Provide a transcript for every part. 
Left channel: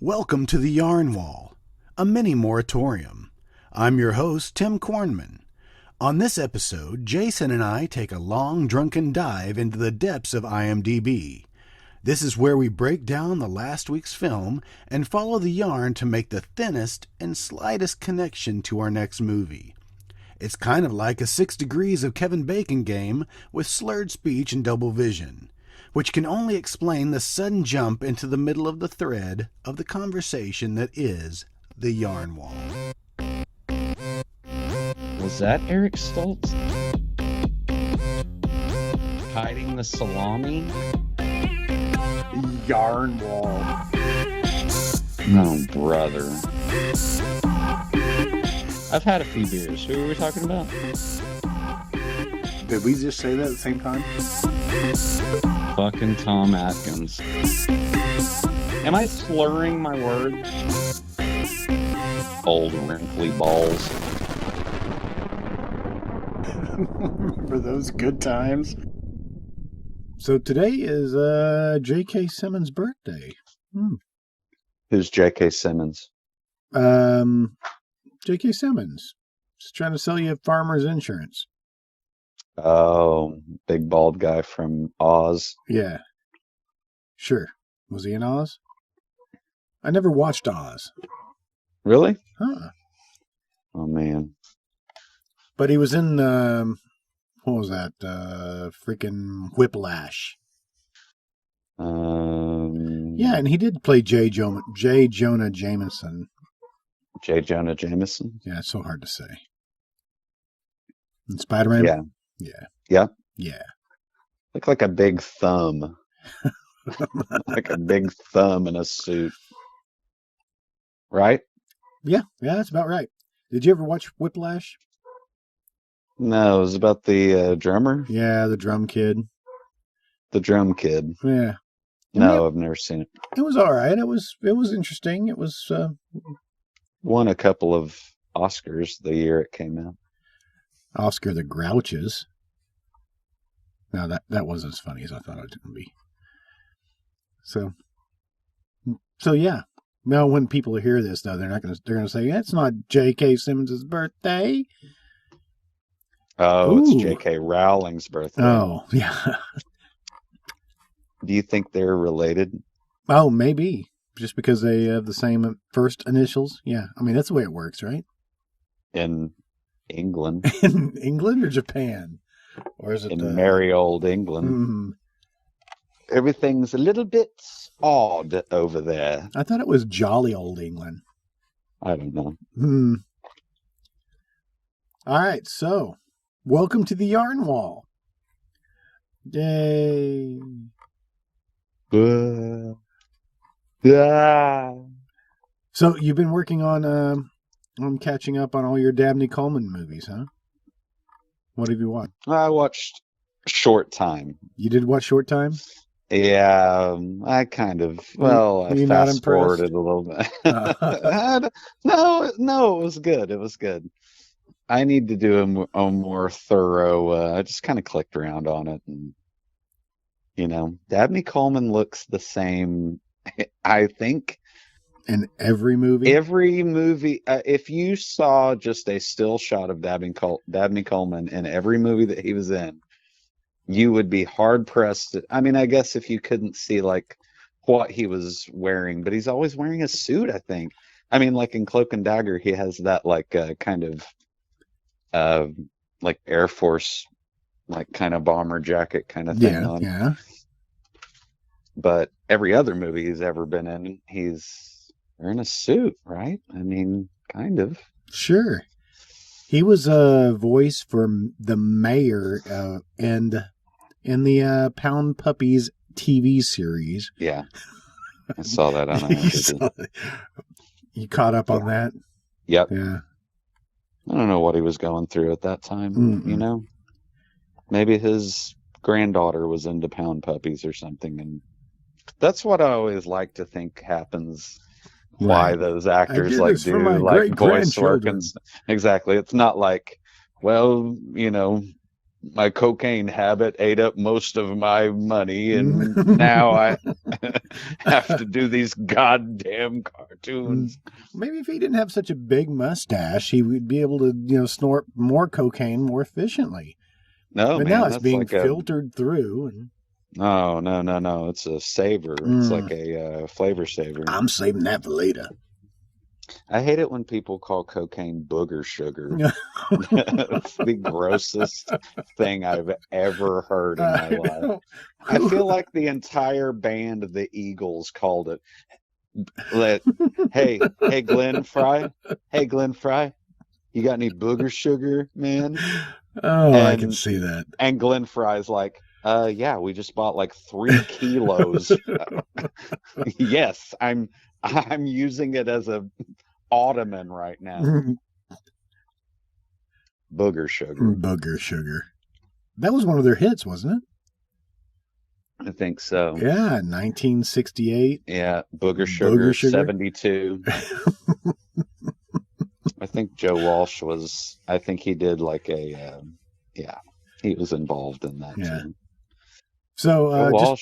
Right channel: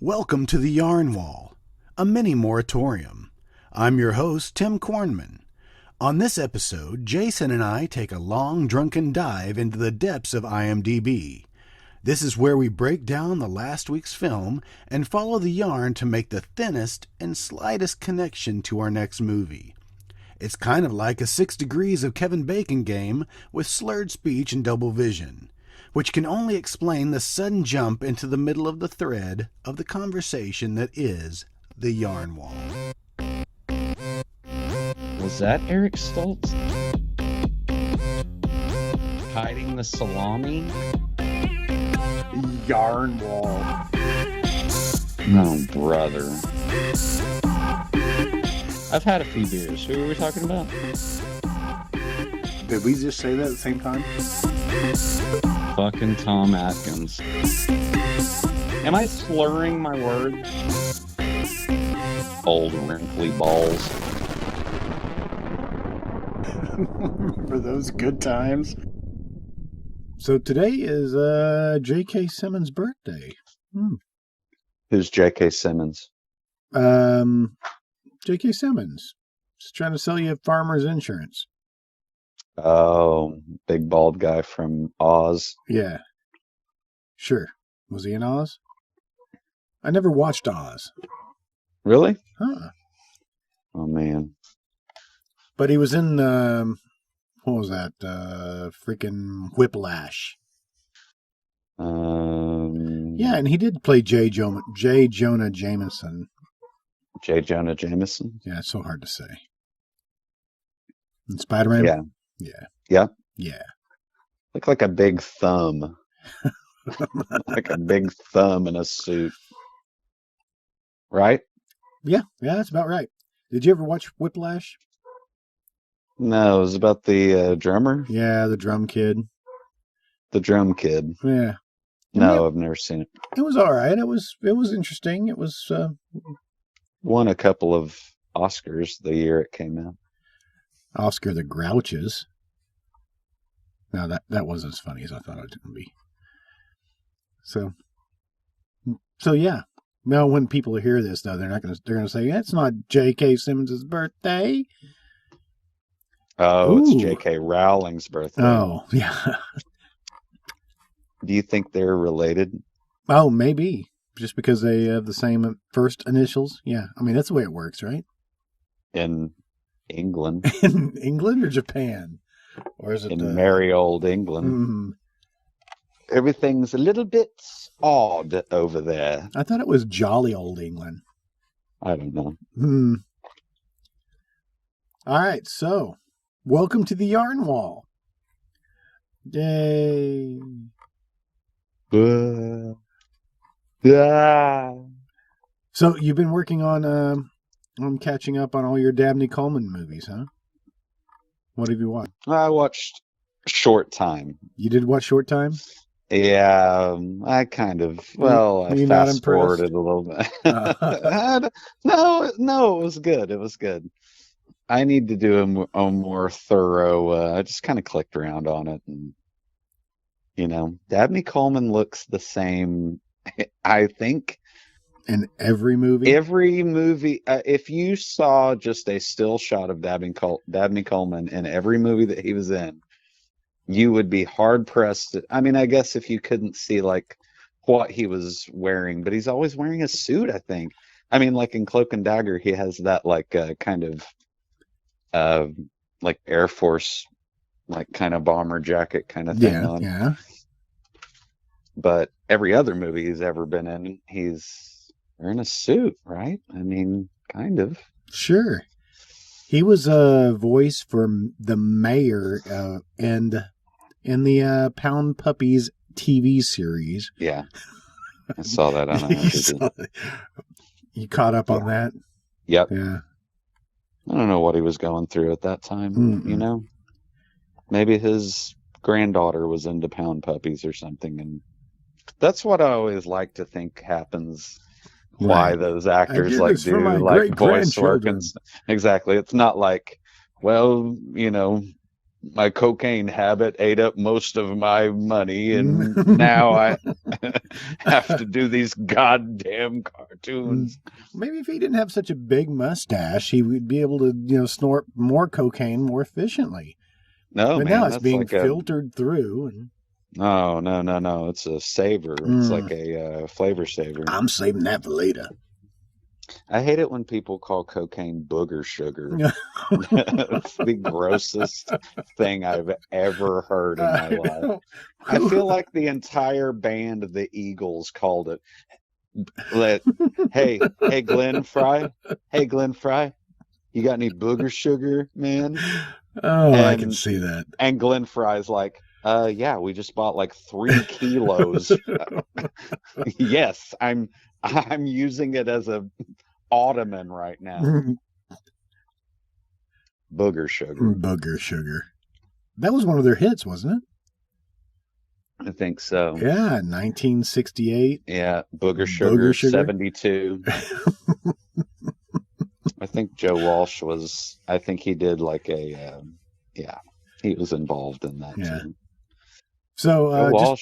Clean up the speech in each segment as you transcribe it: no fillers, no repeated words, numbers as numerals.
Welcome to the Yarn Wall, a mini moratorium. I'm your host, Tim Kornman. On this episode, Jason and I take a long, drunken dive into the depths of IMDB. This is where we break down the last week's film and follow the yarn to make the thinnest and slightest connection to our next movie. It's kind of like a 6 Degrees of Kevin Bacon game with slurred speech and double vision, which can only explain the sudden jump into the middle of the thread of the conversation that is the Yarn Wall. Was that Eric Stoltz? Hiding the salami? Yarn Wall. Oh, brother. I've had a few beers. Who are we talking about? Did we just say that at the same time? Fucking Tom Atkins. Am I slurring my words? Old wrinkly balls. Remember those good times? So today is J.K. Simmons' birthday. J.K. Simmons. Just trying to sell you farmer's insurance. Yeah. Sure. Was he in Oz? I never watched Oz. Huh. But he was in, what was that? Freaking Whiplash. Yeah, and he did play J. Jonah Jameson. Yeah, it's so hard to say. And Spider-Man? Yeah. Yeah. Yeah, that's about right. Did you ever watch Whiplash? Yeah, the drum kid. Yeah. I mean, it was all right. It was interesting. It was Oscar the Grouches. Now that wasn't as funny as I thought it was going to be. So yeah. Now when people hear this, though, they're going to say that's not J.K. Simmons' birthday. Ooh. Oh, yeah. Oh, maybe. Just because they have the same first initials. Yeah. I mean, that's the way it works, right? In England or Japan? Or is it I thought it was jolly old England. All right, so welcome to the Yarn Wall. Yay. So you've been working on catching up on all your Dabney Coleman movies, huh? What have you watched? You did watch Short Time? Were you not impressed? In every movie? Yeah. Sure. He was a voice for the mayor and in the Pound Puppies TV series. You caught up on that? Yeah. Right. I did this for my great-grandchildren. Maybe if he didn't have such a big mustache, he would be able to, snort more cocaine more efficiently. But now it's being filtered through. And I'm saving that for later. I know. Who? Oh, I can see that. Booger sugar. That was one of their hits, wasn't it? Yeah, 1968. Booger sugar. Yeah. So, just.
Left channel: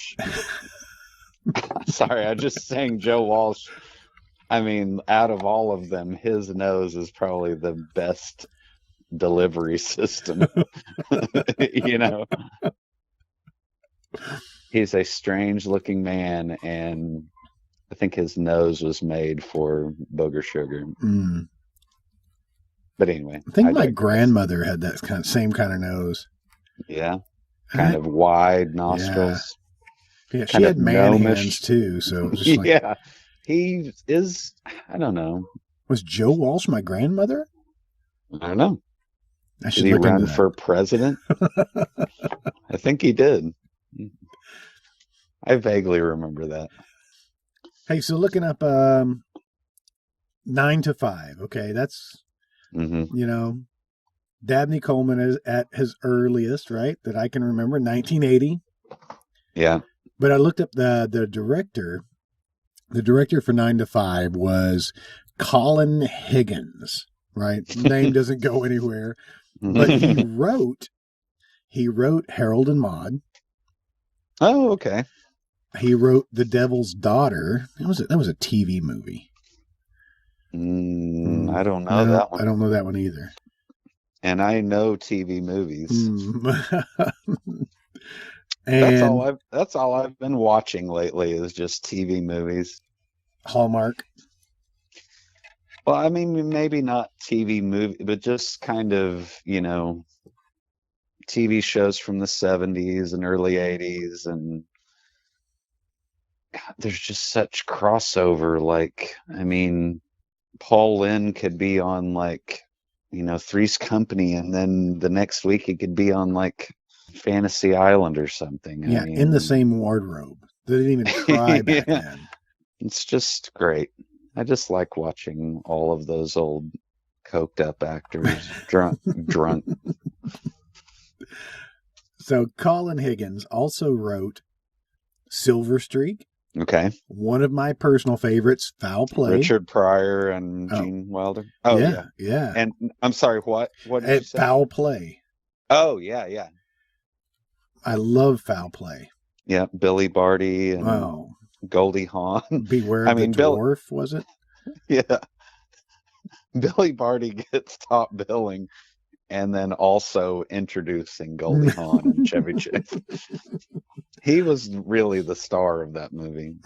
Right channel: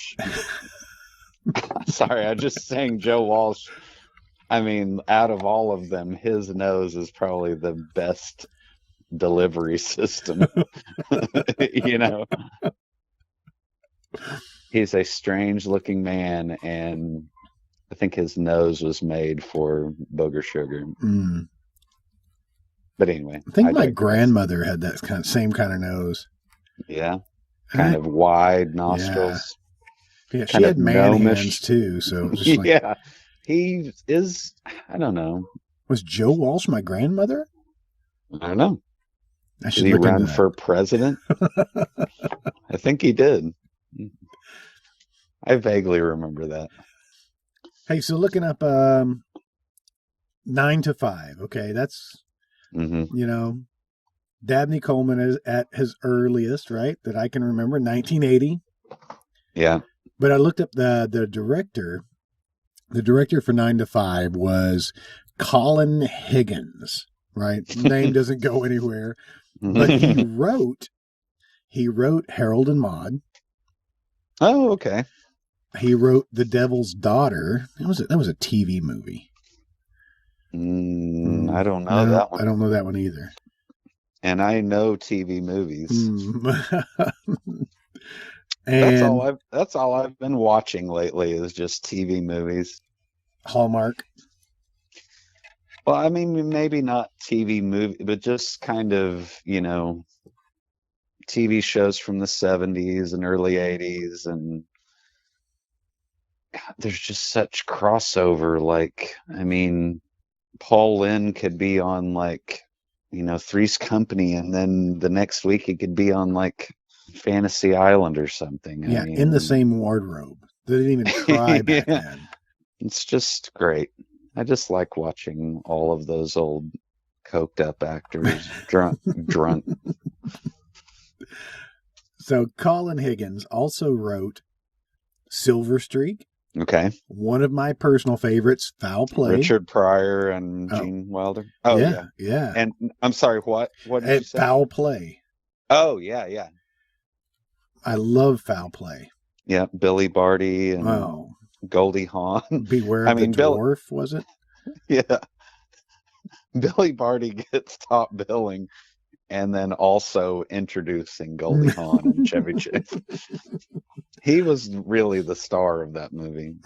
I think my grandmother had that same kind of nose. Yeah. Yeah, she had man hands too, so it's just like. Was Joe Walsh my grandmother? I should look into that. Hey, so looking up 9 to 5, okay, that's, Dabney Coleman is at his earliest, right, that I can remember, 1980. But I looked up the director. The director for 9 to 5 was Colin Higgins, right? Name doesn't go anywhere. But he wrote Harold and Maude. He wrote The Devil's Daughter. That was a TV movie. No, I don't know that one either. And Hallmark. Paul Lynn could be on Three's Company, and then the next week he could be on Fantasy Island or something. Yeah, in the same wardrobe. They didn't even try back then. It's just great. I just like watching all of those old coked up. So Colin Higgins also wrote Silver Streak. Okay. One of my personal favorites, Foul Play. Oh, yeah. Foul Play. Oh, yeah. I love Foul Play. Yeah, Billy Barty. Oh. Beware of the Dwarf, was it? Yeah. Billy Barty gets top billing and then also introducing. Really the star of that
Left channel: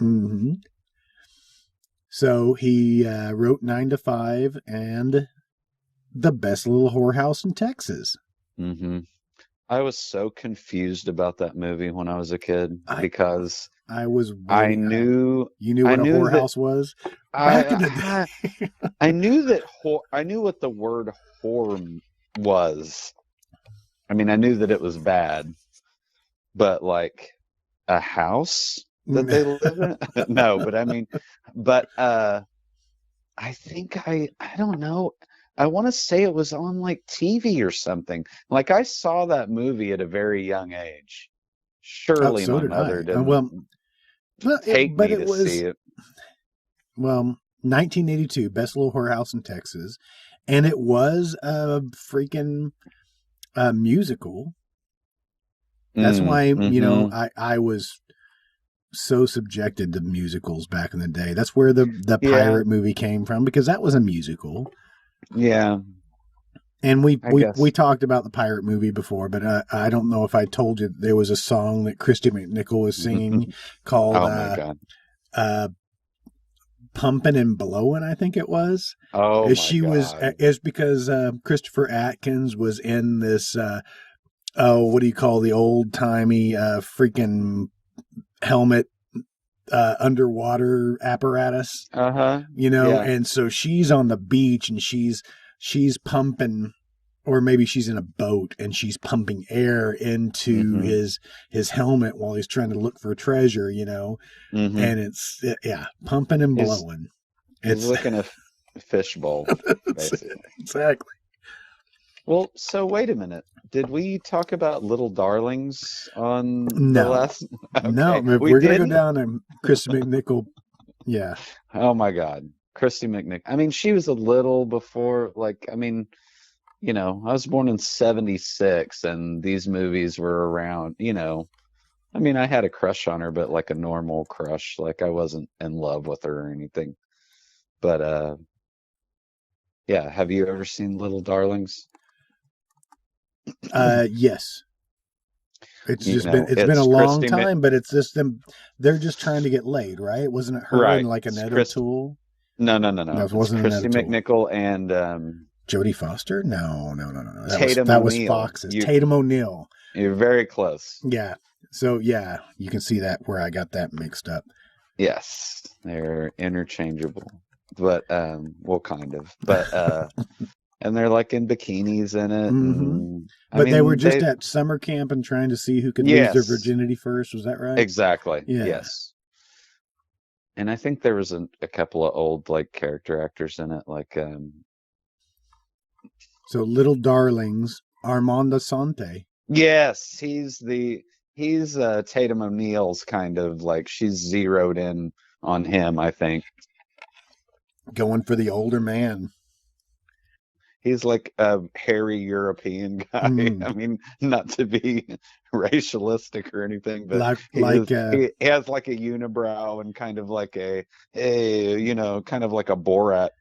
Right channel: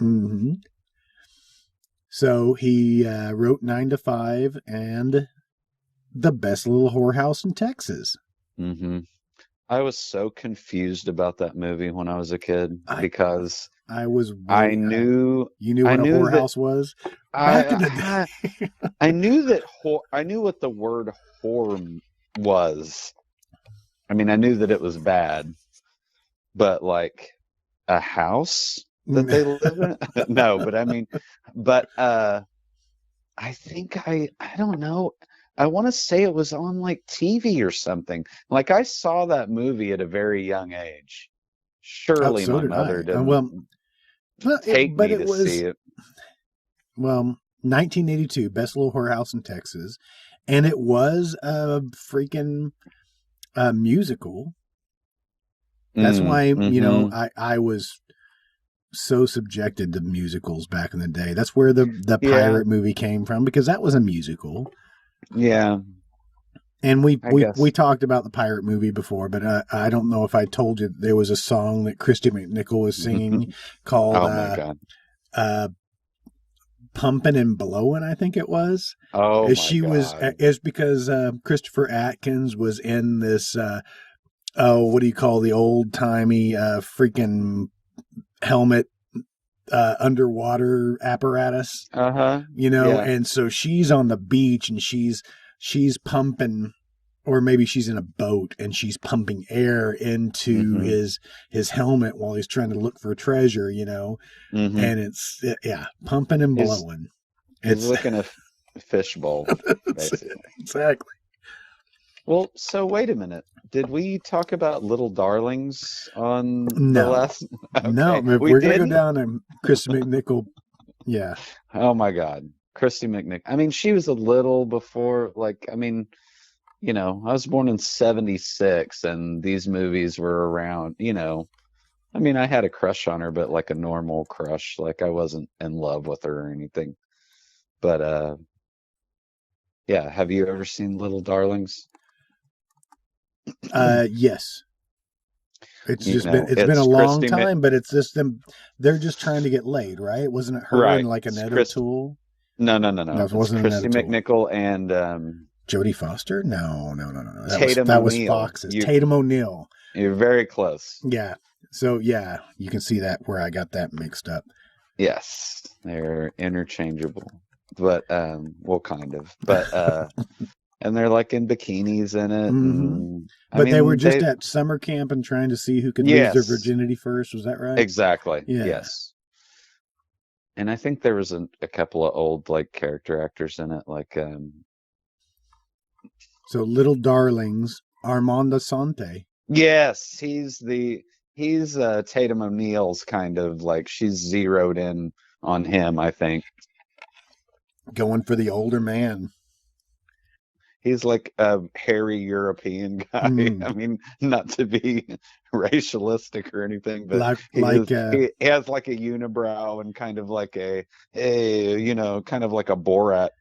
movie. So he wrote 9 to 5 and The Best Little Whorehouse in Texas. I was so confused about that movie when I was a kid. I was waiting. You knew what a whorehouse was? Back in the day. I knew what the word whore was. I knew that it was bad. But, a house? I saw that movie at a very young age. Oh, so did I. But it was 1982, Best Little Whorehouse in Texas, and it was a freaking musical. That's why I was so subjected to musicals back in the day. That's where the pirate movie came from, because that was a musical. Yeah. And we talked about the pirate movie before, but I don't know if I told you there was a song that Christy McNichol was singing called "Pumpin' and Blowin'," I think it was. As she was, is because Christopher Atkins was in this. What do you call the old timey freaking helmet underwater apparatus? You know, and so she's on the beach and she's pumping, or maybe she's in a boat and she's pumping air into his helmet while he's trying to look for treasure, you know. And it's, yeah, pumping and blowing. It's, it's exactly. So wait a minute. Did we talk about Little Darlings? No. If we're gonna go down and Chris McNichol, yeah. Oh my God, Kristen McNichol. I mean, she was a little before, like, I mean, you know, I was born in '76, and these movies were around, you know. I mean, I had a crush on her, but like a normal crush. Like, I wasn't in love with her or anything. But, yeah, have you ever seen Little Darlings? Yes. It's been a long time, but it's just them. They're just trying to get laid, right? Wasn't it her and like Annette O'Toole? No, it wasn't Annette O'Toole. And, Jodie Foster? No. That was Fox's Tatum O'Neal. you're very close. Yeah. So yeah, you can see that where I got that mixed up. Yeah. And they're like in bikinis in it. Mm-hmm. But they were just at summer camp and trying to see who could lose their virginity first. Was that right? Exactly. Yeah. And I think there was a couple of old like character actors in it, like So Little Darlings, Armand Assante. yes, he's Tatum O'Neal kind of like she's zeroed in on him, I think. Going for the older man. He's like a hairy European guy. Mm. Not to be racialistic or anything. Like He has like a unibrow and kind of like kind of like a Borat,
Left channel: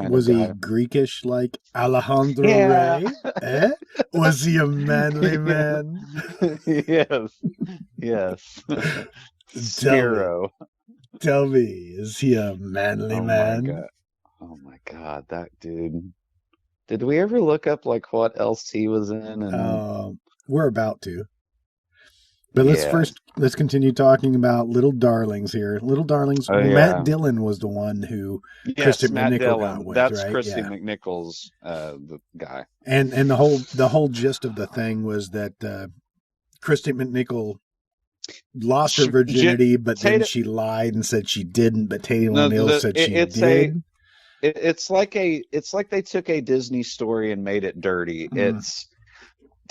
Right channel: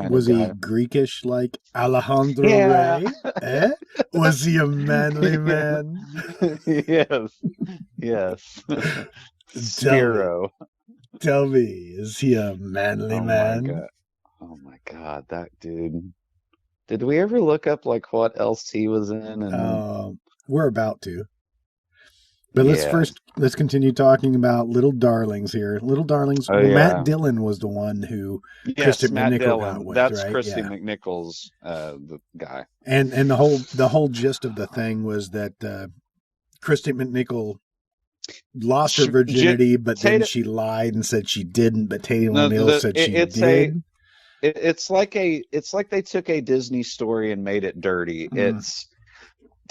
was he Greekish like Alejandro Rey? Eh? Was he a manly man? Tell me, is he a manly man? Did we ever look up like what else he was in? We're about to. But let's continue talking about Little Darlings here. Little Darlings. Well, Matt Dillon was the one who Kristen McNichol got with, right? Yeah. And the whole gist of the thing was that Kristen McNichol lost her virginity, but then she lied and said she didn't, but Tatum O'Neal said she did. It's like they took a Disney story and made it dirty. Mm.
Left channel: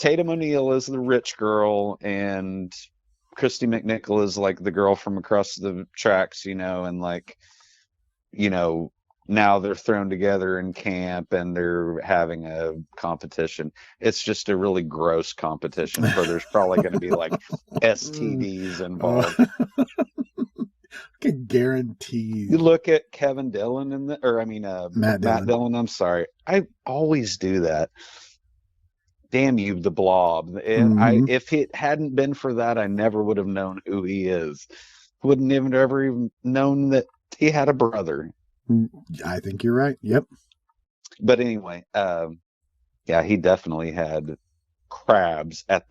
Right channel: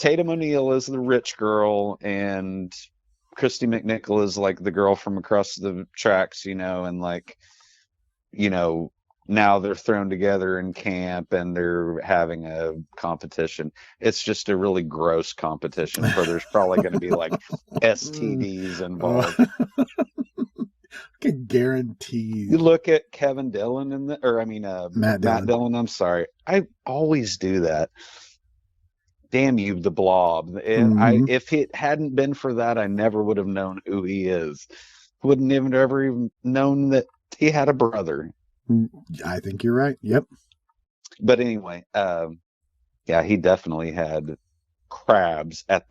Tatum O'Neal was the rich girl, and Kristen McNichol was like the girl from across the tracks, and like, now they're thrown together in camp and they're having a competition. It's just a really gross competition. I can guarantee Matt Dillon. Mm-hmm. If it hadn't been for that, I never would have known who he is. Wouldn't have never known that he had a brother. I think you're right. Yep. But anyway, yeah, he definitely had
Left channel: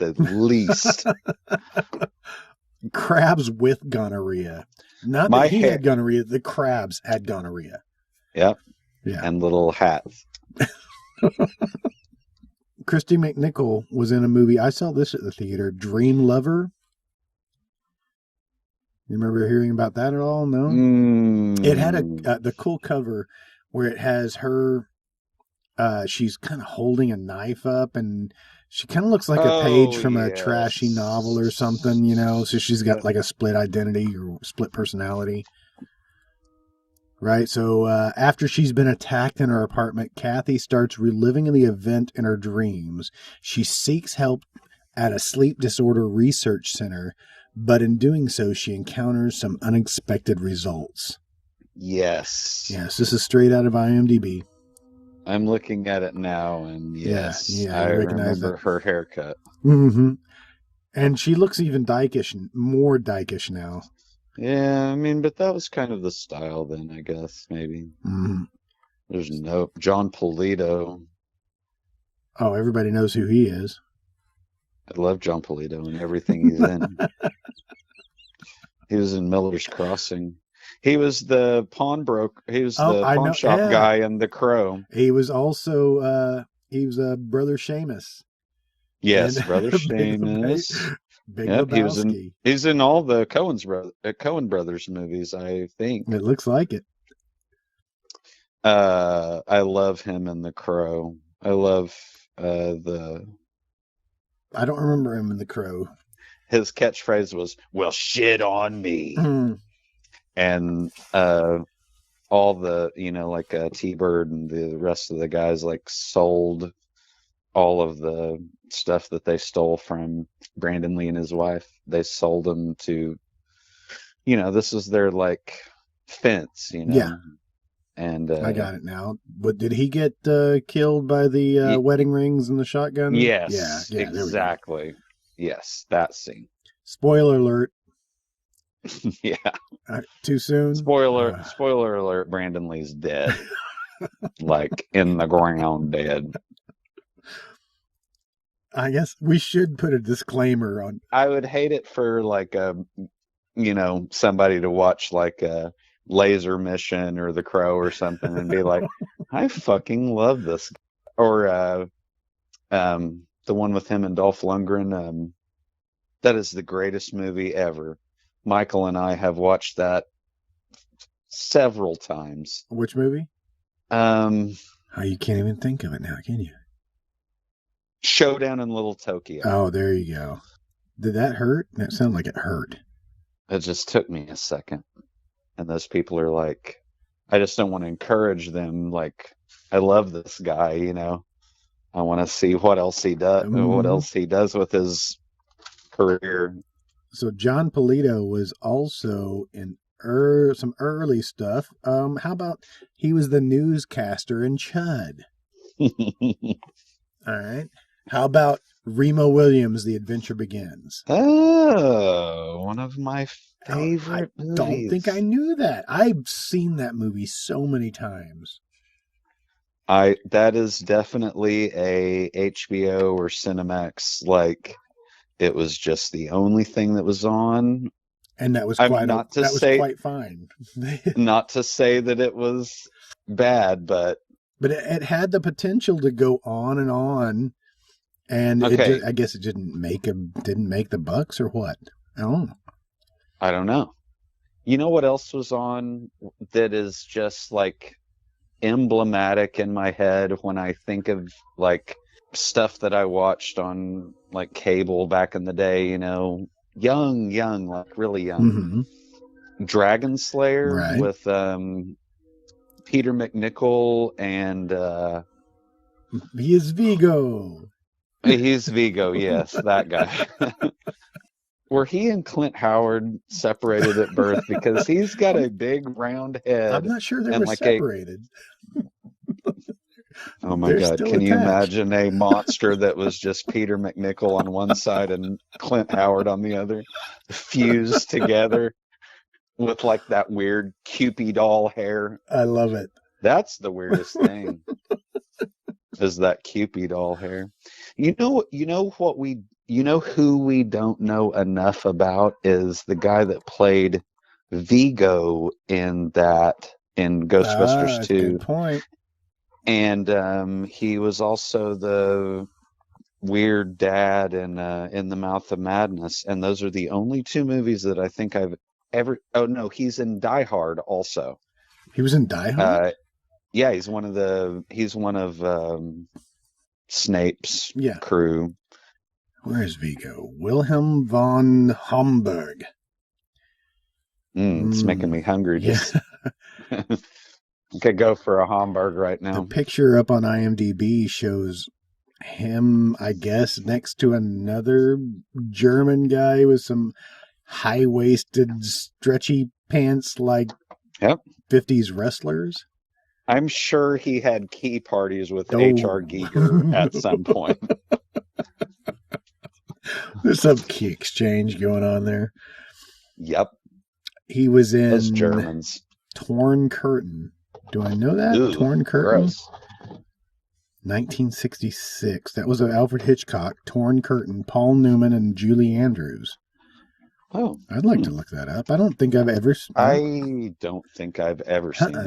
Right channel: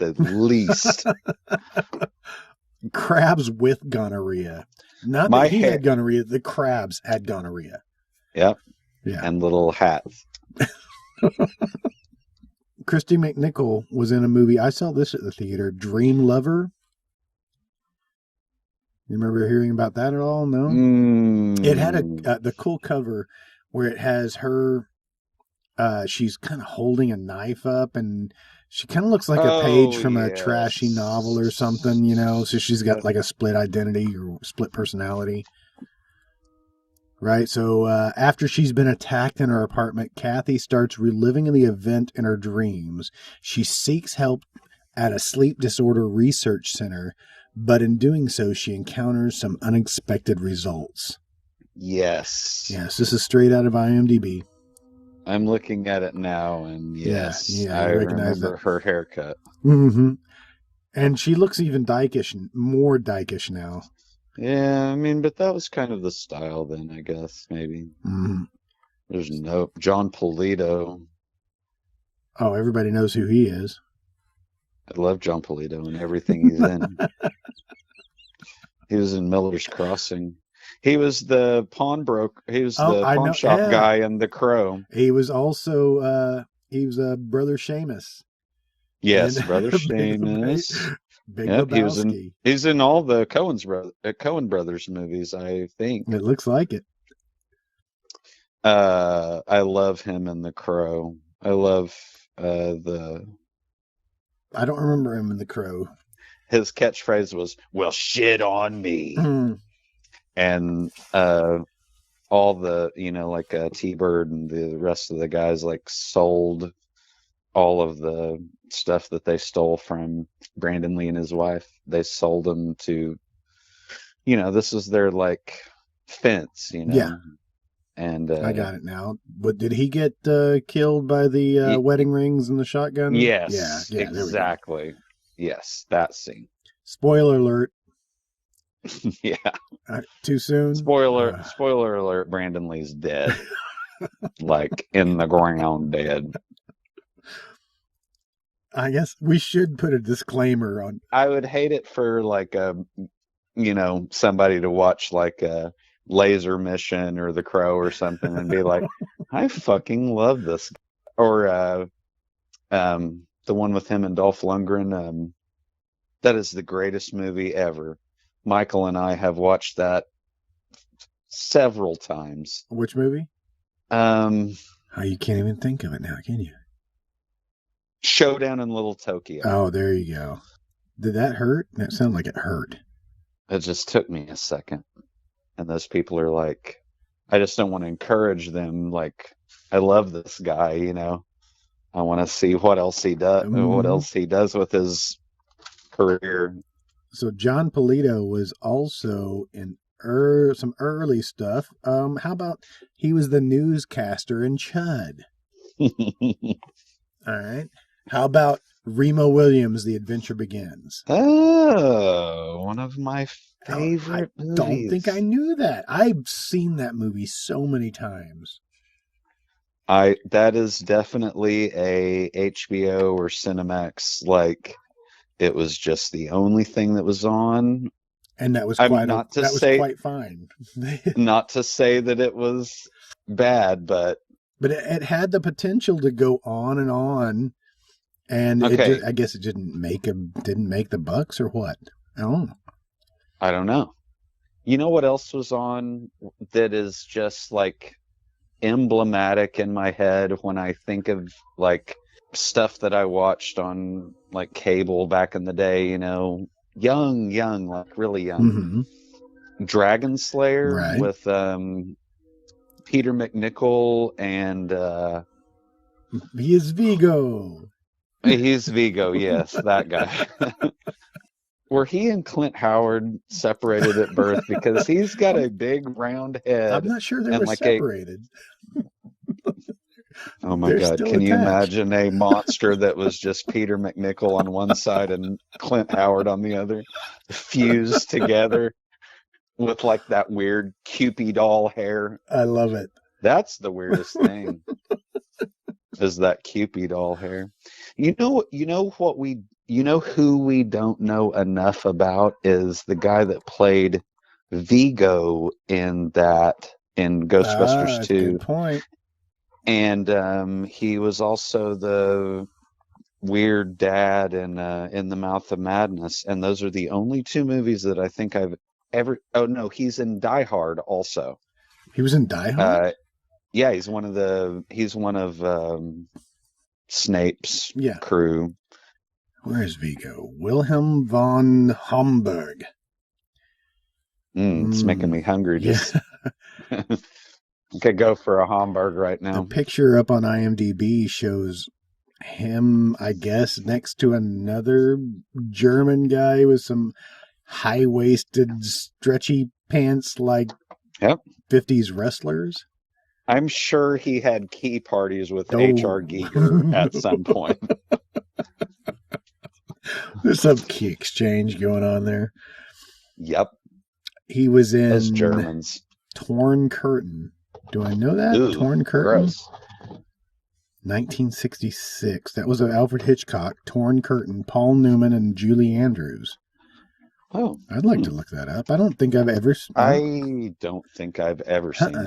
Crabs with gonorrhea. Not that he had gonorrhea, the crabs had gonorrhea. Yeah. Christy McNichol was in a movie. I saw this at the theater, Dream Lover. You remember hearing about that at all? No? It had the cool cover where it has her, she's kind of holding a knife up, and she kind of looks like a page from a trashy novel or something, so she's got like a split identity or split personality. Right? So after she's been attacked in her apartment, Kathy starts reliving the event in her dreams. She seeks help at a sleep disorder research center, but in doing so, she encounters some unexpected results. Yes, this is straight out of IMDb. Yeah, you recognize that. Mm-hmm. And she looks even dykish, more dykish now. Mm-hmm. Oh, everybody knows who he is. Oh, I know. Yeah. He was also, he was Brother Seamus in Big Lebowski. It looks like it. I don't remember him in The Crow. Mm. Yeah, I got it now. But did he get killed by the wedding rings and the shotgun? Yeah, there we go. Spoiler alert. Too soon? I guess we should put a disclaimer on. I would hate it for somebody to watch Laser Mission or The Crow. Or the one with him and Dolph Lundgren. That is the greatest movie ever. Michael and I have watched that several times. Which movie? Oh, you can't even think of it now, can you? Oh, there you go. Did that hurt? That sounded like it hurt. Mm-hmm. So John Polito was also in some early stuff. How about he was the newscaster in Chud? All right. How about Remo Williams, The Adventure Begins? Oh, I don't think I knew that. I've seen that movie so many times. That is definitely a HBO Cinemax, it was just the only thing that was on. And that was quite fine. Not to say that it was bad, but it had the potential to go on and on. And I guess it didn't make the bucks or what? I don't know. You know what else was on that is just emblematic in my head when I think of stuff that I watched on cable back in the day, young. Mm-hmm. Right. He is Vigo. I'm not sure they were separated. They're still attached. I love it. Ah, that's a good point. And he was also the weird dad in the Mouth of Madness. And those are the only two movies that I think I've ever. Oh no, he's in Die Hard also. He was in Die Hard? Yeah, he's one of Snape's. Yeah. Crew. Where is Vigo? Wilhelm von Homburg. Yeah. The picture up on IMDb shows him, I guess, next to another German guy with some high-waisted, stretchy pants like 50s wrestlers. I'm sure he had tea parties with Oh. There's some key exchange going on there. He was in Torn Curtain. Do I know that? Torn Curtain? 1966. That was Alfred Hitchcock. Torn Curtain. Paul Newman and Julie Andrews. I'd like to look that up. I don't think I've ever... No.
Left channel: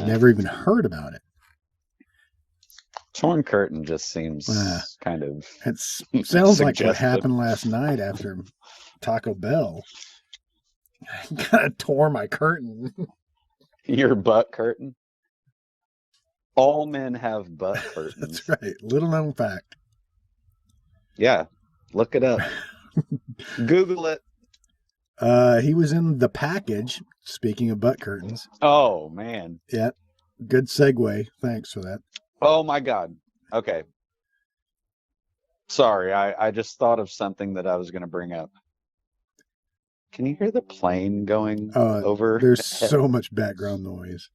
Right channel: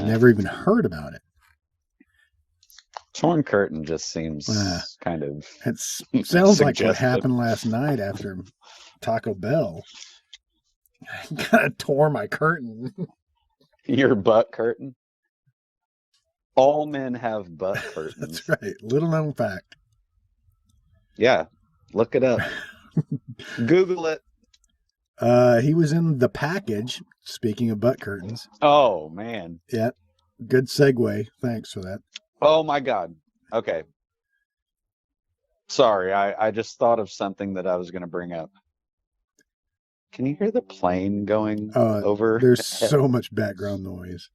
Never even heard about it. It sounds like what happened last night after Taco Bell. I kind of tore my curtain. That's right. Little known fact. He was in The Package. Speaking of butt curtains. Yeah. Good segue. Thanks for that. Oh my God. Okay. Sorry, I just thought of something that I was going to bring up. Can you put a plane going? There's so much background noise.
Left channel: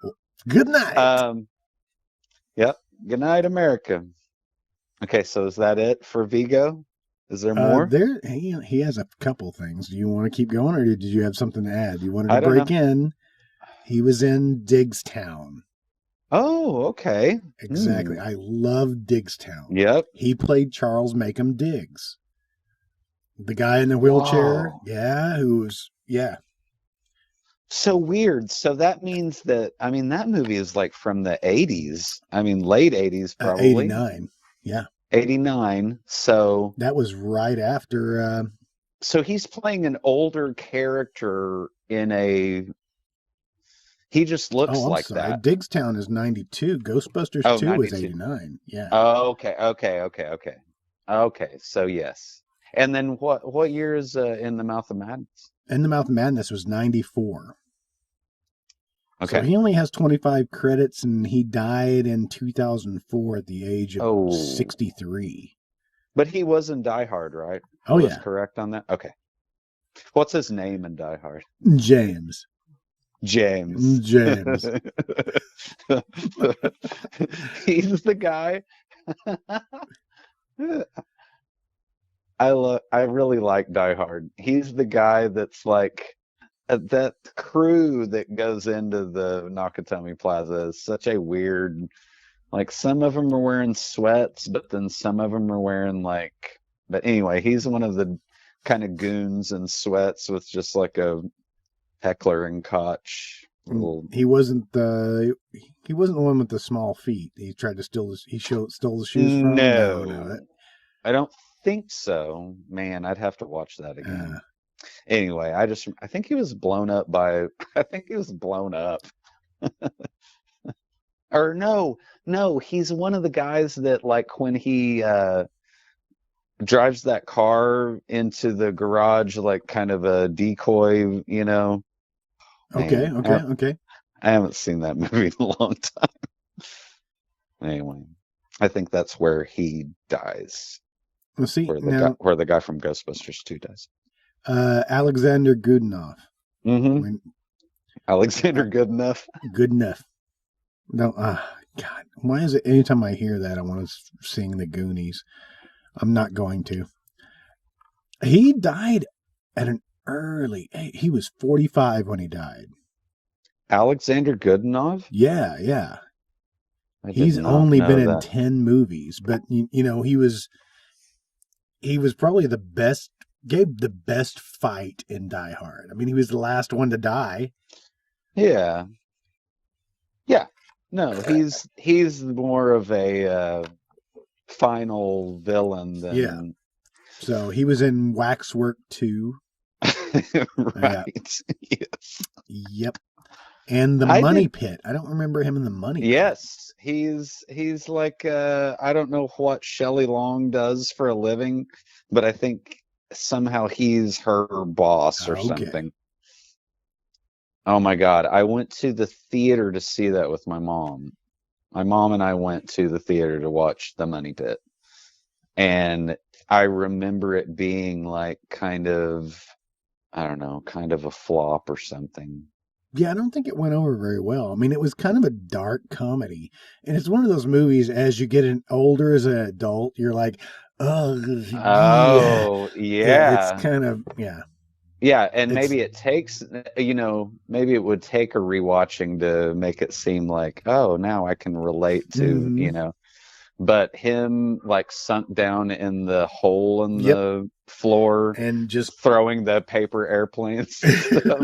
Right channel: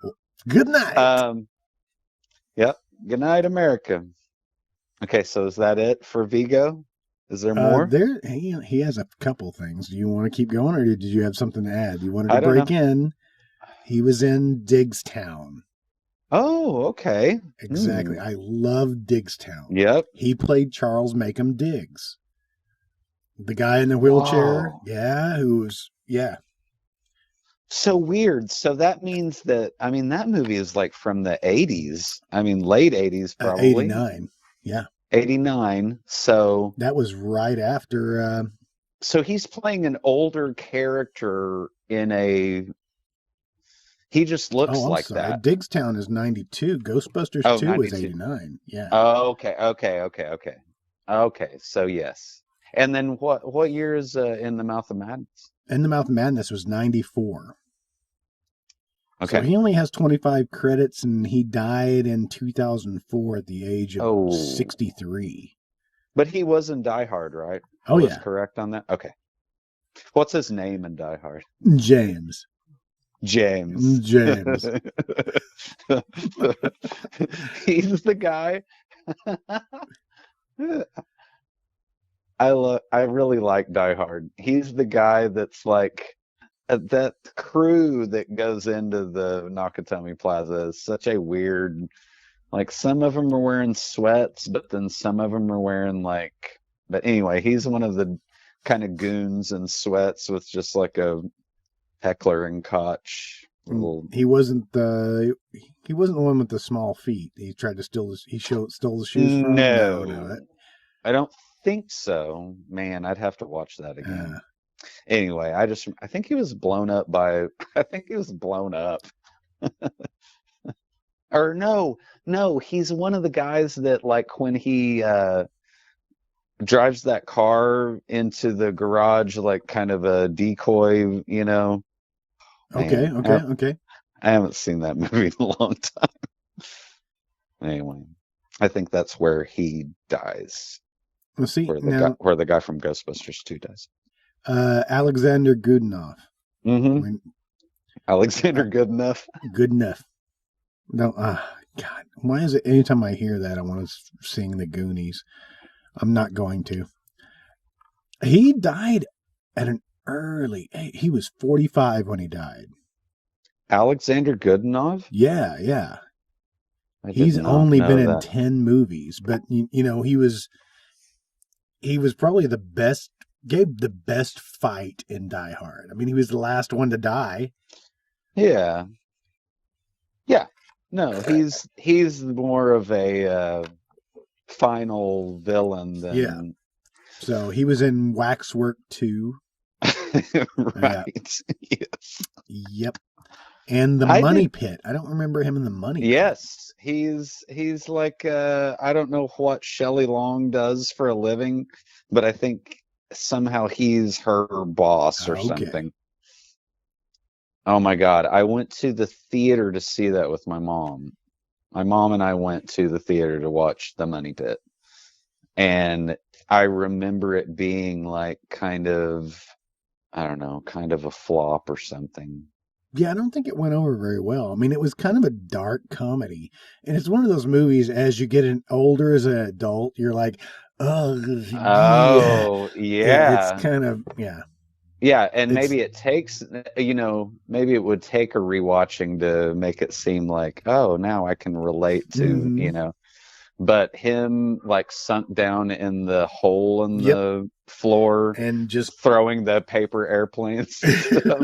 Well, good night. Good night, American. Okay, so is that it for Vigo? He has a couple things. Do you want to keep going, or did you have something to add? You wanted to break in. He was in Diggstown. Oh, okay. Exactly. I love Diggstown. Yeah. He played Charles Macomb Diggs. The guy in the wheelchair. Yeah, yeah. So weird. So that means that, that movie is like from the 80s. Late 80s. 89. Yeah. 89. So. That was right after. So he's playing an older character in a. Oh, I'm sorry. Diggstown is 92. Ghostbusters 2 is 89. Yeah. Oh, okay. So yeah. And then what year is In the Mouth of Madness? In the Mouth of Madness was 94. So he only has 25 credits, and he died in 2004 at the age of 63. But he was in Die Hard, right? Oh, yeah. What's his name in Die Hard? James. I really like Die Hard. He's the guy that's like, that crew that goes into the Nakatomi Plaza is such a weird, like some of them are wearing sweats, but then some of them are wearing like, but anyway, he's one of the kind of goons in sweats with just like a heckler and koch. He wasn't the one with the small feet. He tried to steal stole the shoes from. No. I don't think so. Man, I'd have to watch that. Anyway, I think he was blown up by it. I think he was blown up. Or no, he's one of the guys that, like, when he drops that car into the garage, like, kind of a decoy, you know. Okay. I haven't seen that movie in a long time. Anyway, I think that's where he dies. Well, see, now, Or the guy from Ghostbusters. Alexander Goodenough. When Goodenough. No, God, why is it anytime I hear that I want to sing the Goonies? I'm not going to. He died at an early age. He was 45 when he died. Yeah. He's only been in 10 movies, but you know, he was probably gave the best fight in Die Hard. I mean, he was the last one to die. Yeah. So he was in Waxwork 2. Yeah. Yep. And The Money Pit. I don't remember him in The Money Pit. He's like, I don't know what Shelley Long does for a living, but I think somehow he's her boss. Okay. Oh my God, I went to the theater to see that with my mom. My mom and I went to the theater to watch The Money Pit. And I remember it being like kind of, I don't know, kind of a flop or something. Yeah, I don't think it went over very well. I mean, it was kind of a dark comedy. And it's one of those movies, as you get older as an adult, you're like, oh, yeah. Yeah, it's kind of, yeah. Yeah, and It's, maybe it takes, you know, maybe it would take a rewatching to make it seem like, oh, now I can relate to it. mm-hmm. But him, like, sunk down in the hole in Yep. the floor, And just, throwing the paper airplanes, that was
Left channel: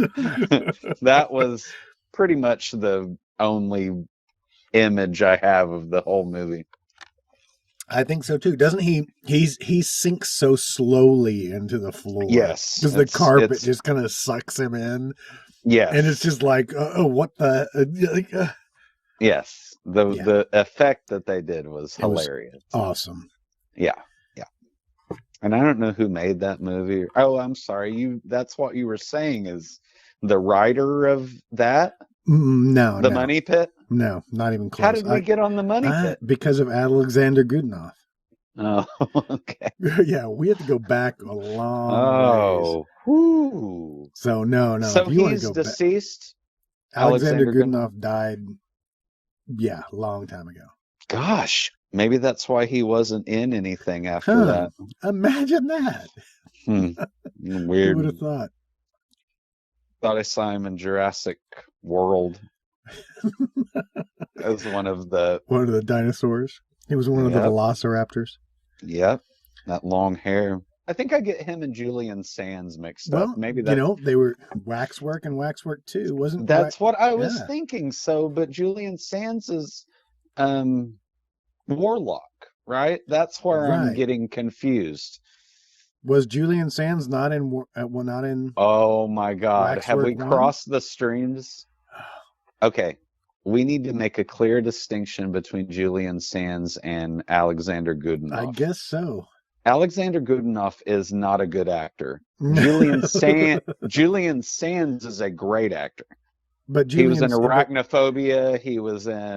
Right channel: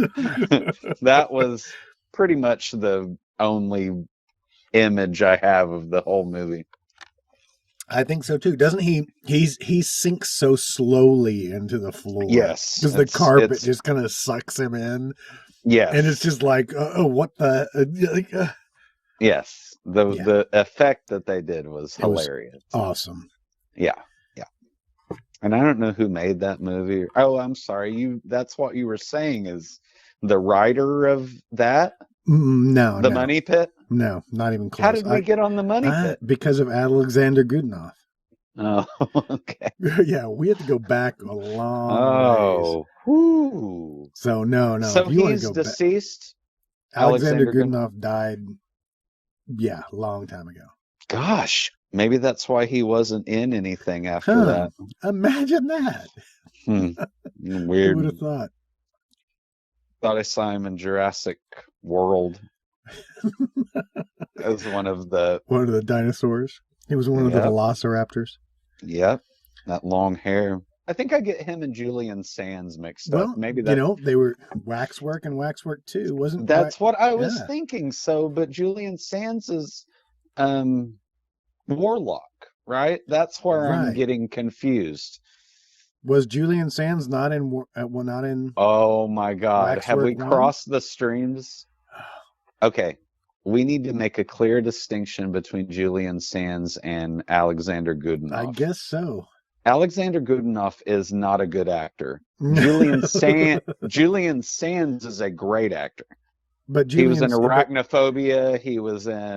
pretty much the only image I have of the whole movie. I think so too. Doesn't he? He sinks so slowly into the floor because the carpet just kind of sucks him in, Yeah, and it's just like, oh, what the? Like, yeah. yeah, The effect that they did it was awesome. yeah. And I don't know who made that movie. Oh, I'm sorry. That's what you were saying. The writer of that? No, Did he no, make that? no, not even close. Why was he on that? Because of Alexander Goodenough. Uh, Yeah, we had to go back a long ways. So no, no. If you want to go back, 60s? Alexander Goodenough died. Yeah, a long time ago. Gosh, maybe that's why he wasn't in anything after Huh? that. Imagine that. Who would have thought? I was found in Jurassic World. One of the, One of the dinosaurs. He was one of the velociraptors. yeah, that long hair. I think I get him and Julian Sands mixed up. Well, Maybe you that's know, they were Waxwork and Waxwork 2. Wasn't what I was Yeah, thinking. So Julian Sands is the Warlock, right? That's what I'm right. getting confused. Was Julian Sands not in not in Oh my God. Waxwork Okay, 1? what's the standard? Okay, we need to make a clear distinction between Julian Sands and Alexander I Goodenough. guess so. Alexander Goodenough is not a good actor. But Julian Sands is a great actor. He was in Julian's but Arachnophobia. He was in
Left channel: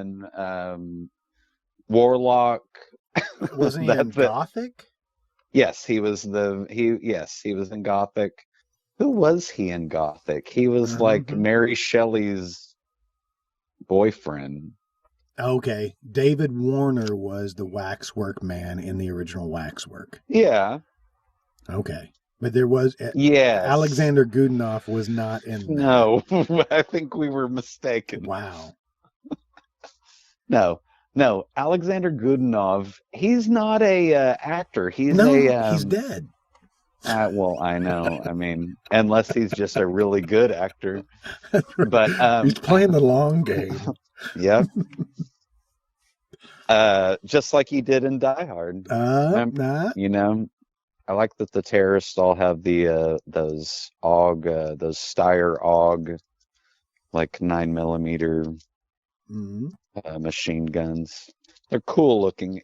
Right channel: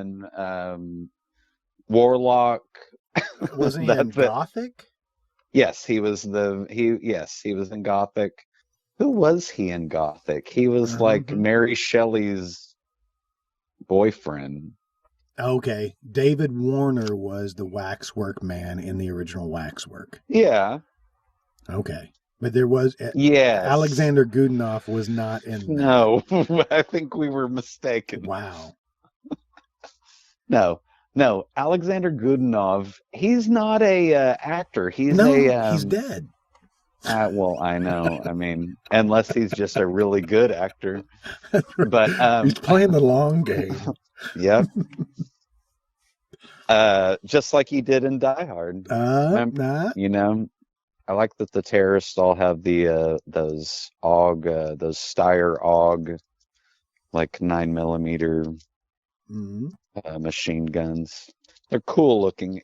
Warlock. wasn't he in Gothic? Yes, he was the he was in Gothic. Who was he in Gothic? He was like Mm-hmm. Mary Shelley's boyfriend. Okay, David Warner was the Waxwork man in the original Waxwork. Yeah, Okay, but there was yeah. Alexander Goodenough was not in that. No, I think we were mistaken. Wow. No, no. Alexander Goodenough, he's not a actor. No, he's dead. Well, actually, he was a really good actor. He's playing the long game. Yeah, just like he did in Die Hard. Nah. You know, I like the terrorist stuff like those hog, those Steyr hog, like 9mm Mm-hmm. machine guns. They're cool looking.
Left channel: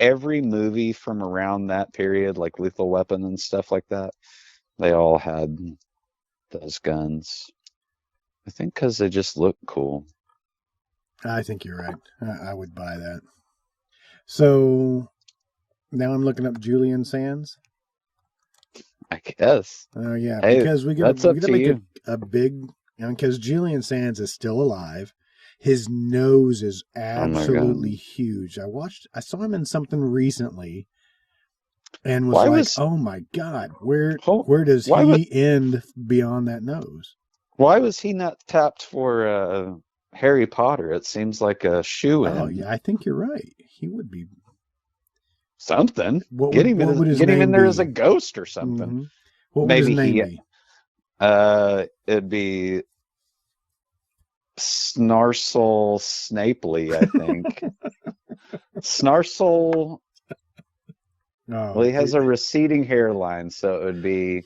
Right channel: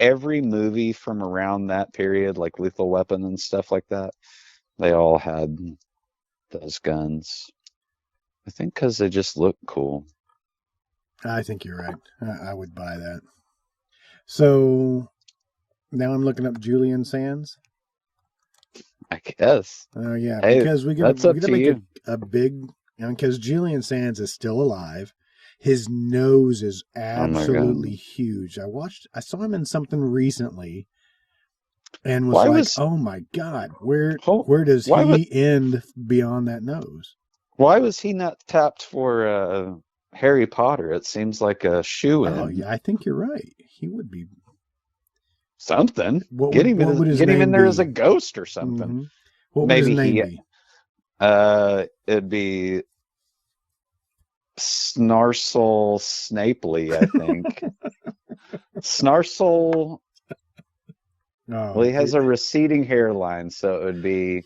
Every movie from around that period, like Lethal Weapon and stuff like that, they all had those guns. I think because they just look cool. I think you're right. I would buy that. So now I'm looking up Julian Sands. Oh yeah, because we gotta make a big, because Julian Sands is still alive. His nose is absolutely huge. I saw him in something recently, and was like, oh my God, where does he end beyond that nose? Why was he not top for Harry Potter? It seems like a shoe Oh yeah, I think you're right. He would be. something. What would his name Maybe be? the ghost or something. Mm-hmm. What would his name be? It would be Snarsel Snapely. Snarsel. Oh, There's some receding hairline, so it would be.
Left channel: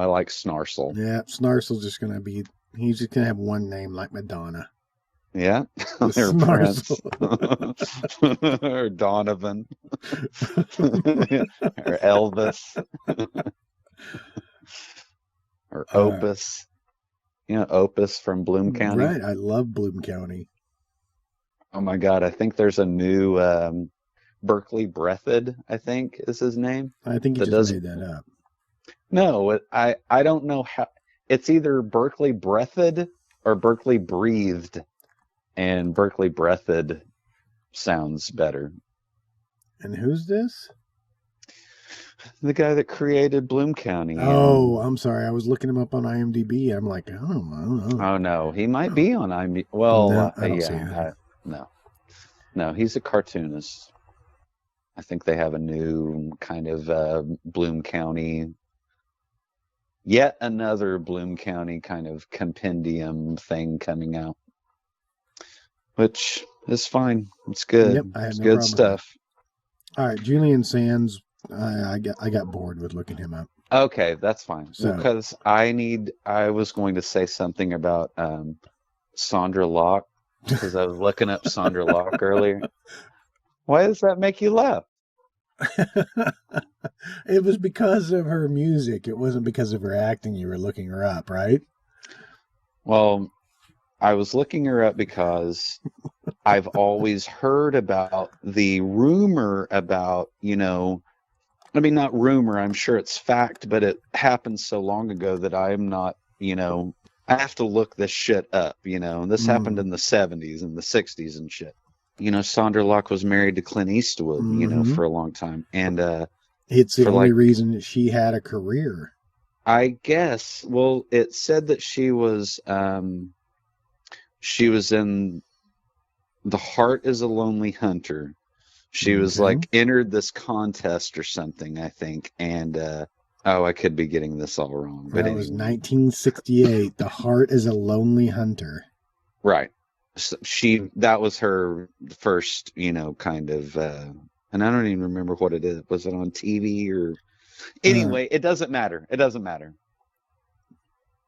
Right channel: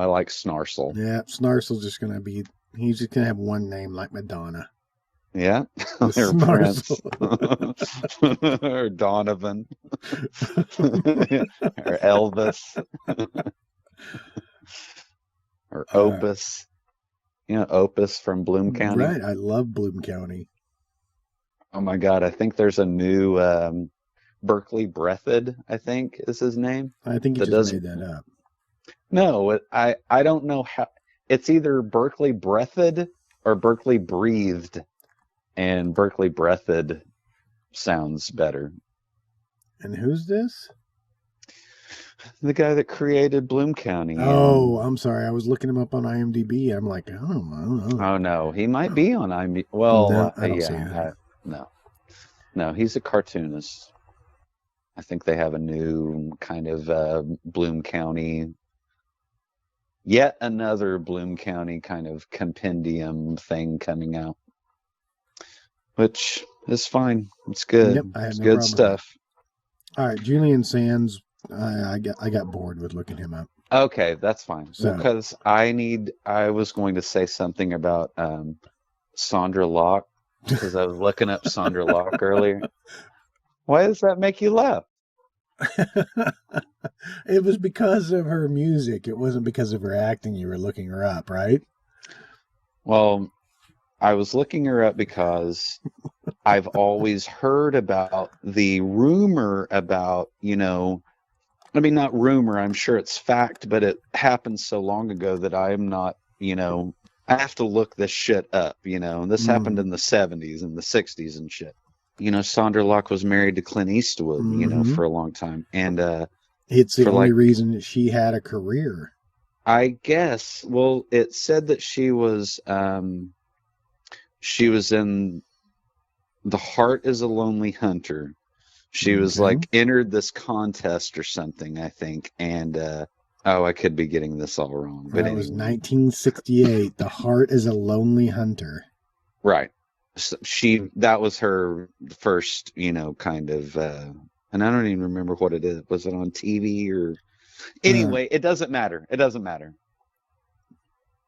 I like Snarsel. yeah. Snarsel's just gonna be. He's just gonna have one name like Madonna. Right? The Snarsel. uh, right. I love Bloom County. Oh my God, I think there's a new Berkeley I think you just made that up. No, I don't know how. It's either Berkeley breathed or Berkeley breathed, and Berkeley breathed sounds better. And who's this? The guy that created Blue Candy. Oh, I'm sorry. I was looking him up on IMDb. I'm like, I don't know. Oh, no, I don't see anything. Yep, I have no problem with that. All right, Julian Sands. I got bored with looking him up. So. It was because of her music. It wasn't because of her acting. You were looking her up, right? I was looking her up because I've always heard about the rumor about, when you got a rumor, I'm sure it's fact, but it happened so long ago that I am not, I have to look this shit up, in the 70s and the 60s and shit. Sandra Locke was married to Clint Eastwood for a long time. It's the only reason that she had a career. I guess. Well, it said that she was in The Heart of a Lonely Hunter. She entered this contest or something, I think. And, I could be getting this up. That was 1968. The Heart is a Lonely Hunter. Right. That was her first, and I don't even remember what was it on TV or... Anyway, it doesn't matter.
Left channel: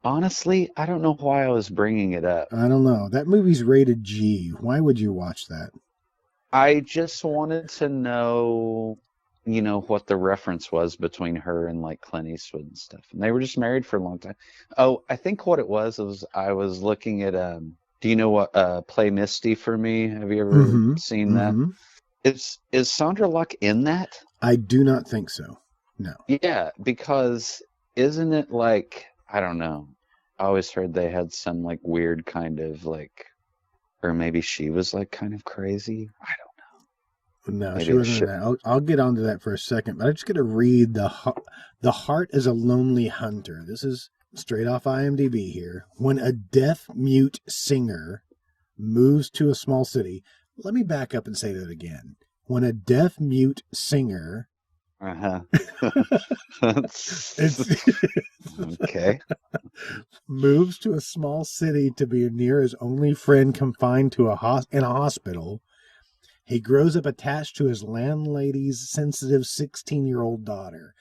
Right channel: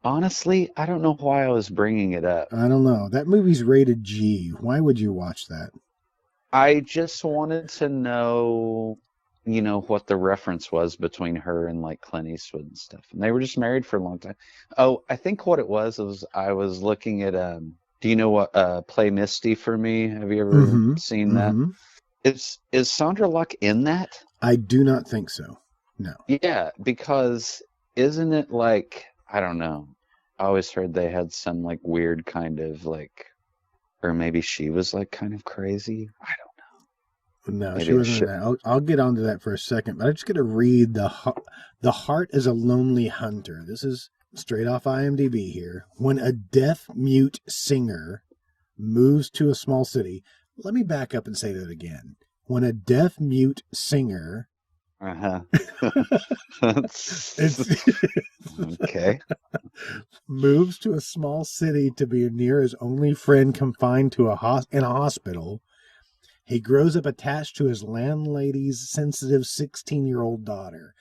Honestly, I don't know why I was bringing it up. I don't know. That movie's rated G. Why would you watch that? I just wanted to know, what the reference was between her and Clint Eastwood and stuff. And they were just married for a long time. Oh, I think what it was I was looking at Play Misty for Me. Is Sandra Locke in that? I do not think so. No. Yeah, because isn't it like, I don't know, I was thinking they had some weird kind of or maybe she was kind of crazy. No, she wasn't in that. I'll get onto that for a second, but I'm just going to read The Heart is a Lonely Hunter. This is straight off IMDb here. When a deaf-mute singer moves to a small city. Let me back up and say that again. When a deaf-mute singer moves to a small city to be near his only friend confined to in a hospital, he grows up attached to his landlady's sensitive 16-year-old daughter.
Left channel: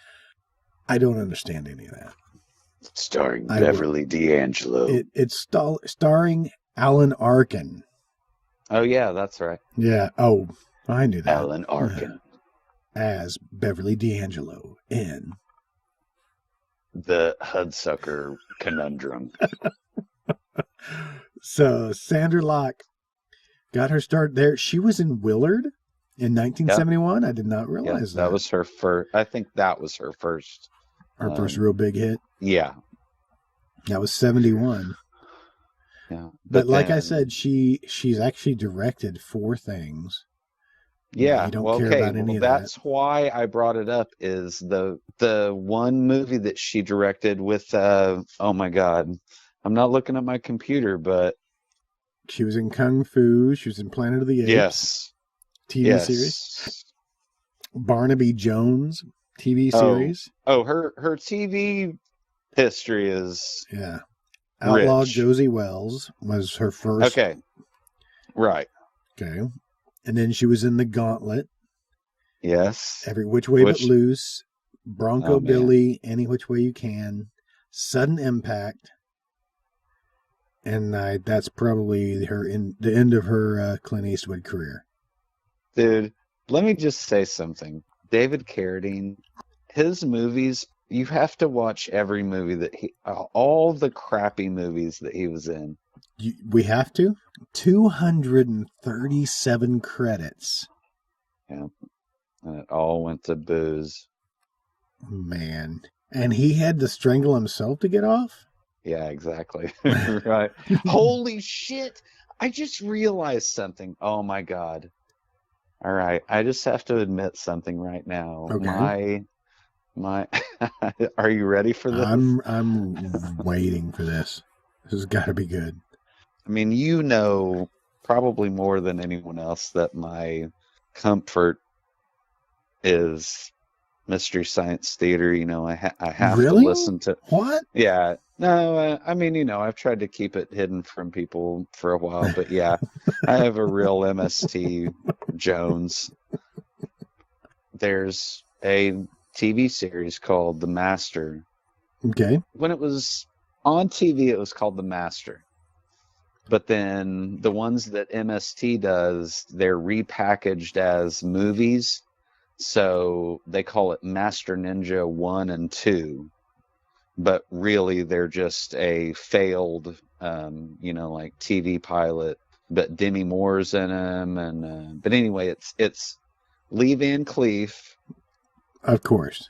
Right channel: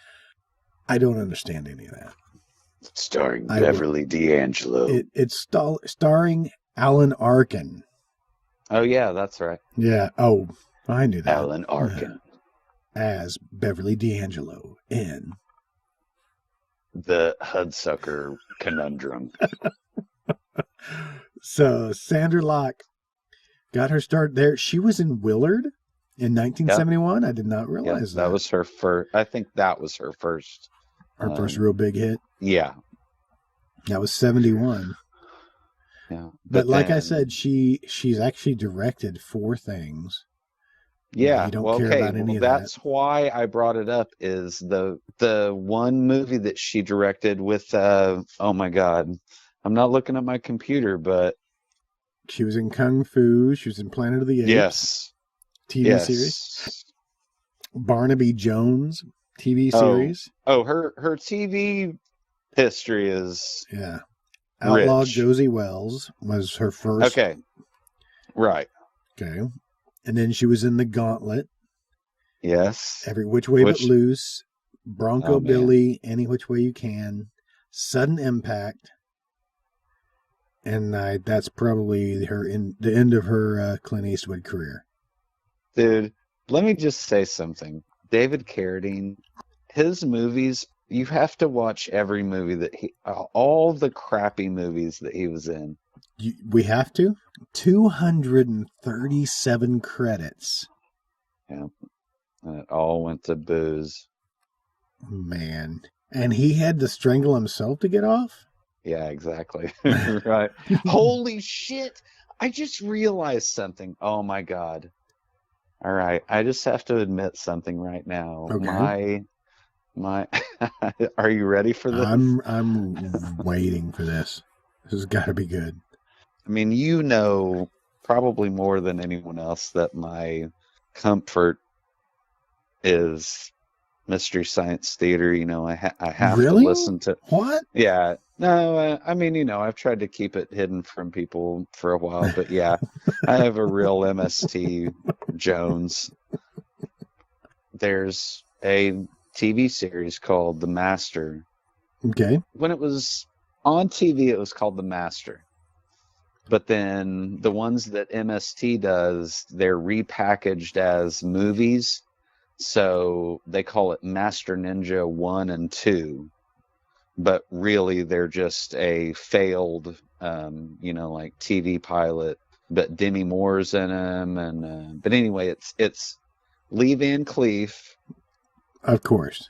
I don't understand any of that. I will. It's starring Alan Arkin. Yeah. Oh, I knew that. As Beverly D'Angelo in. So Sandra Locke got her start there. She was in Willard in 1971. I did not realize that. Her first real big hit. That was 71. But like I said, she's actually directed 4 things. You don't care about any of that. Why I brought it up is the one movie that she directed with, oh my God, I'm not looking at my computer, but... She was in Kung Fu. She was in Planet of the Apes, TV series. Barnaby Jones, TV series. Oh, her TV history is... Yeah. Outlaw Josie Wells was her first. Okay. And then she was in The Gauntlet, Every Which Way But Loose, Bronco Billy, Any Which Way You Can, Sudden Impact, and that's probably the end of her Clint Eastwood career. Let me just say something. David Carradine, his movies, you have to watch every movie all the crappy movies that he was in. We have to? 237 credits. All with the booze. Man. And he had to strangle himself to get off? Okay. I'm waiting for this. This has got to be good. Really? What? Okay. Of course.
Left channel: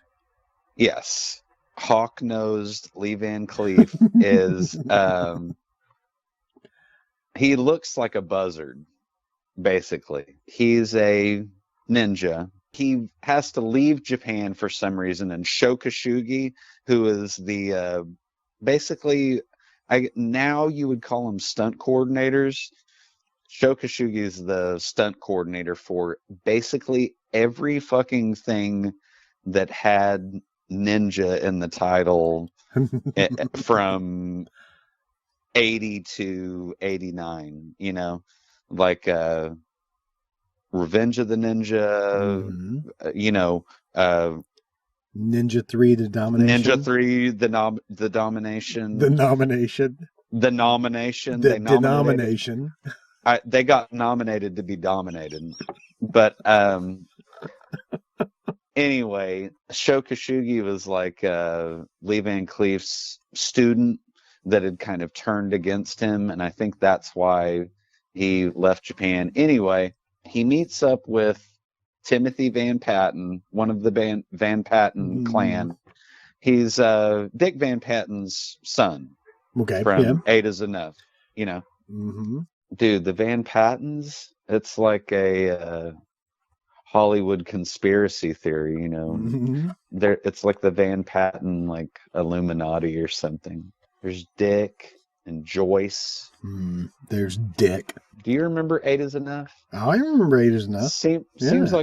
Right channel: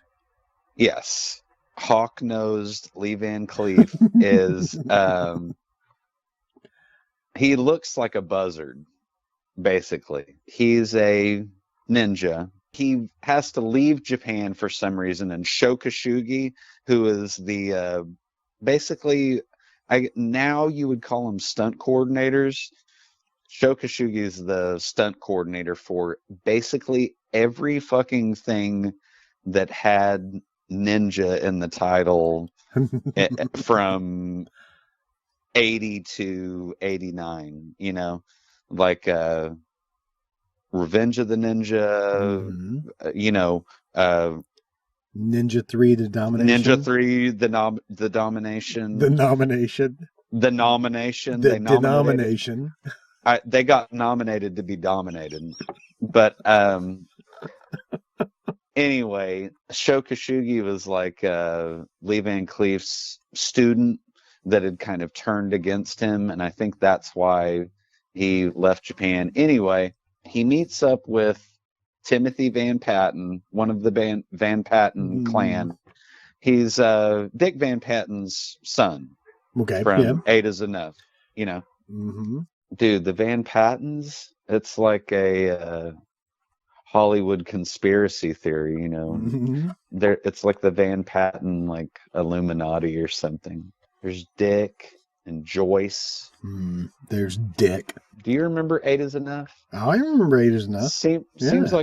Mm-hmm. Ninja 3, the domination. The nomination. The denomination. Mm. Okay, yeah. Mm-hmm. Mm-hmm. There's Dick. Oh, I remember Eight is Enough. Yeah.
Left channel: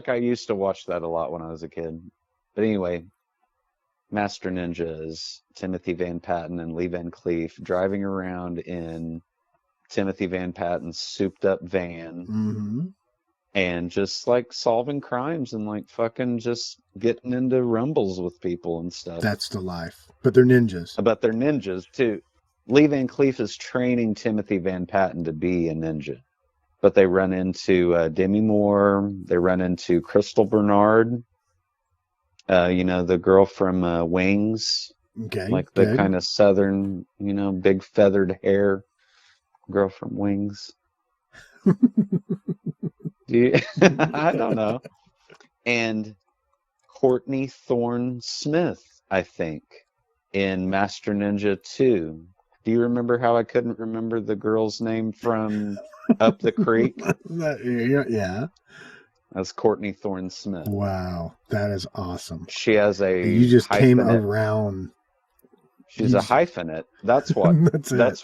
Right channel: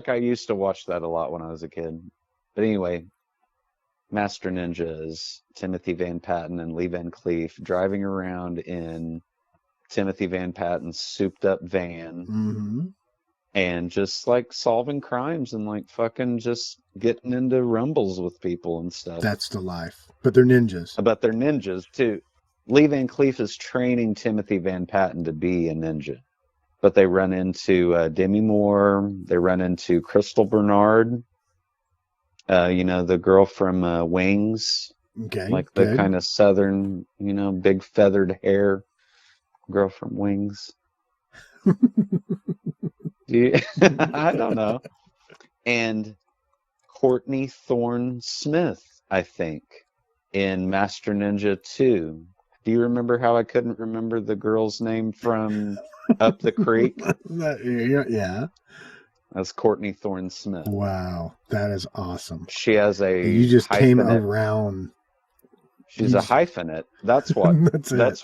Mm-hmm. That's the life. But they're ninjas. Okay, okay. Yeah. Wow, that is awesome. You just came around. You just. That's it.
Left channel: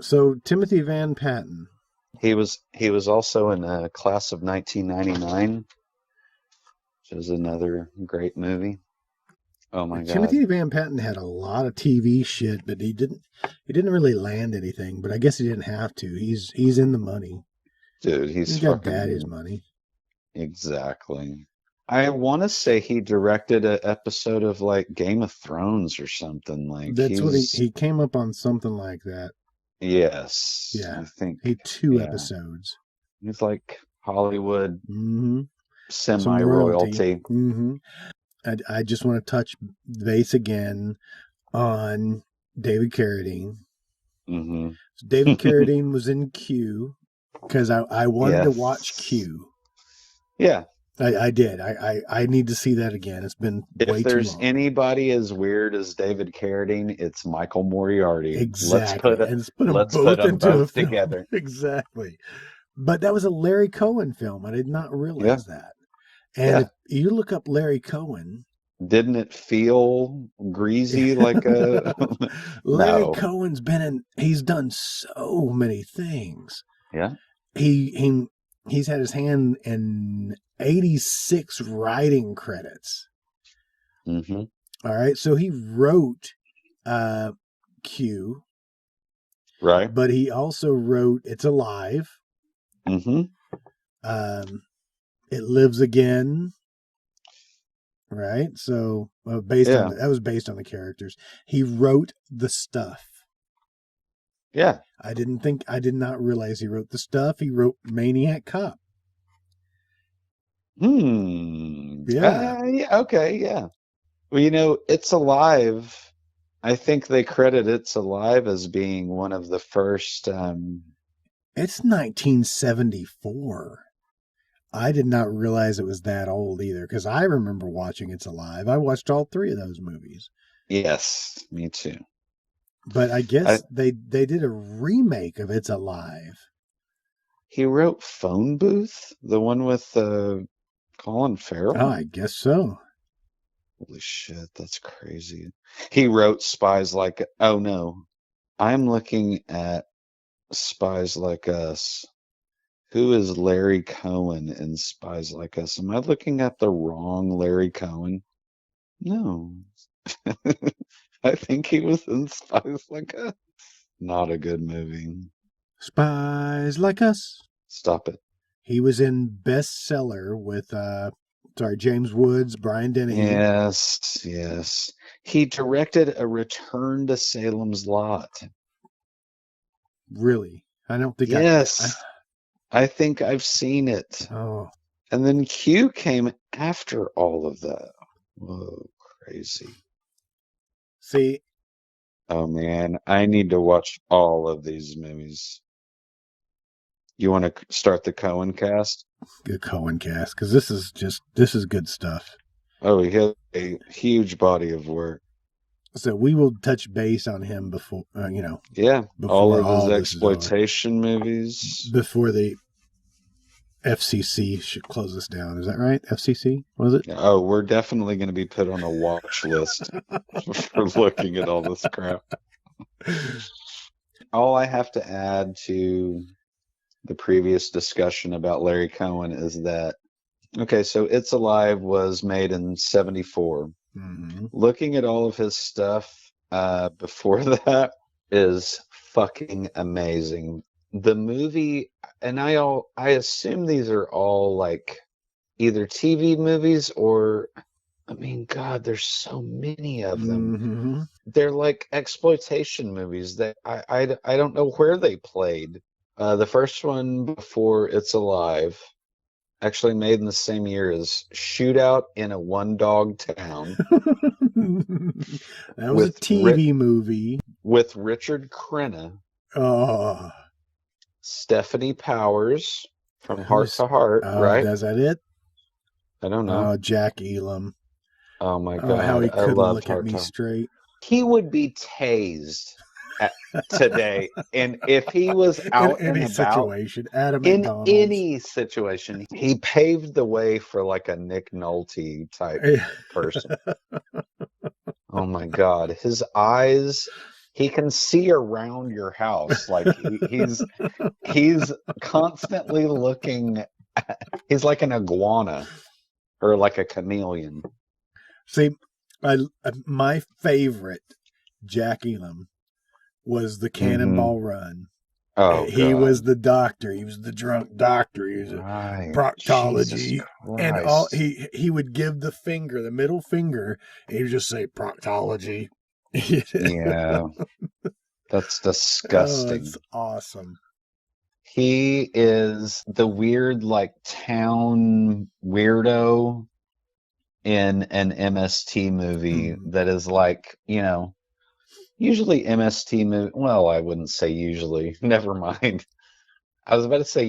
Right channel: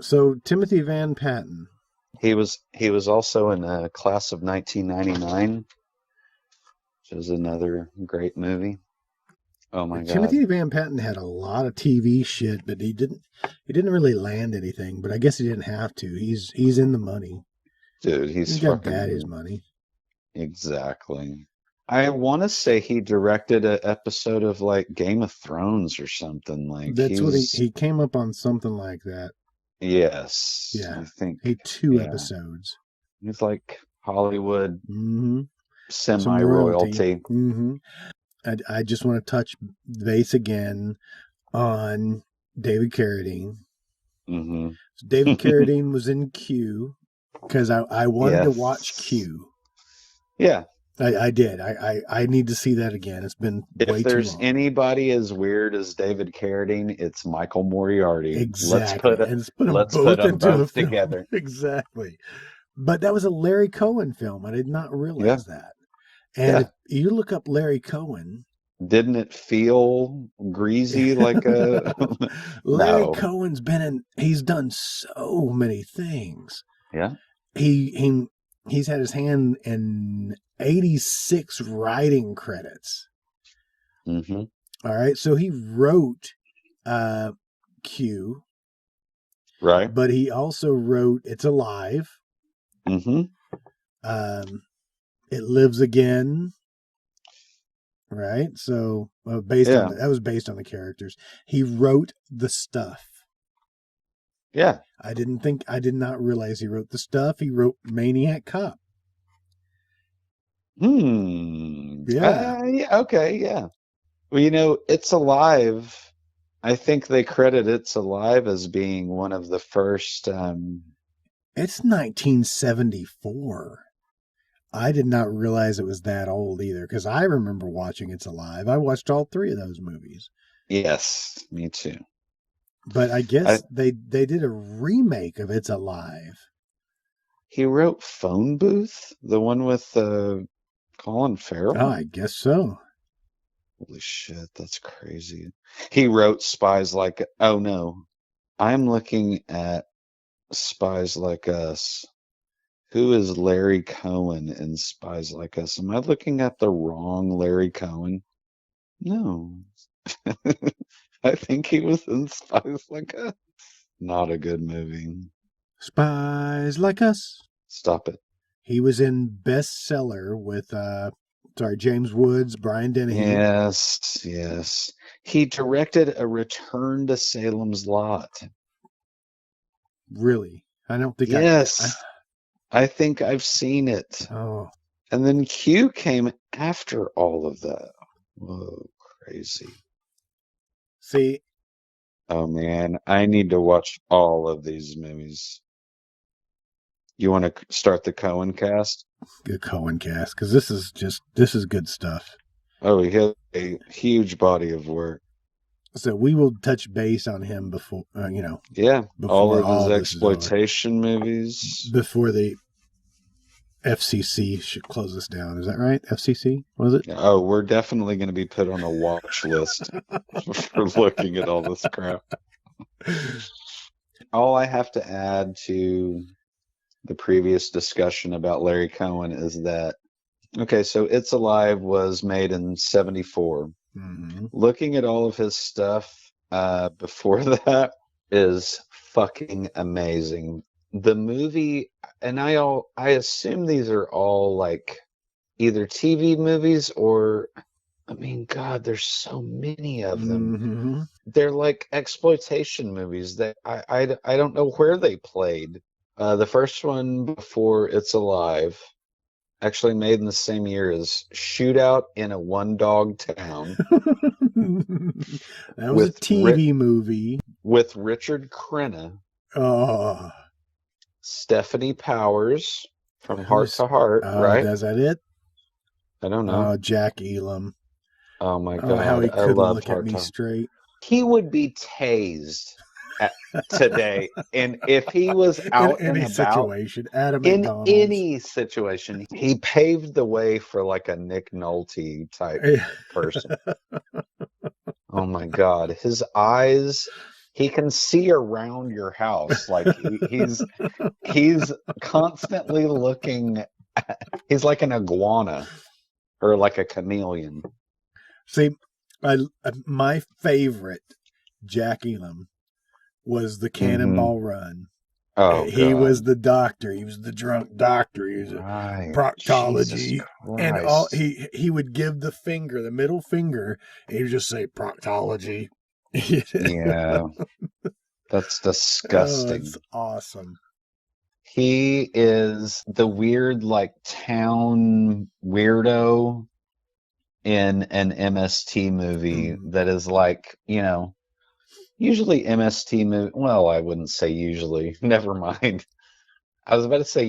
So Timothy Van Patten. Timothy Van Patten had a lot of TV shit, but he didn't really land anything. But I guess he didn't have to. He's in the money. He's got daddy's money. That's what he came up on something like that. Yeah, he 2 episodes. Mm-hmm. Some royalty. Mm-hmm. I just want to touch base again on David Carradine. So David Carradine was in Q. because I wanted to watch Q. Yeah. I did. I need to see that again. It's been way too long. Anybody as weird as David Carradine, it's Michael Moriarty. Exactly. And it's put them both into a film. Exactly. But that was a Larry Cohen film. I did not realize that. And if you look up Larry Cohen, Didn't it feel Larry Cohen's he's done so many things. He's had his hand in 86 writing credits. All right. So he wrote Q, but he also wrote It's Alive. It Lives Again. Right. So that was based on the characters. He wrote The Stuff. I did not realize he wrote The Stuff. He wrote Maniac Cop. Yeah. You know, It's Alive. I think they credit It's Alive as being one of the first. It's 1974. I did not realize it was that old either, because I remember watching It's Alive. I watched all three of those movies. Yes. But I guess they did a remake of It's Alive. He wrote Phone Booth, the one with the. Oh, I guess so. He wrote Spies Like That. Oh no, I'm looking at Spies Like Us. Who is Larry Cohen in Spies Like Us? Am I looking at the wrong Larry Cohen? No. I think he was in Spies Like Us. Not a good movie. Spies Like Us. Stop it. He was in Bestseller with James Woods, Brian Dennehy. Yes. He directed a Return to Salem's Lot. Really? I don't think I think I've seen it. Oh. And then Q came after all of that. See. Oh man, I need to watch all of these movies. You want to start the Cohen cast? Good Cohen cast, because this is good stuff. Huge body of work. So we will touch base on him before before all this is over. Before the FCC should close us down. Is that right? FCC? Was it? Oh, we're definitely all I have to add to the previous discussion about Larry Cohen is that, okay, so It's Alive was made in 74. Mm-hmm. Looking at all of this stuff before that is fucking amazing. The movie, now, I assume these are all like either TV movies or, I mean, God, there's so many of them. Mm-hmm. They're like exploitation movies that I don't know where they played. The first one for It's Alive, actually made in the same year as Shootout in a One Dog Town. That was a TV movie. With Richard Crenna. Oh. Stephanie Powers. Who is? Oh, is that it? Oh, Jack Elam. How he couldn't look at me straight. He would be In any situation. Adam McDonald's. He paved the way for like a Nick Nolte type. Oh my God. His eyes, he can see around your house. He's constantly looking, he's like an iguana or like a chameleon. See, my favorite Jack Elam was the Cannonball Run. He was the doctor. He was the drunk doctor. He was a proctology. And he would give the finger, the middle finger, and he would just say proctology. Oh, it's awesome. He is the weird, like, town weirdo in an MST movie that is like, usually MST movie, well, I wouldn't say usually, never mind. I was going to say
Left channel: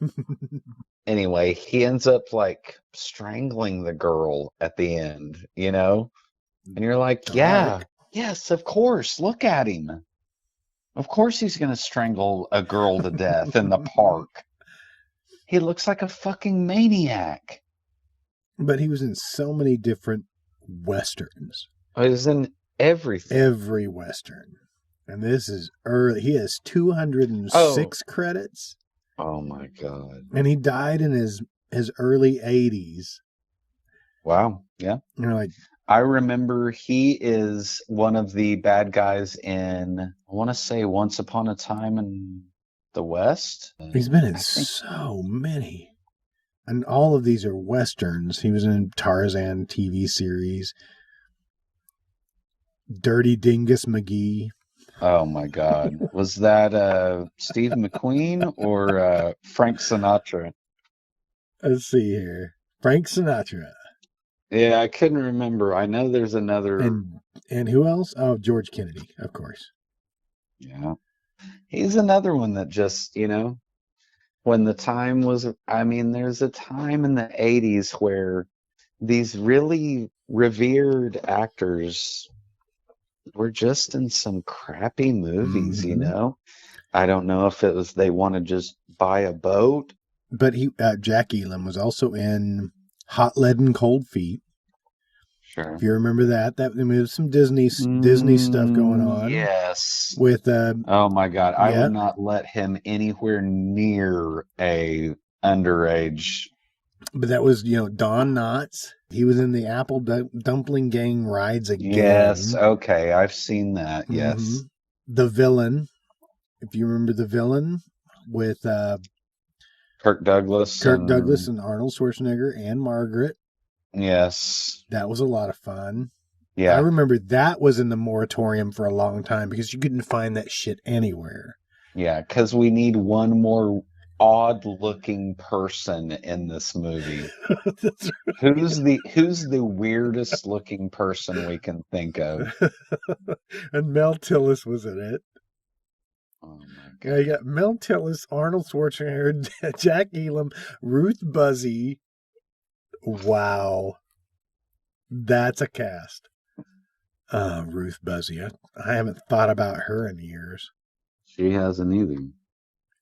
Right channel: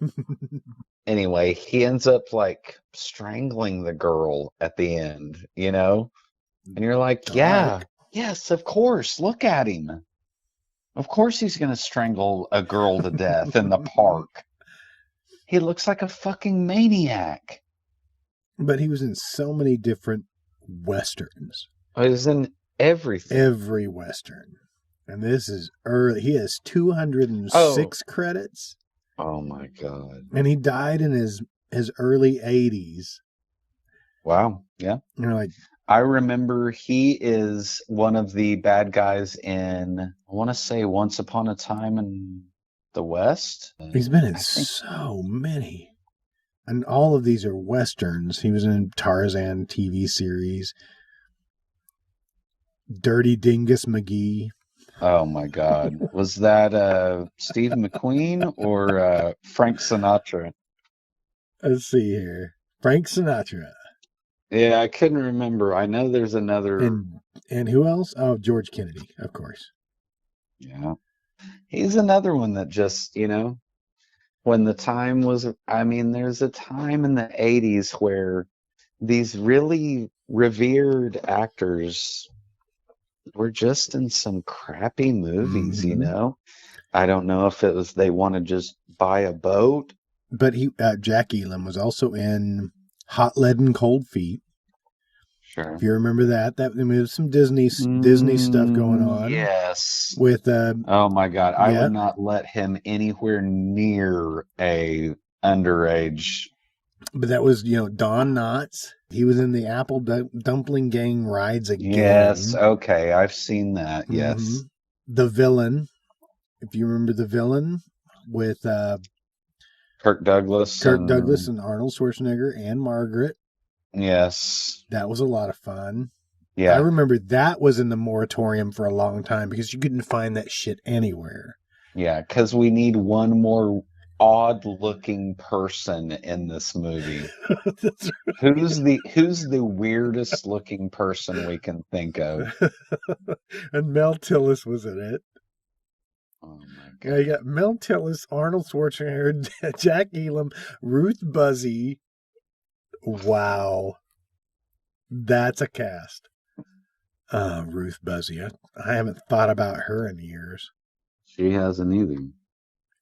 Anyway, he ends up like strangling the girl at the end, you know? And you're like, Dark. yes, of course, look at him. Of course he's gonna strangle a girl to death in the park. He looks like a fucking maniac. But he was in so many different westerns. He was in Every western. And this is early. He has 206 credits. And he died in his early 80s. You know, like, I remember he is one of the bad guys in, I want to say, Once Upon a Time in the West. he's been in so many. And all of these are westerns. He was in Tarzan TV series. Dirty Dingus McGee. Let's see here. Frank Sinatra. Yeah, I can't remember. I know there's another. And who else? Oh, George Kennedy, of course. He's another one that just, you know, when the time was, I mean, there's a time in the 80s where these really revered actors were just in some crappy movies. Mm-hmm. You know? I don't know because they want to just buy a boat. But Jack Elam was also in Hot Lead and Cold Feet. If you remember that, there was some Disney stuff going on with, yeah. But that was, you know, Don Knotts. He was in the Apple Dumpling Gang Rides Again. Mm-hmm. The Villain. If you remember The Villain with Kirk Douglas and Arnold Schwarzenegger and Margaret. That was a lot of fun. I remember that was in the moratorium for a long time because you couldn't find that shit anywhere. That's right. And Mel Tillis was in it. You know, you got Mel Tillis, Arnold Schwarzenegger, Jack Elam, Ruth Buzzy. Wow. That's a cast. Ruth Buzzy. I haven't thought about her in years.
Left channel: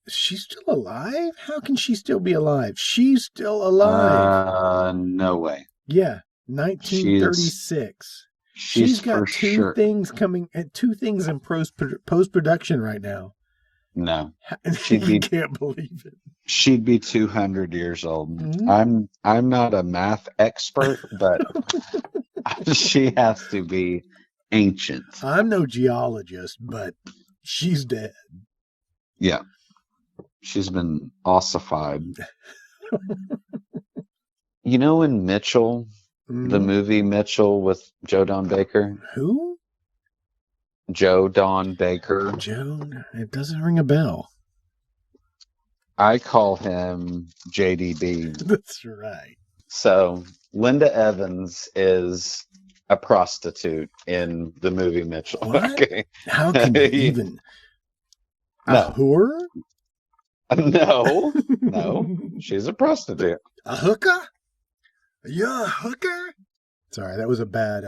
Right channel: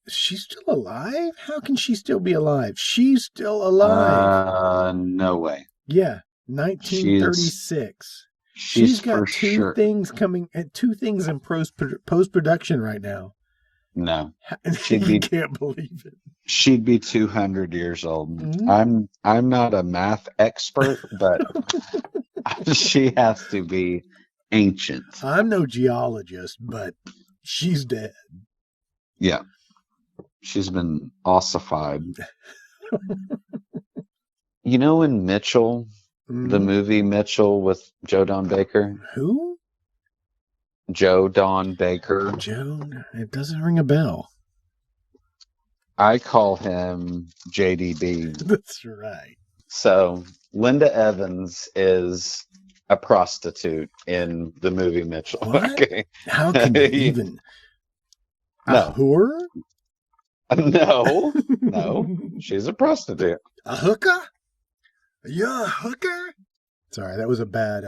Is she still alive? How can she still be alive? She's still alive. Yeah, 1936. She's got two things in post-production right now. You can't believe it. Hmm? I'm no geologist, but she's dead. Mm-hmm. Who? Joan? It doesn't ring a bell. That's right. So, Linda Evans is a prostitute in the movie. What? How can you even... A whore? A hooker? You're a hooker? Sorry, that was a bad,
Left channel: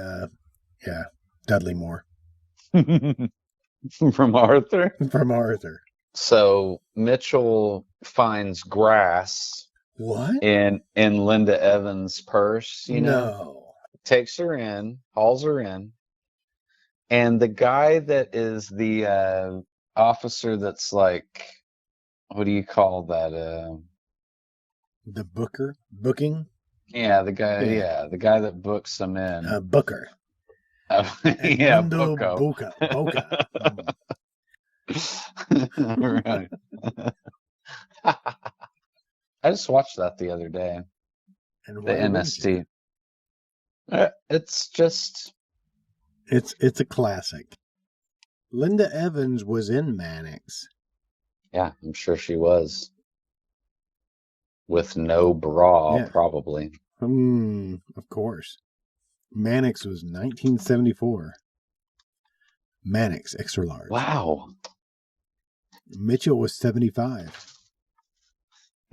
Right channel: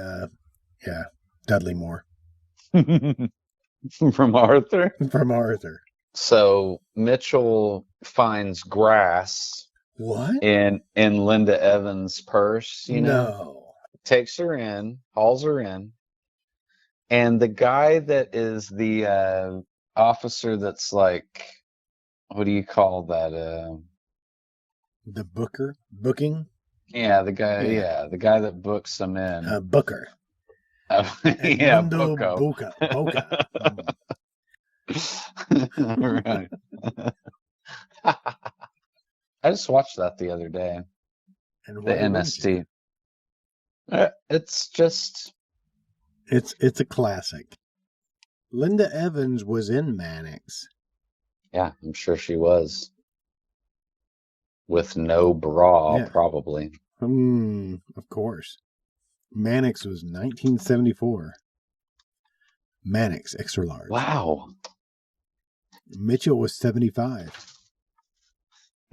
Dudley Moore. From Arthur. So, Mitchell finds grass. What? In Linda Evans' purse. No. Takes her in, calls her in, and the guy that is the officer that's like, what do you call that? The booking? Yeah, the guy. Yeah. Books and Booker. Edmundo Boca. Hmm. And why wouldn't you? It's a classic. Linda Evans was in Mannix. Yeah. Of course. Mannix was 1974. Mannix, extra large. Mitchell was 75.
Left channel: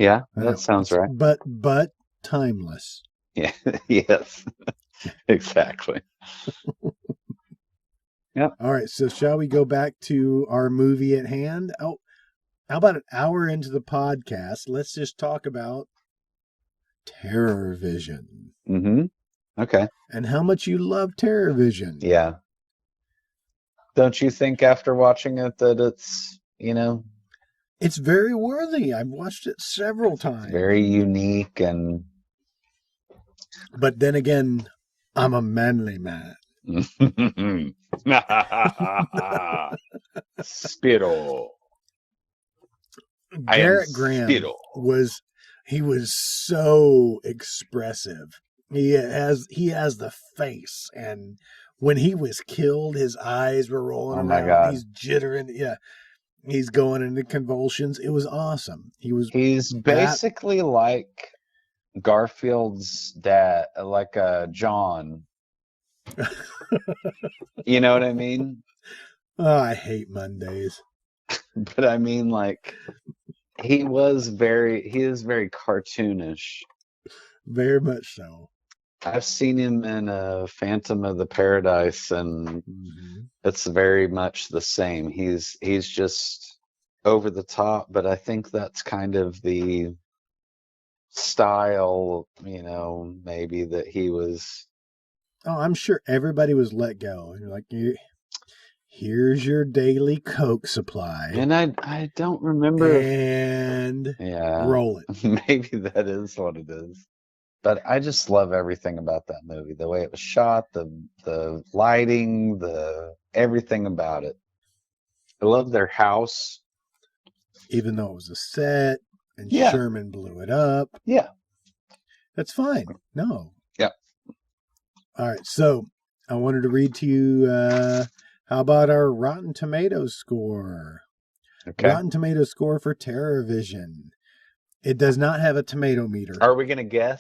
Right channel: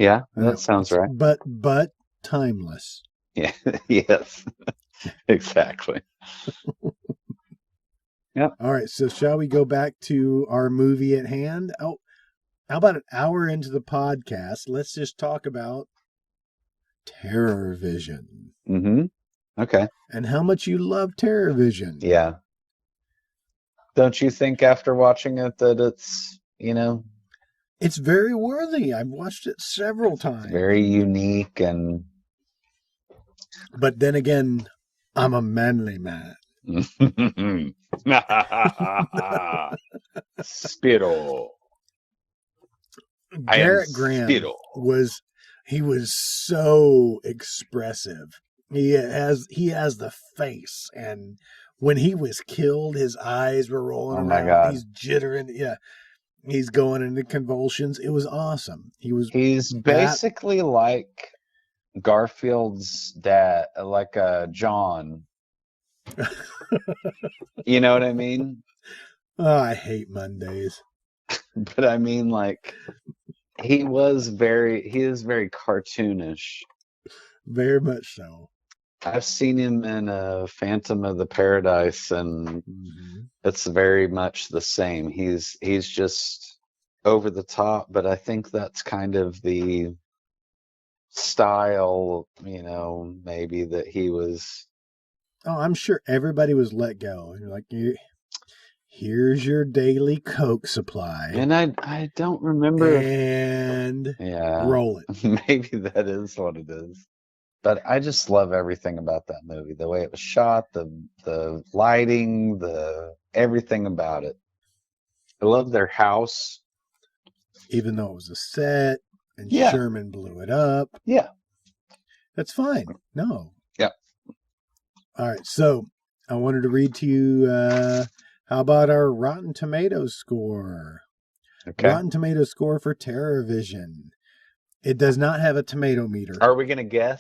Yeah, I know. It's It's not but timeless. yeah. All right, so shall we go back to our movie at hand? Oh, how about an hour into the podcast? Let's just talk about Terror Vision Okay. and how much you love Terror Vision. Yeah. Don't you think after watching that it's, It's very worthy. I've watched it several times. pretty unique and But then again, I'm a manly man. Garrett Graham was so expressive. He has the face, and when he was killed, his eyes were rolling around. He's jittering. Yeah, he's going into convulsions. It was awesome. He was we that. specifically like Garfield's like John. You know what I mean? Oh, I hate Mondays. I mean, like he was very cartoonish. Very much so. I've seen him in Phantom of the Paradise, and Mm-hmm. it's very much the same. He's just over the top, but I think that's kind of the style, maybe that he was. Oh, I'm sure everybody was let go. You're like, here's your daily Coke supply, I don't remember. and roll it. But I just love everything about that movie. The way it's shot, the lighting, everything about it. I love their house. Even though it was a set and Sherman blew it up. Yeah. That's fine. No. All right. So I wanted to read to you how about our Rotten Tomatoes score? Rotten Tomatoes score for Terror Vision. It does not have a tomato meter. Are we going to guess?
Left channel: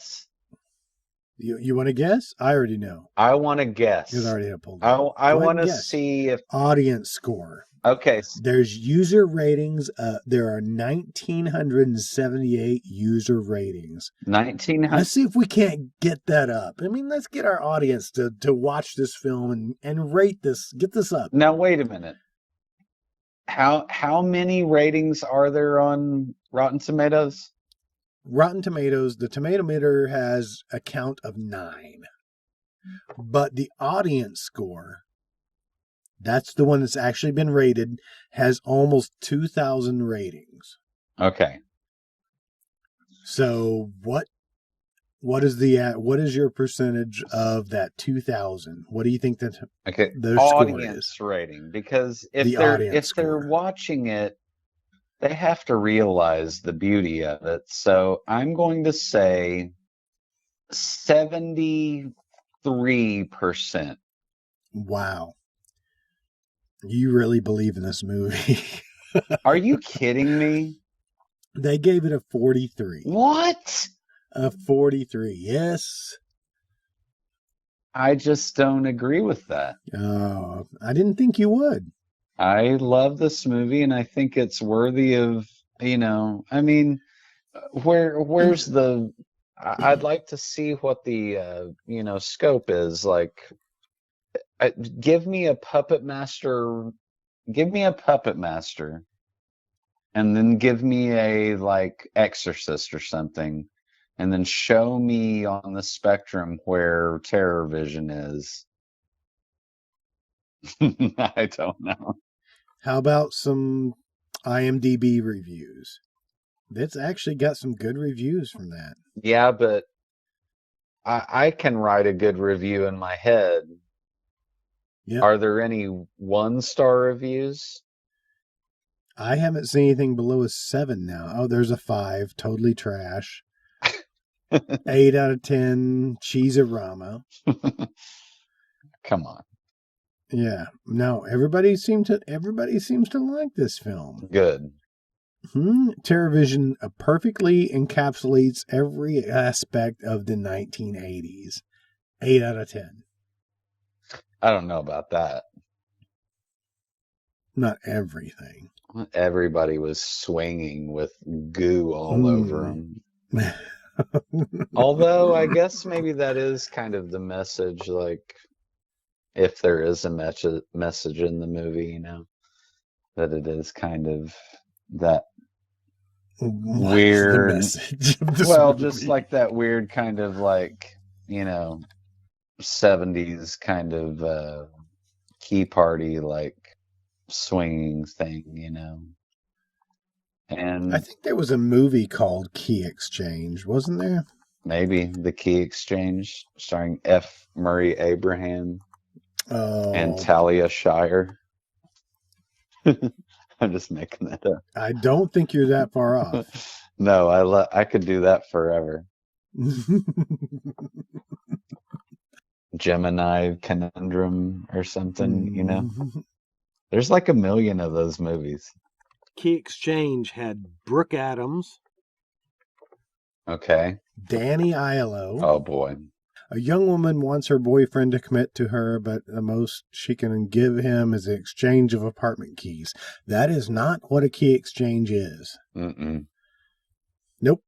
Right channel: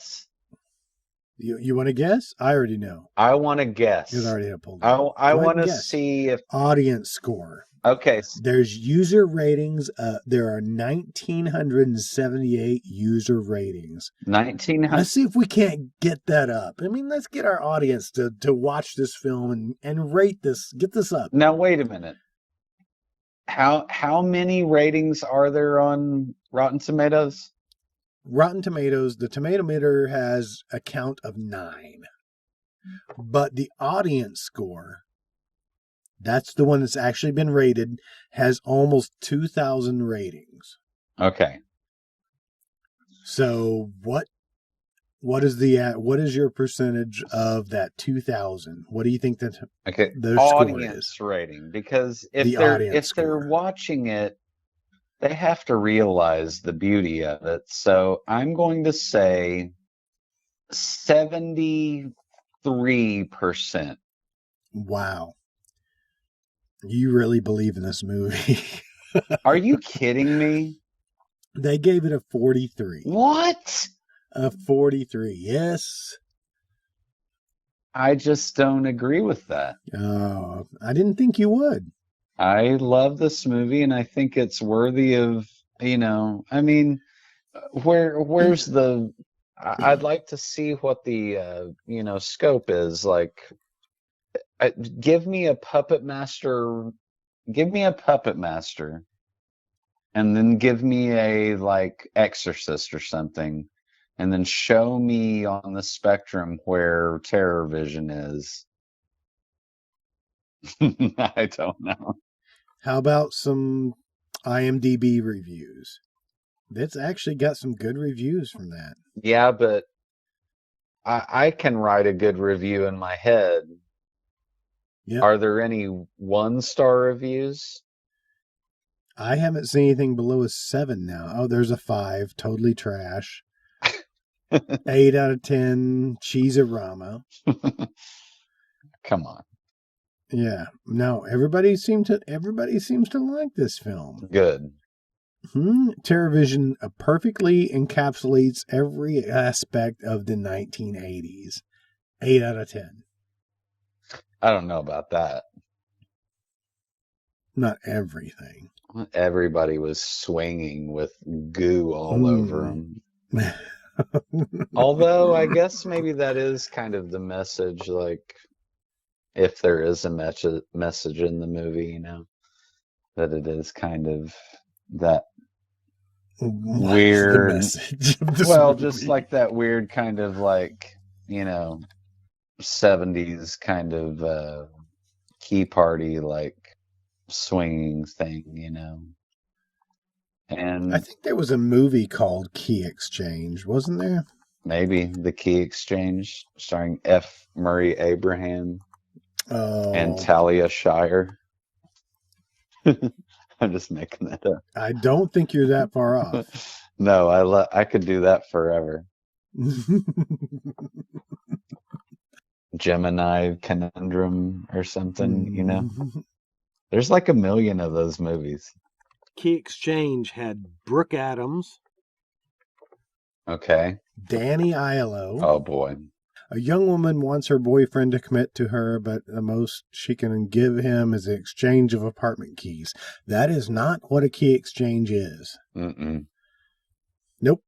You want to guess? I already know I want to guess. because I already have it pulled up. I Go ahead and wanna guess. see if- Audience score. Okay. There's user ratings. There are 1,978 user ratings. 19 Let's see if we can't get that up. I mean, let's get our audience to watch this film and rate this, get this up. No, wait a minute. How many ratings are there on Rotten Tomatoes? Rotten Tomatoes, the tomato meter has a count of 9. But the audience score, that's the one that's actually been rated, has almost 2,000 ratings. Okay. So what is your percentage of that 2,000? What do you think that their score is? The audience score. Watching it, they have to realize the beauty of it. So I'm going to say 73%. Wow. You really believe in this movie. They gave it a 43. What? A 43. Yes. I just don't agree with that. Oh, I didn't think you would. I love this movie, and I think it's worthy of, I mean, I'd like to see what the, scope is. Like, give me a puppet master, and then give me Exorcist or something, and then show me on the spectrum where Terror Vision is. I don't know. How about some IMDB reviews? That's actually got some good reviews from that. Yeah, but I can write a good review in my head. Yep. Are there any one-star reviews? I haven't seen anything below a 7 now. Oh, there's a 5. Totally trash. 8 out of 10. Cheese-a-rama. Yeah. No, everybody seems to like this film. Good. Terror Vision perfectly encapsulates every aspect of the 1980s. 8 out of 10. I don't know about that. Not everything. Everybody was swinging with goo. What is the message of this movie? I think there was a movie called Key Exchange, wasn't there? Oh, I don't think you're that far off. Key Exchange had Brooke Adams, Danny Aiello. A young woman wants her boyfriend to commit to her, but the most she can give him is the exchange of apartment keys. That is not what a key exchange is. Nope.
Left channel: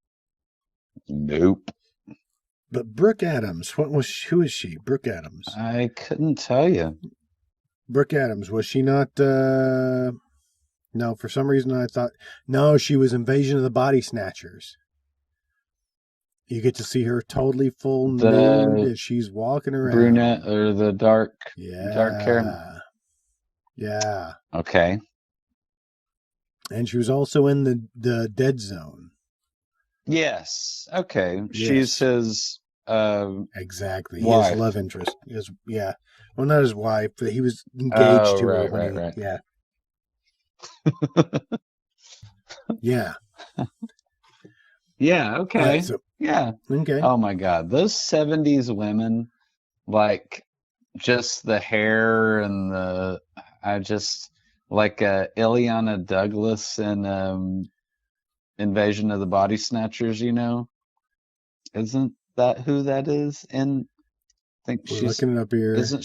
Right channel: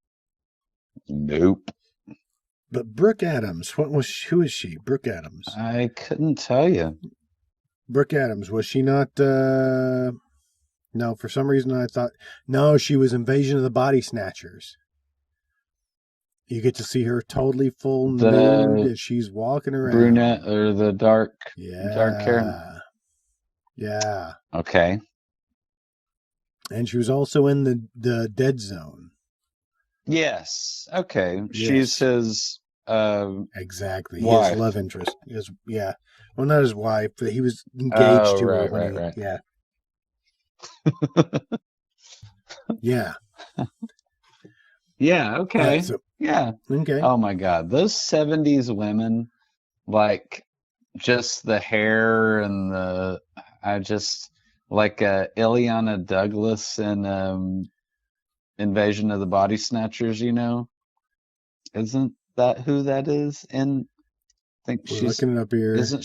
But Brooke Adams, who is she? Brooke Adams. Brooke Adams, was she not, no, for some reason I thought, no, she was Invasion of the Body Snatchers. You get to see her totally full nude as she's walking around. Yeah. Yeah. And she was also in the Dead Zone. Yes. Exactly. His love interest. Yeah. Well, not his wife, but he was engaged to her when he, yeah. Yeah. All right, so, okay. We're looking it up here.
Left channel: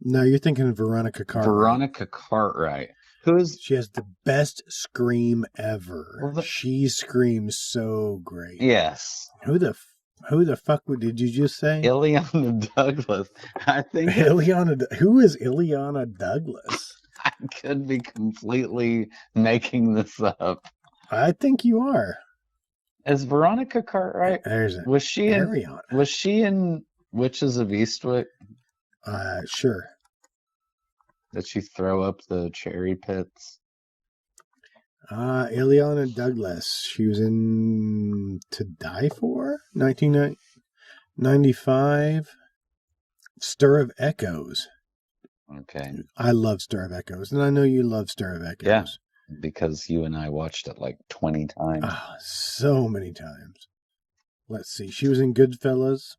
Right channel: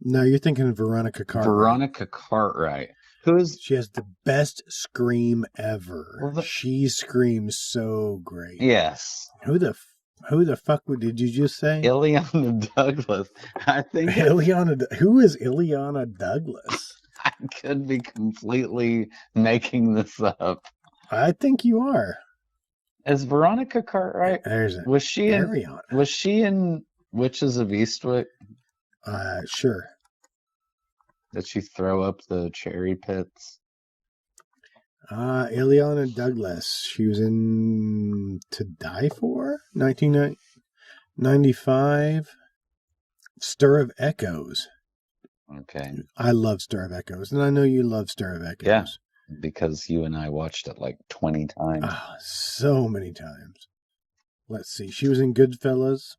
No, you're thinking of Veronica Cartwright. She has the best scream ever. She screams so great. Who the fuck did you just say? Ileana. Who is Ileana Douglas? I think you are. There's an Ariana. Sure. Ileana Douglas. She was in To Die For, 1995. Stir of Echoes. I love Stir of Echoes, and I know you love Stir of Echoes. So many times. Let's see. She was in Goodfellas.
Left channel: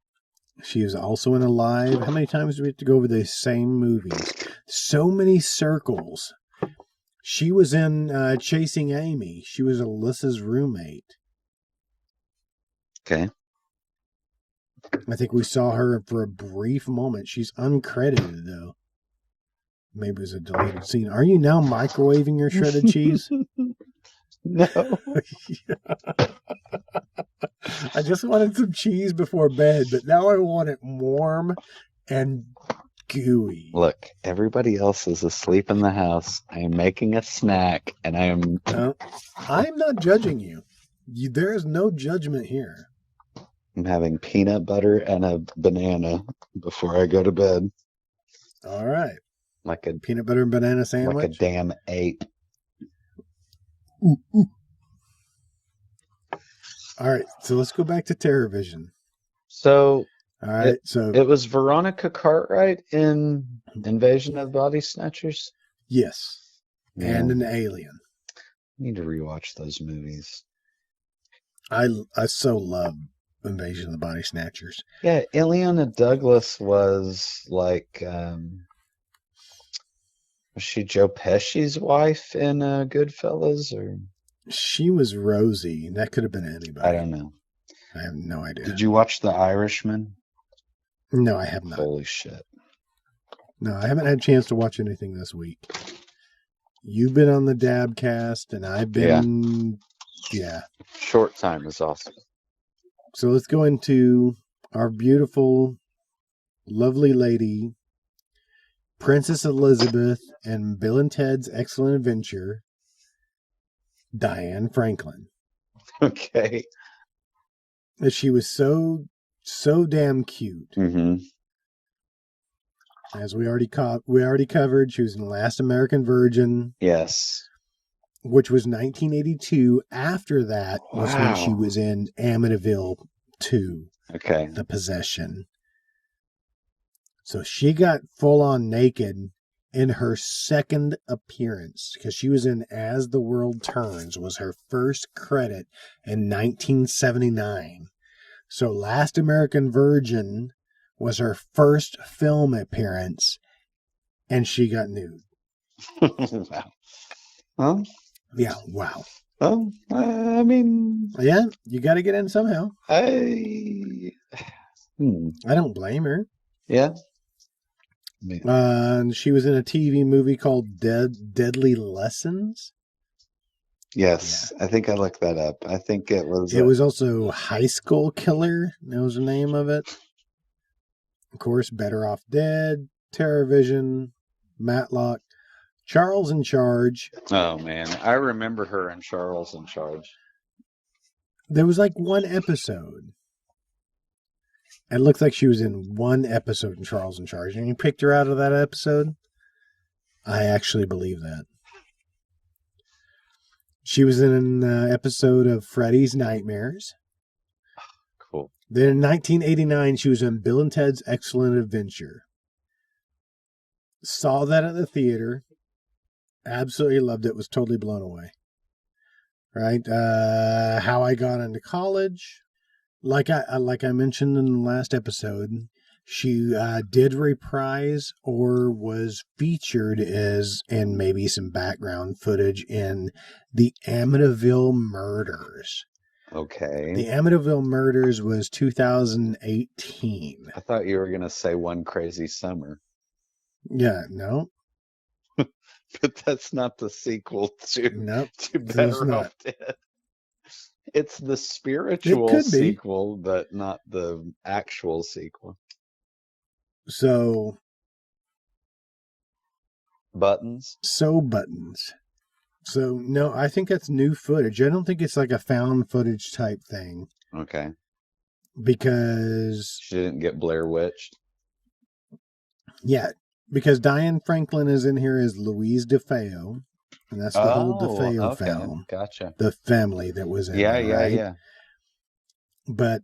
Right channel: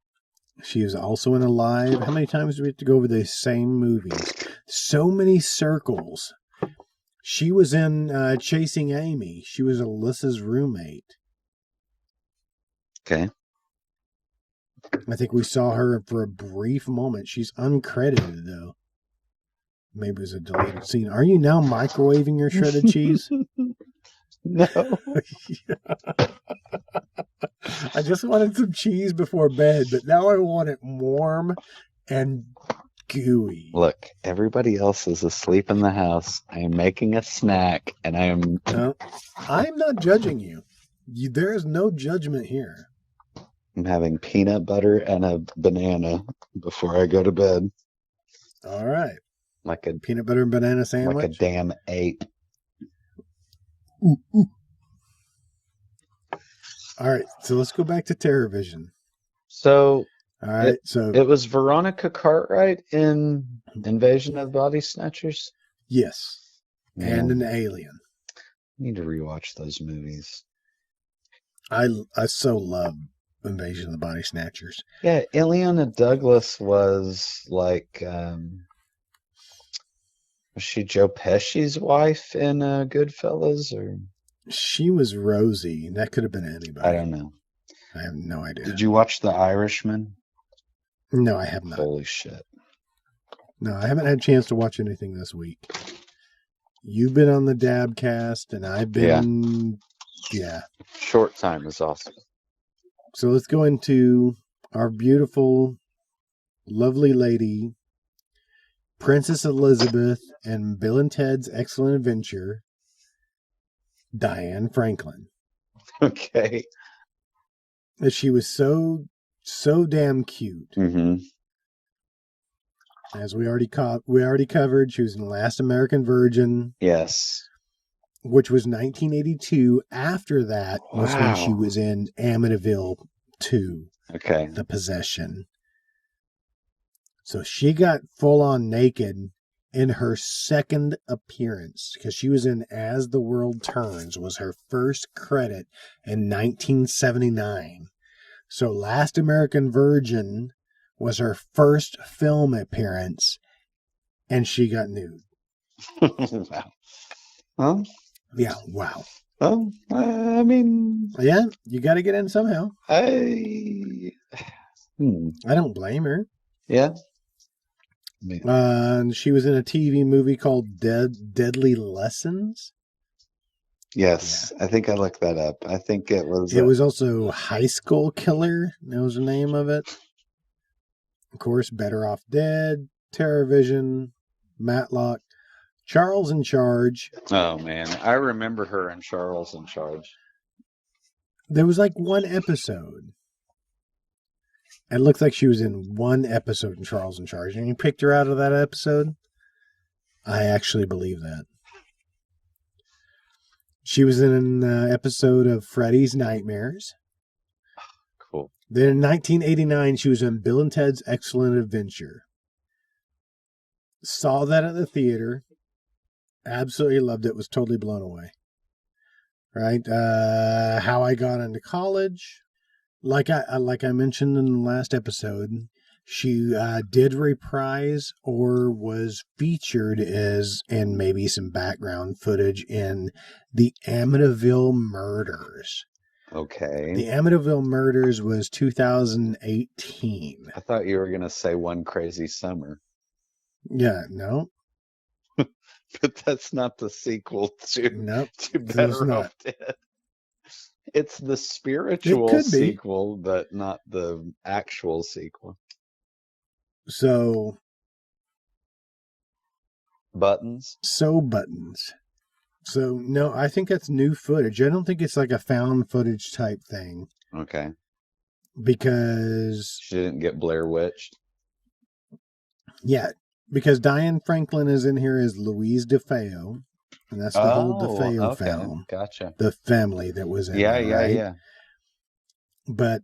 She was also in Alive. How many times do we have to go over the same movies? So many circles. She was in Chasing Amy. She was Alyssa's roommate. I think we saw her for a brief moment. She's uncredited, though. Maybe it was a deleted scene. Are you now microwaving your shredded cheese? I just wanted some cheese before bed, but now I want it warm and gooey. I'm not judging you. There is no judgment here. All right. Peanut butter and banana sandwich. Ooh, ooh. All right, so let's go back to TerrorVision. All right, so yes, and an alien. I so love Invasion of the Body Snatchers. She was Rosie. That could have been anybody. I have no idea. No, I have not. No, I haven't had a chance to watch anything this week. You've been on the Dabcast, and I've been, yeah. So let's go into our beautiful, lovely lady, Princess Elizabeth, and Bill and Ted's Excellent Adventure, Diane Franklin. She was so damn cute. As we already covered, she was in The Last American Virgin, which was 1982. After that was when she was in Amityville 2, The Possession. So she got full on naked in her second appearance, because she was in As the World Turns, was her first credit in 1979. So Last American Virgin was her first film appearance, and she got nude. Yeah, wow. Yeah, you got to get in somehow. I don't blame her. She was in a TV movie called Deadly Lessons. Yeah. It was also High School Killer. That was the name of it. Of course, Better Off Dead, TerrorVision, Matlock, Charles in Charge. There was like one episode. It looks like she was in one episode in Charles in Charge, and you picked her out of that episode? I actually believe that. She was in an episode of Freddy's Nightmares. Then in 1989, she was in Bill and Ted's Excellent Adventure. Saw that at the theater. Absolutely loved it. Was totally blown away. Right? How I Got Into College. Like I mentioned in the last episode, she did reprise or was featured as in maybe some background footage in the Amityville Murders. The Amityville Murders was 2018. Yeah, no. Nope, so it's not. It could be. So Buttons. So, no, I think that's new footage. I don't think it's like a found footage type thing. Because Diane Franklin is in here as Louise DeFeo. And that's the whole DeFeo family that was in there, right? But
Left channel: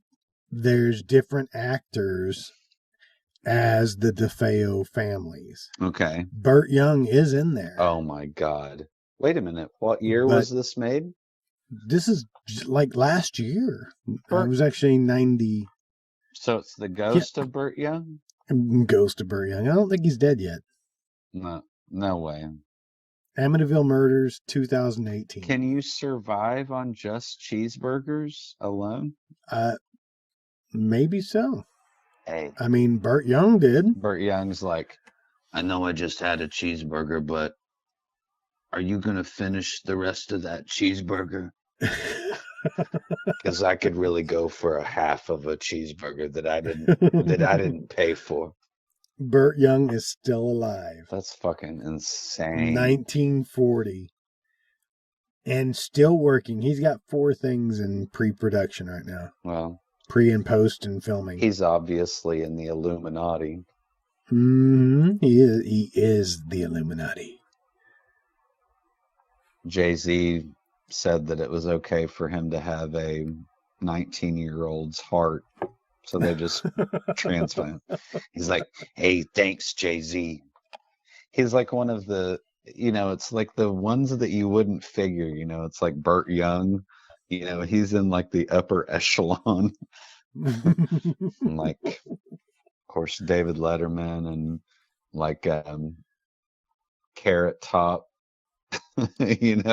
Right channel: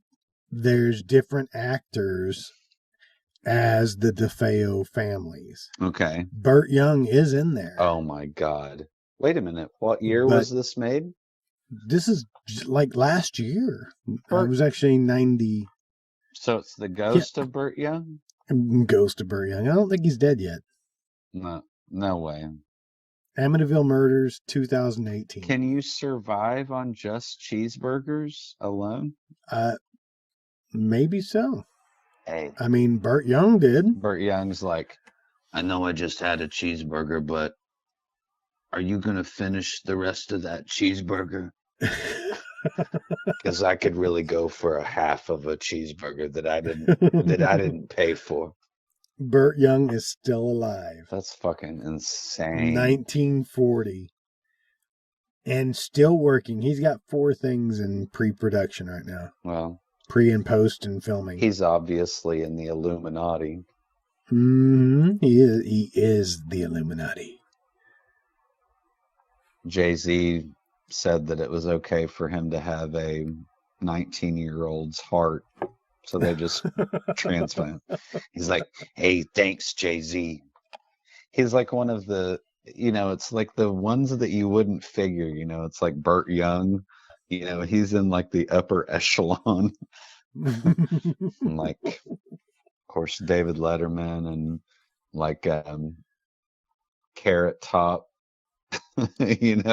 there's different actors as the DeFeo families. Burt Young is in there. But this is like last year. It was actually 90. Yeah. Ghost of Burt Young. I don't think he's dead yet. Amityville Murders, 2018. Maybe so. I mean, Burt Young did. Burt Young is still alive. 1940. And still working. He's got 4 things in pre-production right now. Pre and post and filming. He is the Illuminati.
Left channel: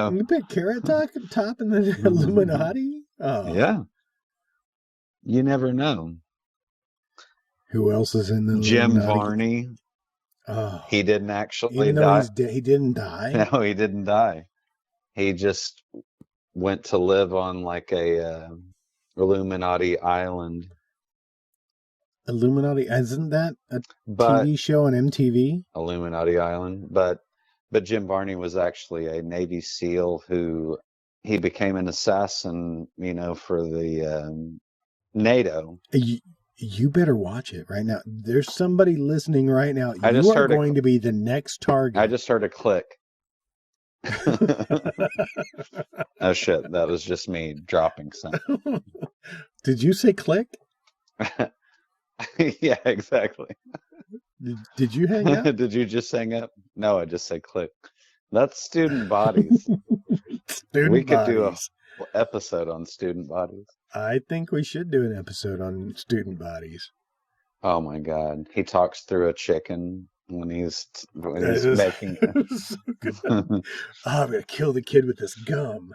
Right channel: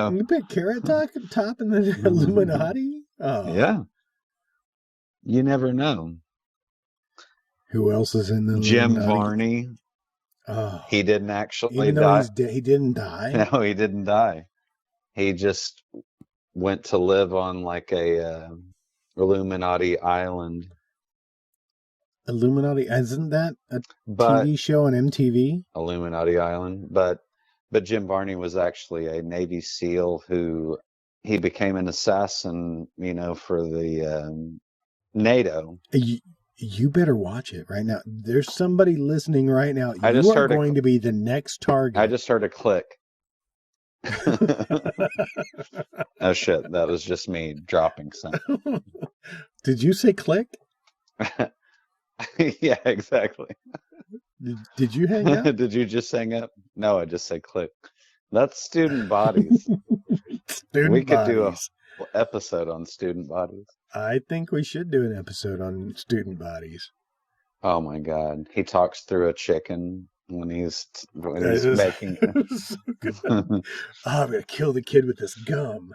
You put Carrot Top in the Illuminati? Oh. Who else is in the Illuminati? Oh. Even though he's dead, he didn't die? Illuminati, isn't that a TV show on MTV? Illuminati, but Jim Varney was actually a Navy SEAL who he became an assassin, for the NATO. You better watch it right now. There's somebody listening right now. You are going to be the next target. Did you say click? Did you hang up? Student bodies. I think we should do an episode on student bodies. It was so good. Oh, I'm going to kill the kid with this gum.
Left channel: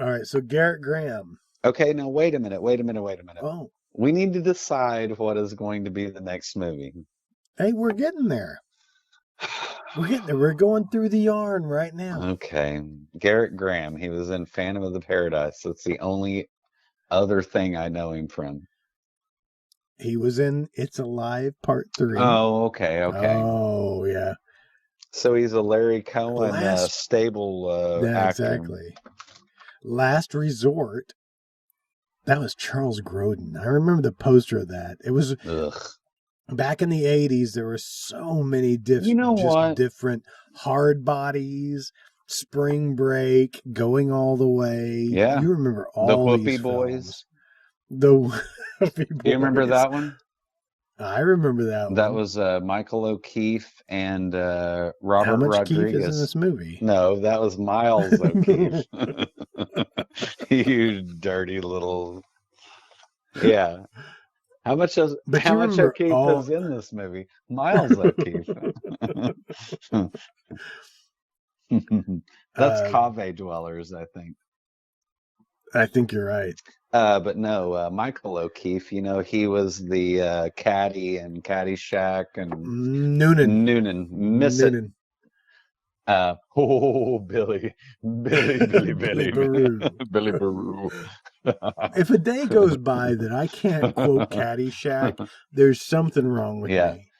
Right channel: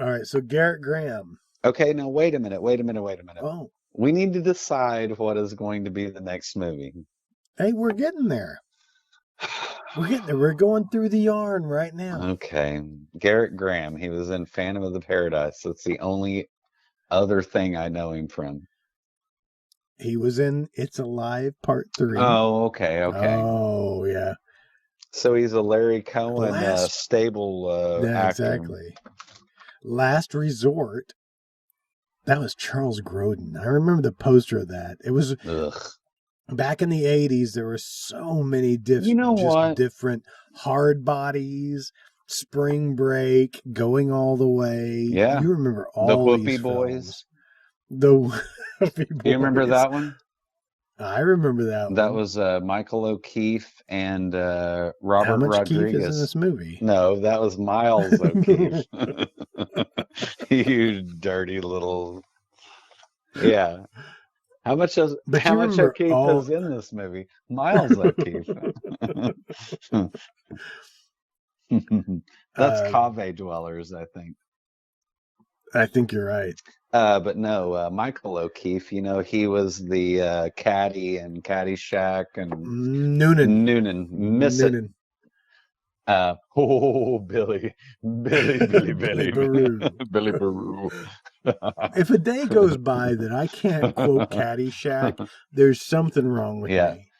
All right, so Garrett Graham. Oh. Hey, we're getting there. We're going through the yarn right now. He was in It's Alive Part 3. Oh, yeah. Yeah, exactly. Last Resort. That was Charles Grodin. I remember the poster of that. It was back in the 80s. There were so many different Hard Bodies, Spring Break, Going All the Way. You remember all these films. The Huffy Boys. I remember that one. How much Keith is in this movie? But you remember all. I think you're right. Noonan. Billy Baru. If a day goes by that I can't quote Caddyshack, there's something wrong with me.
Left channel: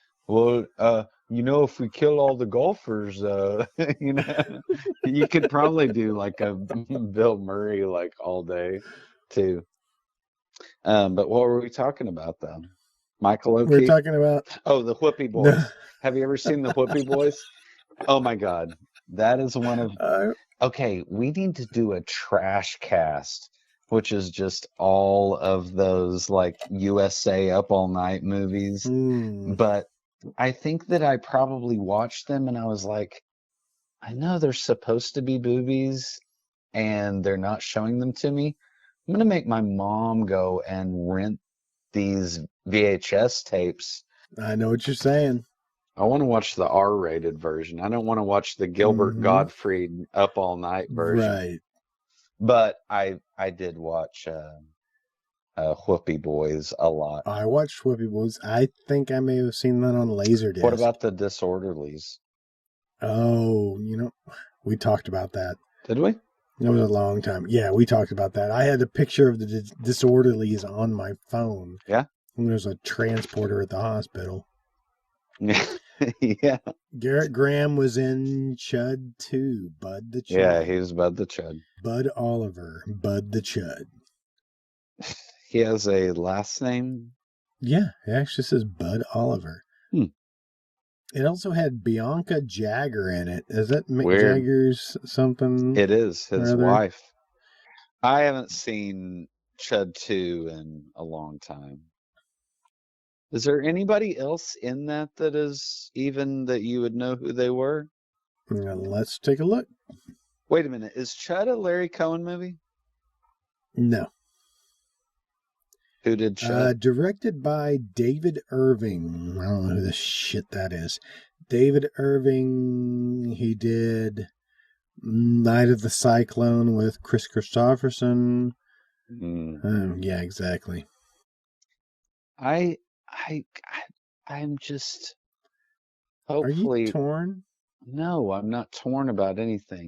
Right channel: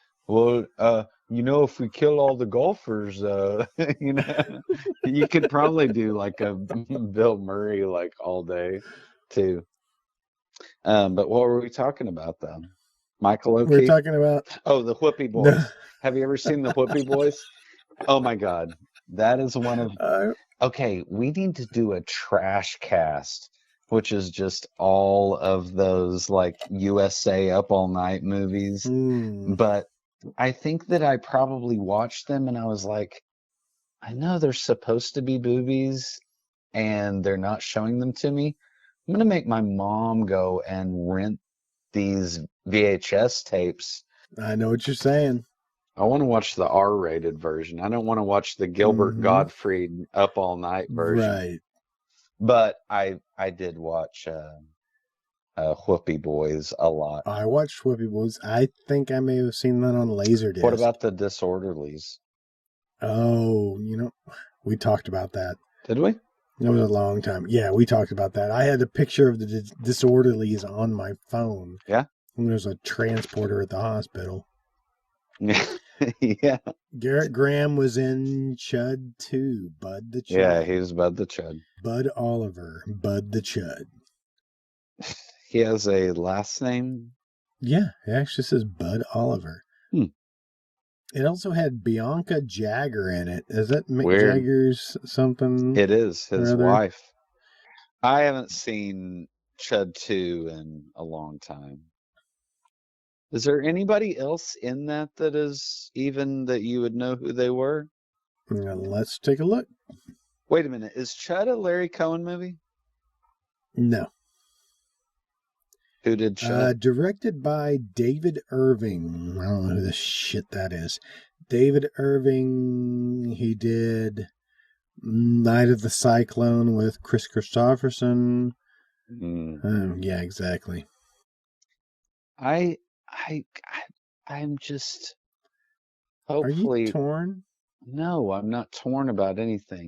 We're talking about no. Hmm. I think that I probably watched them and was like, I know they're supposed to be movies and they're not showing them to me. I'm gonna make my mom go and rent these VHS tapes. I know what you're saying. I want to watch the R-rated version. I don't want to watch the Right. But I did watch Whoopi Boys a lot. I watched Whoopi Boys. I think I may have seen that on Laserdisc. Oh, we talked about that. It was a long time. Yeah, we talked about that. I had a picture of the disorderlies on my phone. And there's a transporter at the hospital. Garrett Graham was in Chud 2, Bud the Chud. Bud Oliver, Bud the Chud. Yeah, it actually says Bud Oliver. It also had Bianca Jagger in it. Is that Mick Jagger's something or other? Is there anybody else in that is even that you would know who they were? Now, let's take a look. Wait, is that a Larry Cohen movie? Directed by David Irving. I don't know who the shit that is. David Irving, he did Night of the Cyclone with Chris Christopherson. Yeah, exactly. Are you torn? No, I'm not torn about anything.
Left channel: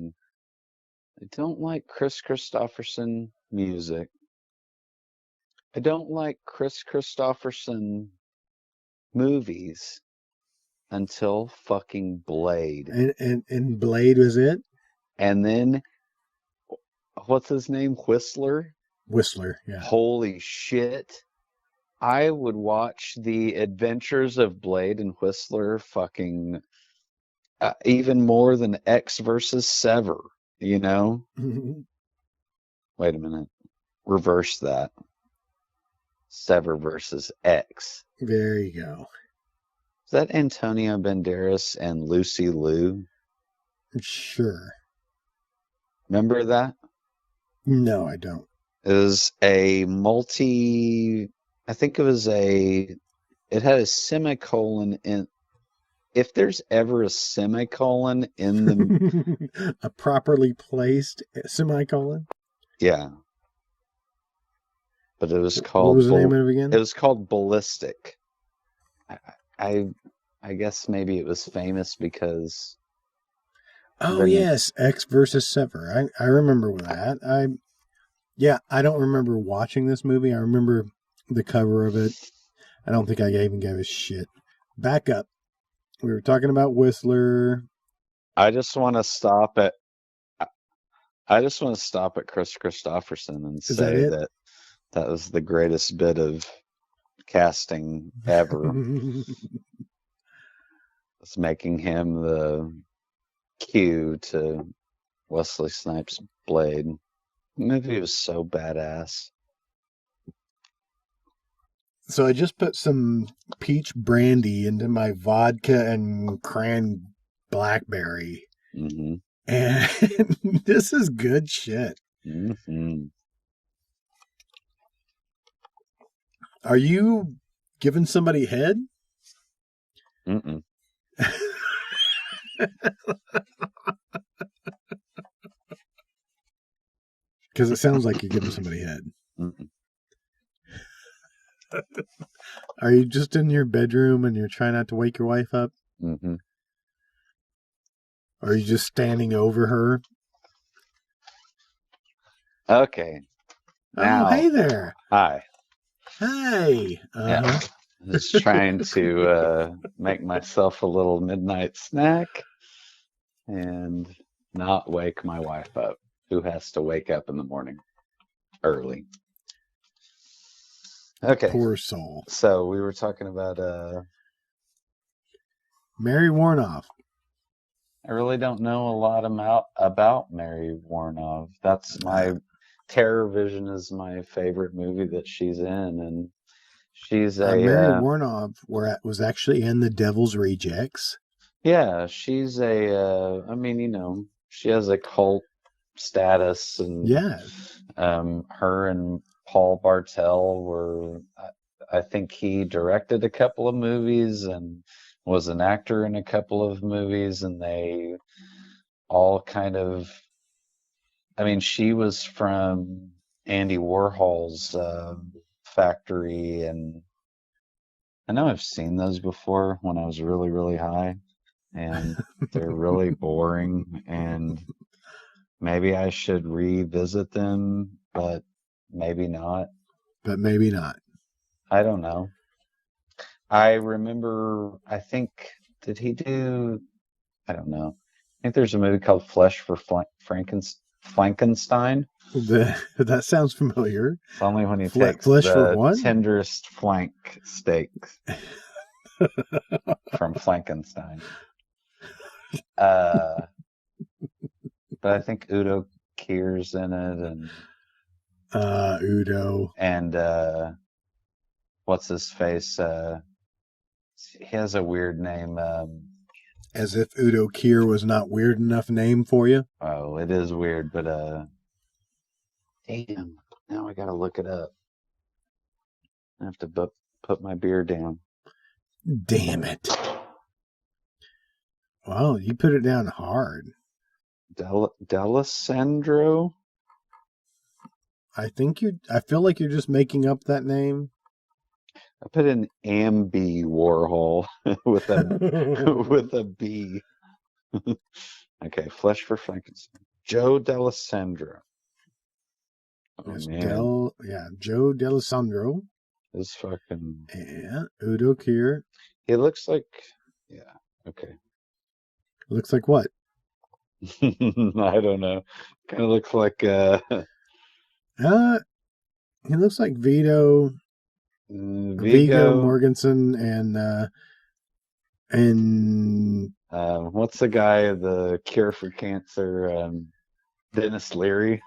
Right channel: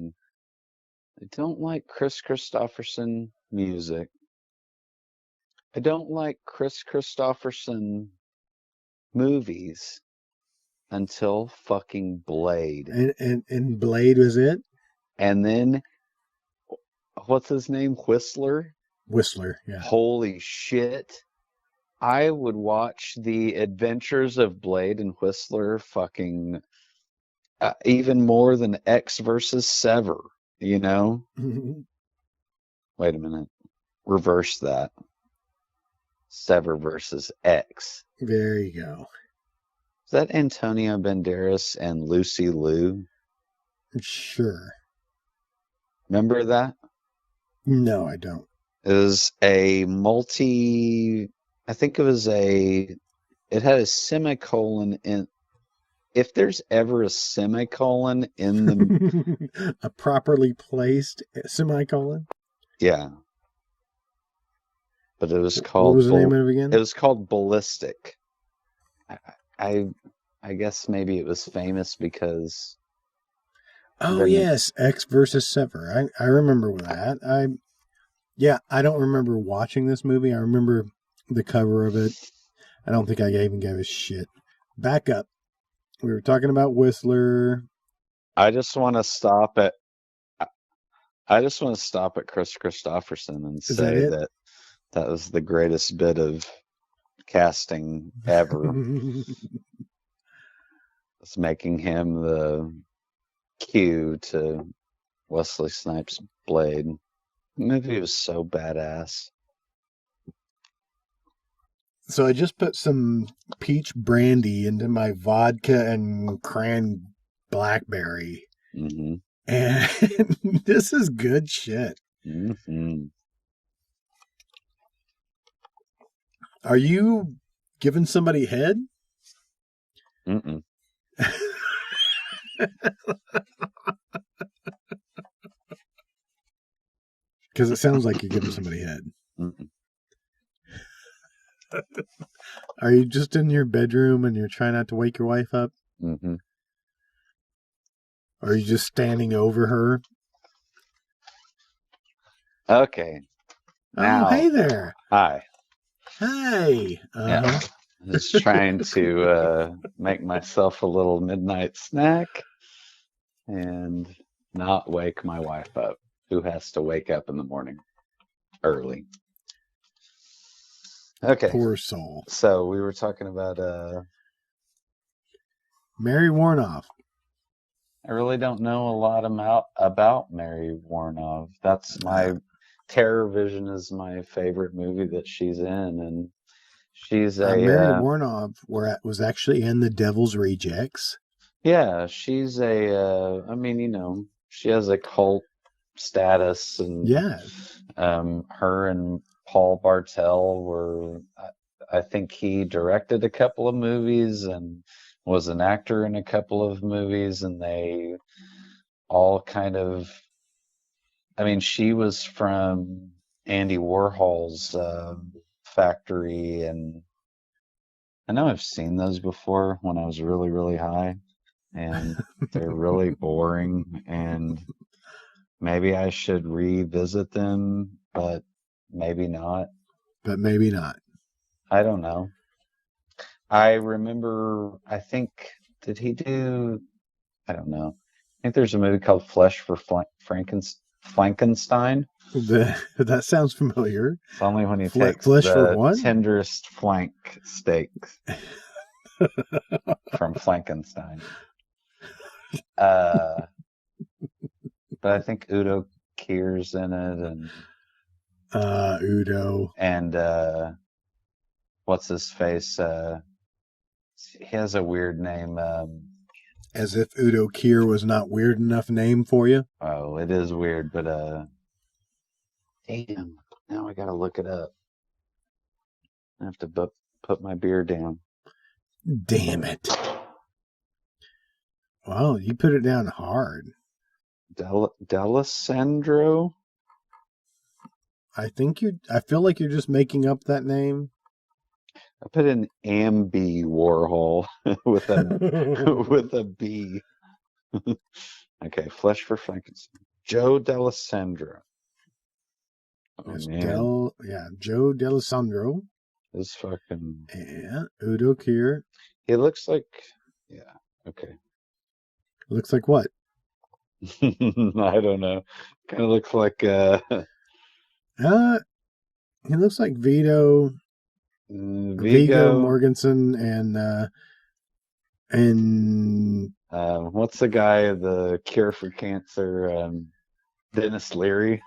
I don't like Chris Christopherson music. I don't like Chris Christopherson movies until fucking Blade. And Blade was it? And then, what's his name? Whistler? Whistler, yeah. Holy shit. I would watch the adventures of Blade and Whistler fucking even more than X versus Sever, you know? Wait a minute. Reverse that. Sever versus X. There you go. Is that Antonio Banderas and Lucy Liu? Sure. Remember that? No, I don't. It was a multi... I think it was it had a semicolon, and if there's ever a semicolon... A properly placed semicolon? Yeah. What was the name of it again? It was called Ballistic. I guess maybe it was famous because... Oh, yes. X versus Sever. I remember that. I don't remember watching this movie. I remember the cover of it. I don't think I even gave a shit. Back up. We were talking about Whistler. I just want to stop at Chris Christopherson. Is that it? That's the greatest bit of casting. Making him the theater to Wesley Snipes' Blade. He was so badass. So I just put some peach brandy into my vodka and cran blackberry. And this is good shit. Are you giving somebody head? Because it sounds like you're giving somebody head. Are you just in your bedroom and you're trying not to wake your wife up? Or are you just standing over her? Oh, hey there. Hey. Uh-huh. Poor soul. Mary Warnoff. Mary Warnoff was actually in The Devil's Rejects. Yeah. I think he directed a couple of movies and was an actor in a couple of movies, and they all kind of... I mean, she was from Andy Warhol's factory, and I know I've seen this before when I was really, really high, and really boring. Maybe I should revisit them, but maybe not. But maybe not. I don't know. I remember, I think, did he do, I don't know, I think there's a movie called Flesh for Frankenstein. That sounds familiar. Flesh for what? Udo. As if Udo Kier was not weird enough name for you. Damn it. Well, you put it down hard. I feel like you're just making up that name. Joe D'Alessandro. That's Joe D'Alessandro and Udo Kier. He looks like. Looks like what? I don't know. It looks like. He looks like Viggo Mortensen and What's the guy in the character Famous Series?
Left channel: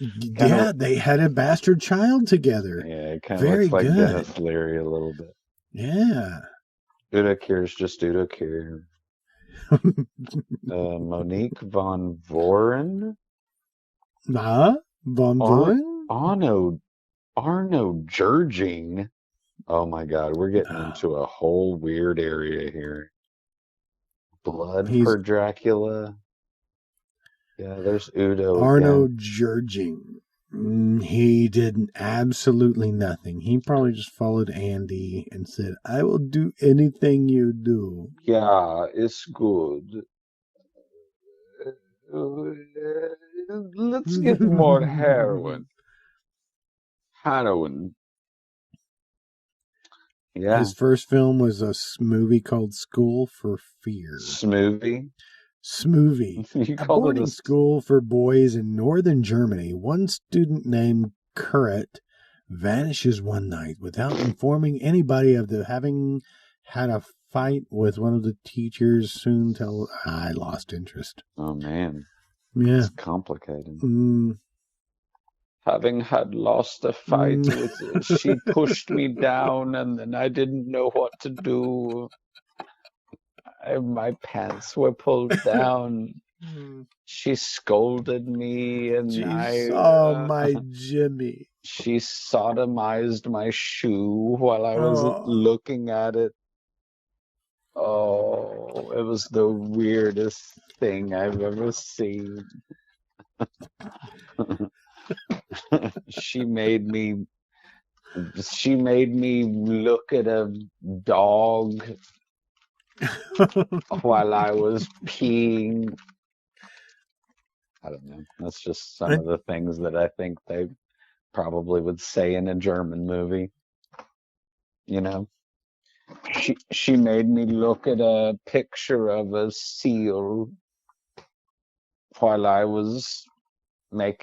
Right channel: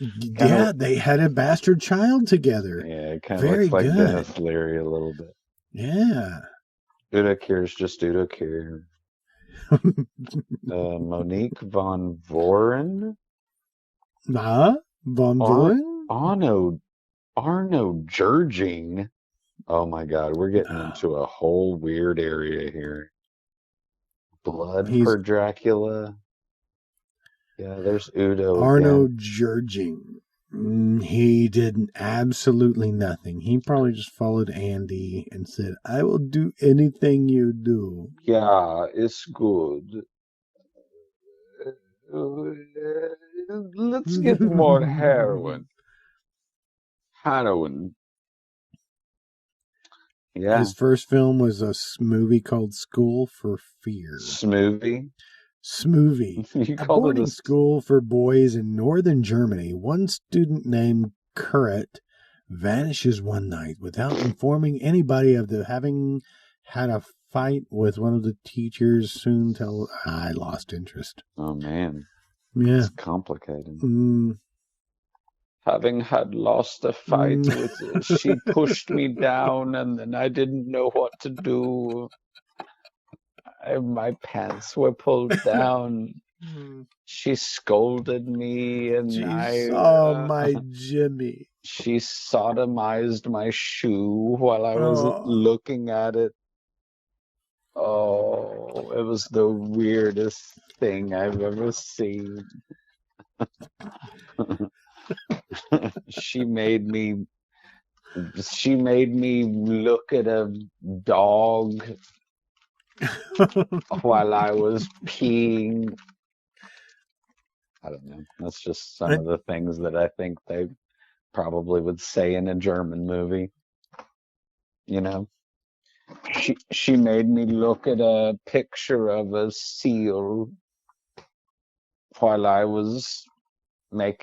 yeah, they had a bastard child together. Very good. Yeah. Von Boing? He's Arno Jurging. He did absolutely nothing. He probably just followed Andy and said, I will do anything you do. His first film was a movie called School for Fear. Smoovie. A boarding school for boys in northern Germany. One student named Kurrit vanishes one night without informing anybody of having had a fight with one of the teachers. Soon tell I lost interest. Yeah. Jeez, oh my Jimmy. Oh. And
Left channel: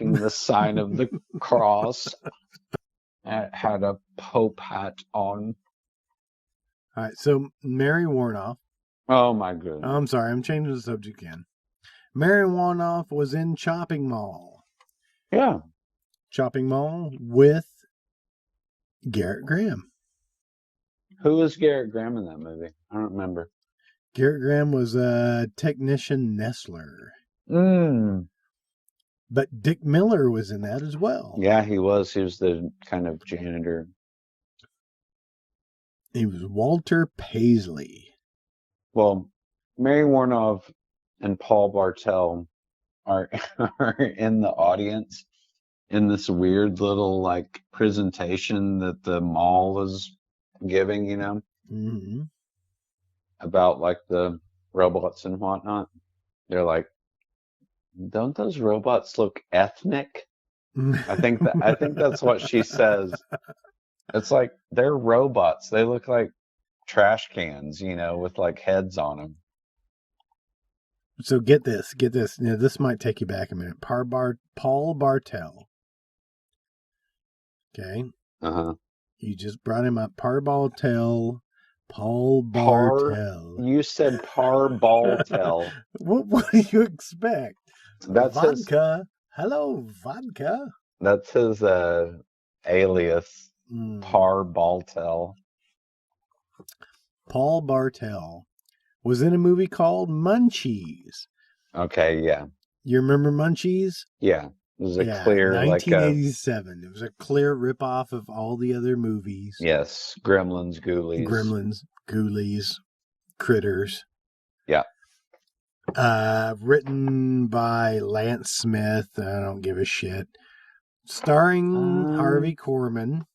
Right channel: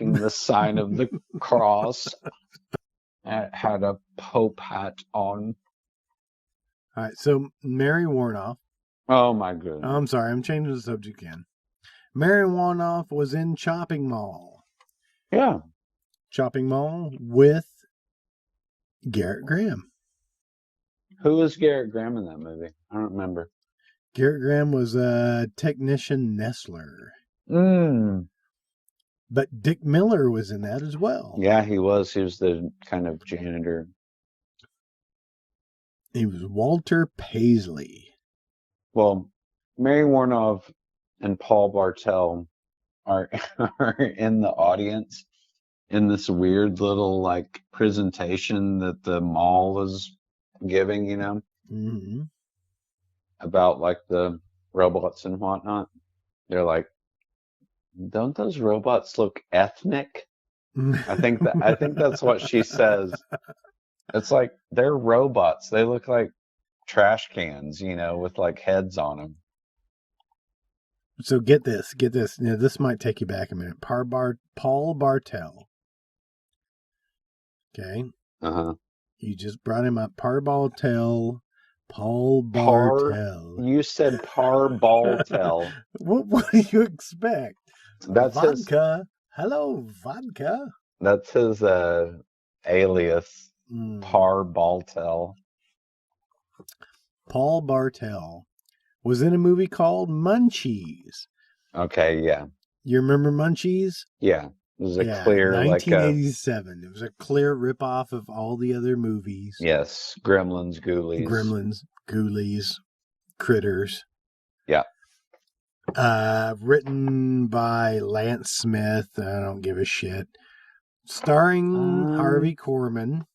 all right, so Mary Warnoff. I'm sorry, I'm changing the subject again. Mary Warnoff was in Chopping Mall. Chopping Mall with Garrett Graham. Garrett Graham was a technician Nestler. But Dick Miller was in that as well. He was Walter Paisley. Mm-hmm. About like the robots and whatnot. They're like, don't those robots look ethnic? They're robots. They look like trash cans, with like heads on them. So get this. Now, this might take you back a minute. Paul Bartel. Okay. You just brought him up. Paul Bartel. What do you expect? Vodka. Hello, vodka. That's his alias. Paul Bartel was in a movie called Munchies. Okay, yeah. You remember Munchies? Yeah. Yeah, 1987. It was a clear ripoff of all the other movies. Gremlins, Ghoulies, Critters. Written by Lance Smith. I don't give a shit. Starring Harvey Korman.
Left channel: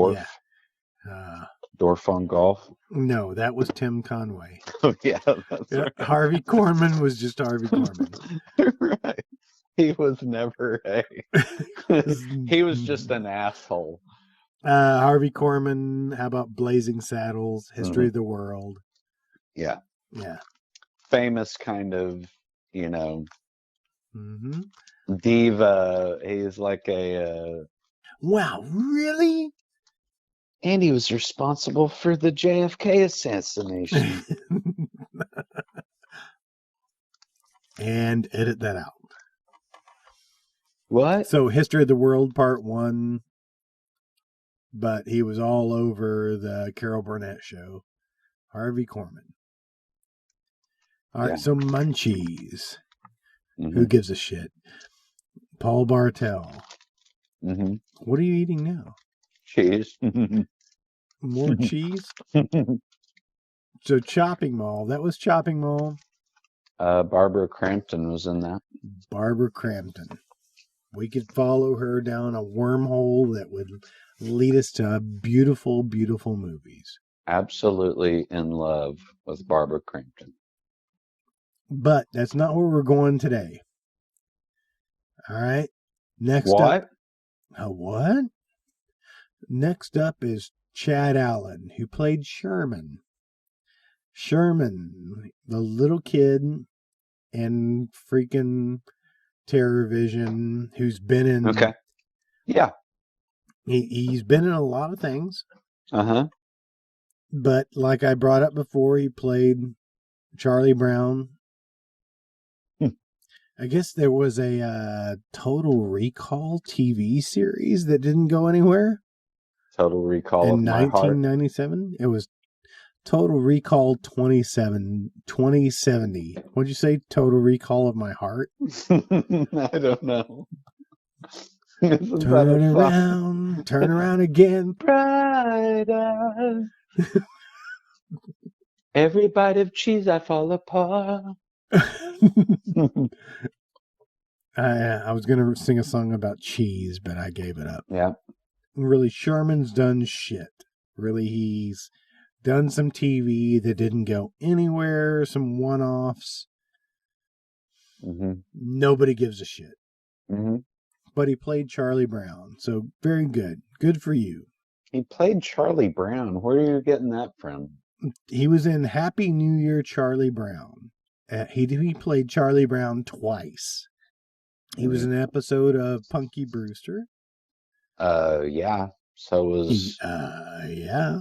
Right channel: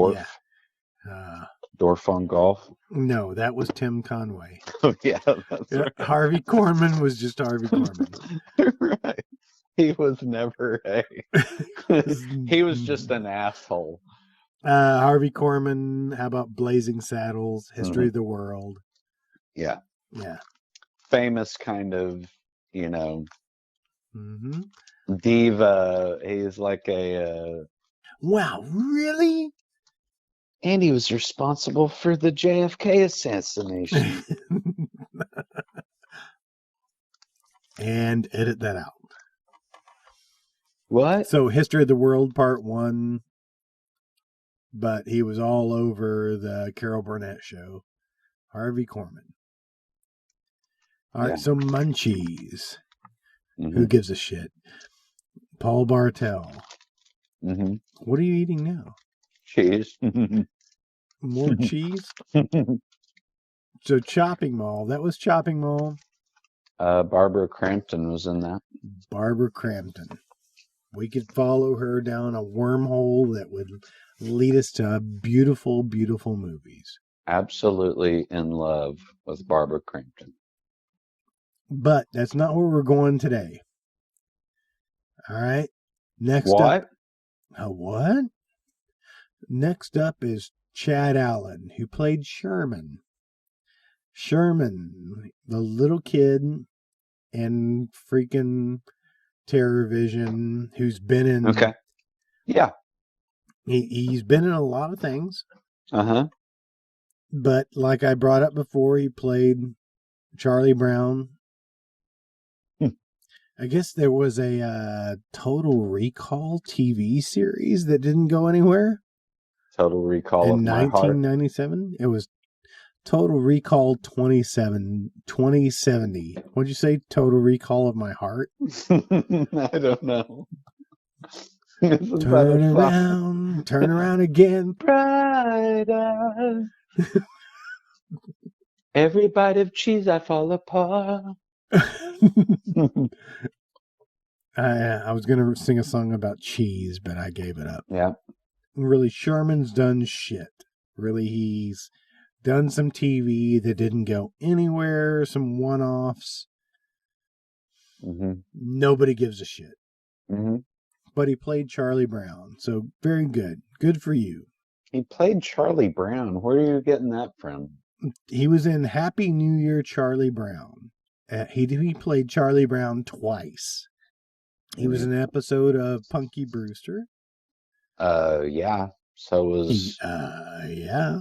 Yeah. No, that was Tim Conway. Yeah, Harvey Korman was just Harvey Korman. Harvey Korman. How about Blazing Saddles? History of the World. Yeah. Famous kind of, you know, Mm-hmm. diva. He's like a. Wow, really? He is responsible for the JFK assassination. And edit that out. What? So, History of the World Part 1, but he was all over the Carol Burnett show. Harvey Korman. All right, so Munchies. Who gives a shit? Paul Bartel. What are you eating now? More cheese? So Chopping Mall. That was Chopping Mall. Barbara Crampton. We could follow her down a wormhole that would lead us to beautiful, beautiful movies. Absolutely in love with Barbara Crampton. But that's not where we're going today. All right. Next up. What? Next up is Chad Allen, who played Sherman. Sherman, the little kid in freaking Terror Vision, who's been in. He's been in a lot of things. But like I brought up before, he played Charlie Brown. I guess there was a Total Recall TV series that didn't go anywhere in 1997. It was Total Recall 2070. What'd you say? Total Recall of My Heart? Turn around again. I was going to sing a song about cheese, but I gave it up. Really, Sherman's done shit. Really, he's done some TV that didn't go anywhere, some one-offs. Nobody gives a shit. But he played Charlie Brown, so very good. Good for you. He was in Happy New Year, Charlie Brown. He played Charlie Brown twice. He was in an episode of Punky Brewster. Yeah.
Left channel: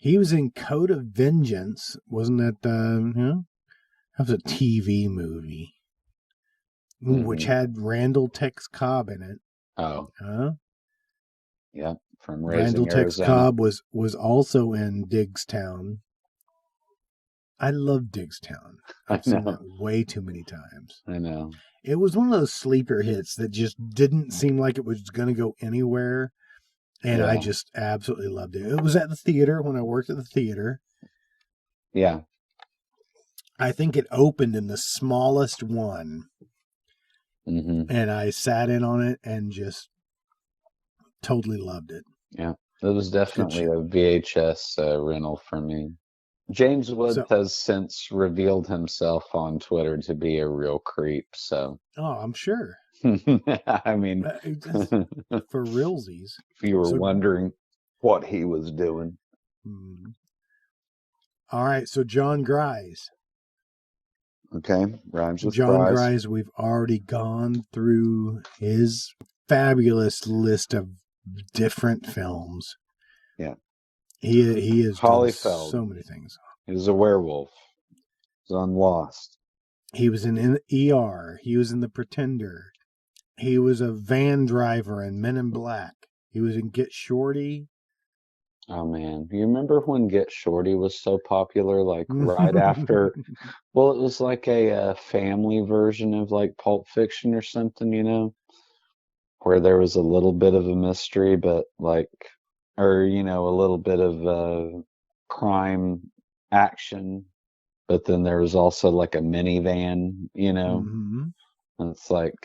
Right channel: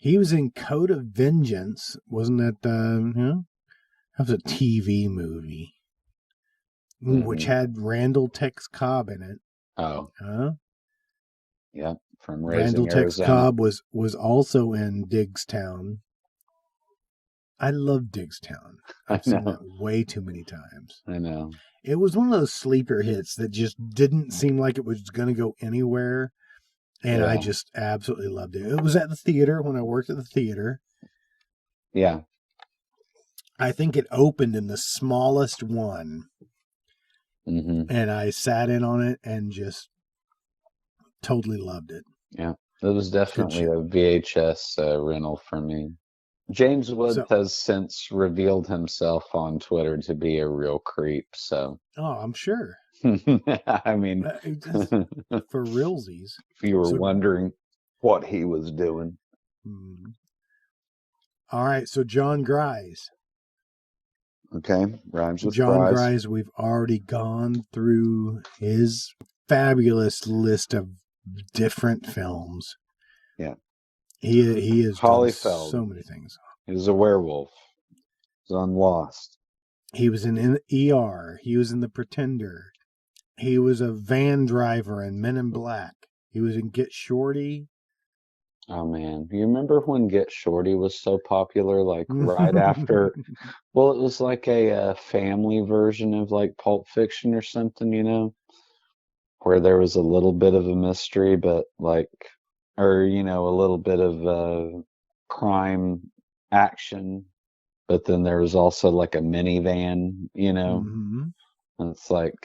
He was in Code of Vengeance. Wasn't that, that was a TV movie. Which had Randall Tex Cobb in it. Randall Tex Cobb was also in Diggstown. I love Diggstown. I've seen that way too many times. It was one of those sleeper hits that just didn't seem like it was going to go anywhere. And I just absolutely loved it. It was at the theater when I worked at the theater. I think it opened in the smallest one. And I sat in on it and just totally loved it. It's good shit. So, I'm sure. Just for realsies. So, all right. So John Grise. John Grise, we've already gone through his fabulous list of different films. He has done so many things. He was in ER. He was in The Pretender. He was a van driver in Men in Black. He was in Get Shorty. There's a little bit of a mystery, but a little bit of crime action. But then there's also like a minivan, Mm-hmm. It's like,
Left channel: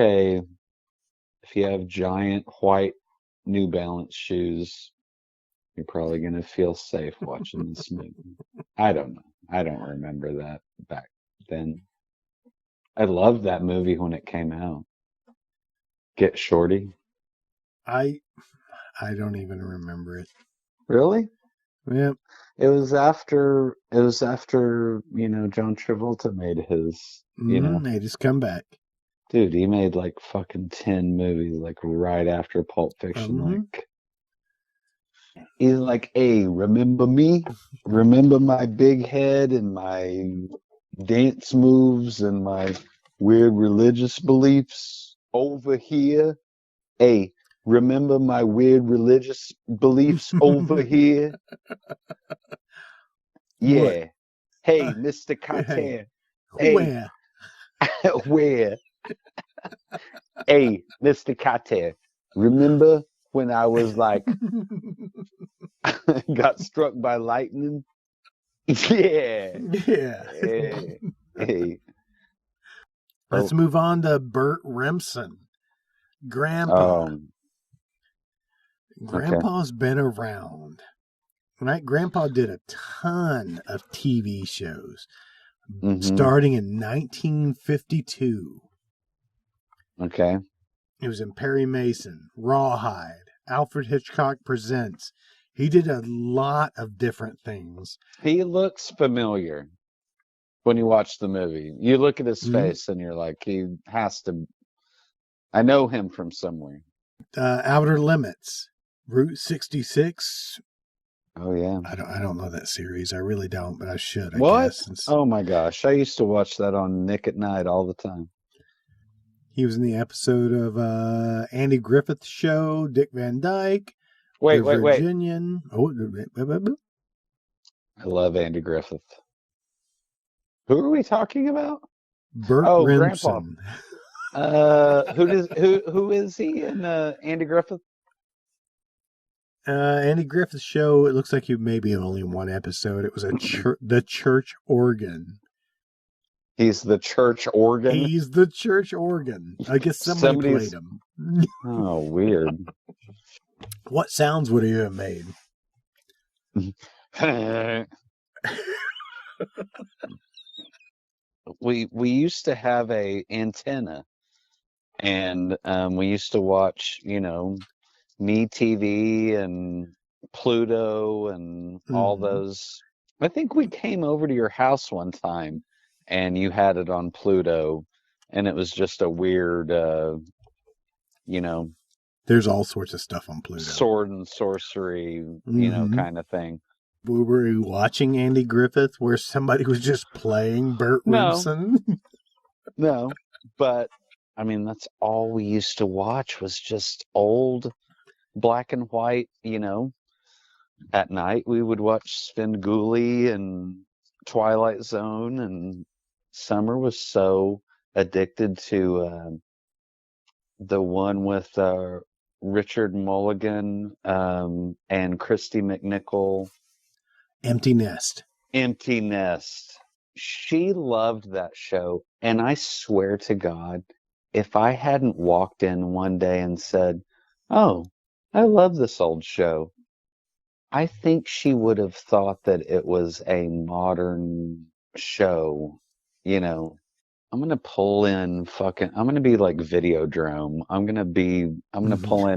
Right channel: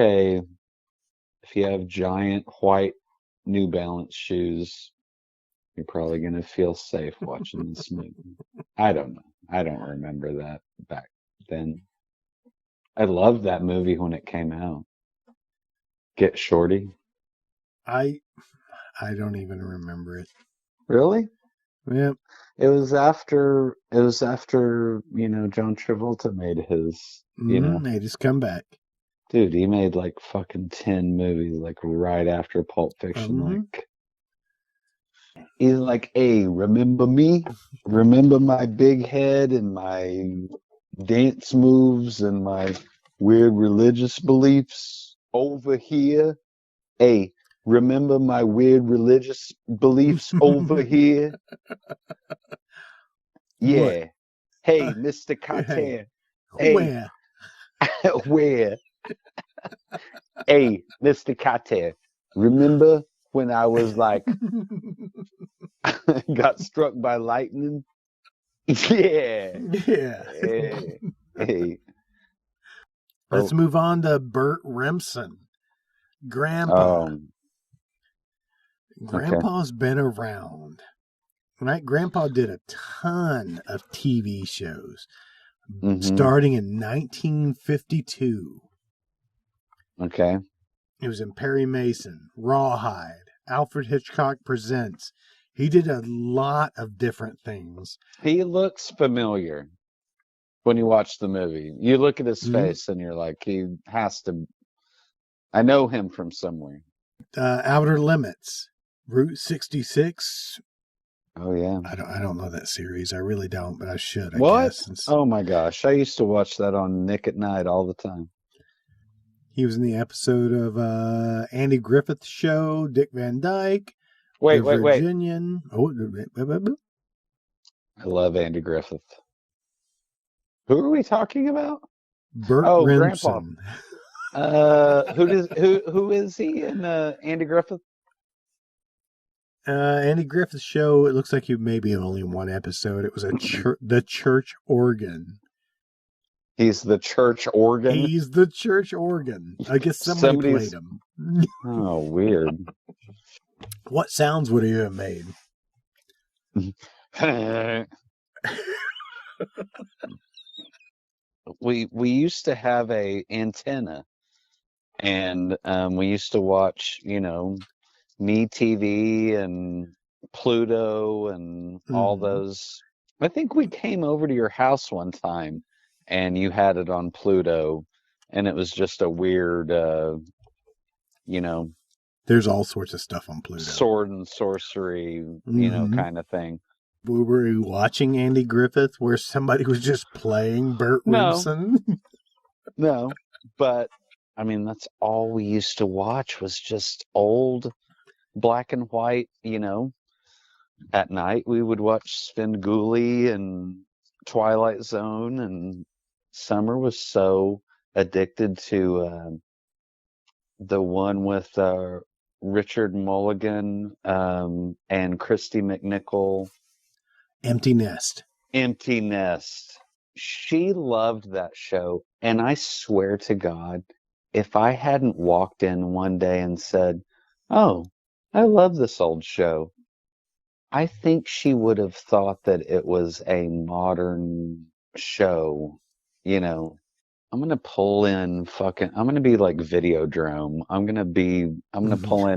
okay, you have giant white New Balance shoes. You're probably going to feel safe. I don't know. loved that movie when it came out. Dick Shorty. I don't even remember it. Really? Yep. It was after John Travolta made his. They just come back. Dude, he made like fucking 10 movies like right after Pulp Fiction. He was like, hey, remember me? Remember my big head and my big clothes and my weird religious beliefs over here? Hey, remember my weird religious beliefs over here? What? Hey, where? Hey, Mr. Cocktail, remember when I was like, struck by lightning? Yeah. Let's move on to Burt Remsen. Grandpa. Grandpa's been around. Right? Grandpa did a ton of TV shows, starting in 1952. It was in Perry Mason, Rawhide, Alfred Hitchcock Presents. He did a lot of different things. Outer Limits, Route 66. I don't know that series. I really don't, but I should, I guess. He was in the episode of Andy Griffith's Show, Dick Van Dyke, The Virginian. Oh, Burt Remsen. Andy Griffith's Show, it looks like he maybe only one episode. It was the church organ. He's the church organ. I guess somebody played him. What sounds would he have made? We used to have an antenna, and we used to watch, MeTV and Pluto and I think we came over to your house one time, and you had it on Pluto, and it was just a weird, There's all sorts of stuff on Pluto. We were watching Andy Griffith where somebody was just playing Burt Remsen. All we used to watch was just old black and white, At night we would watch Movie and Twilight Zone, and Summer was so addicted to the one with Richard Mulligan and Christy McNichol. Empty Nest. Empty Nest. She loved that show, and I swear to God, if I hadn't walked in one day and said, oh, I love this old show, I think she would have thought that it was a modern show. I'm going to pull in fucking, I'm going to be like Videodrome. I'm going to channels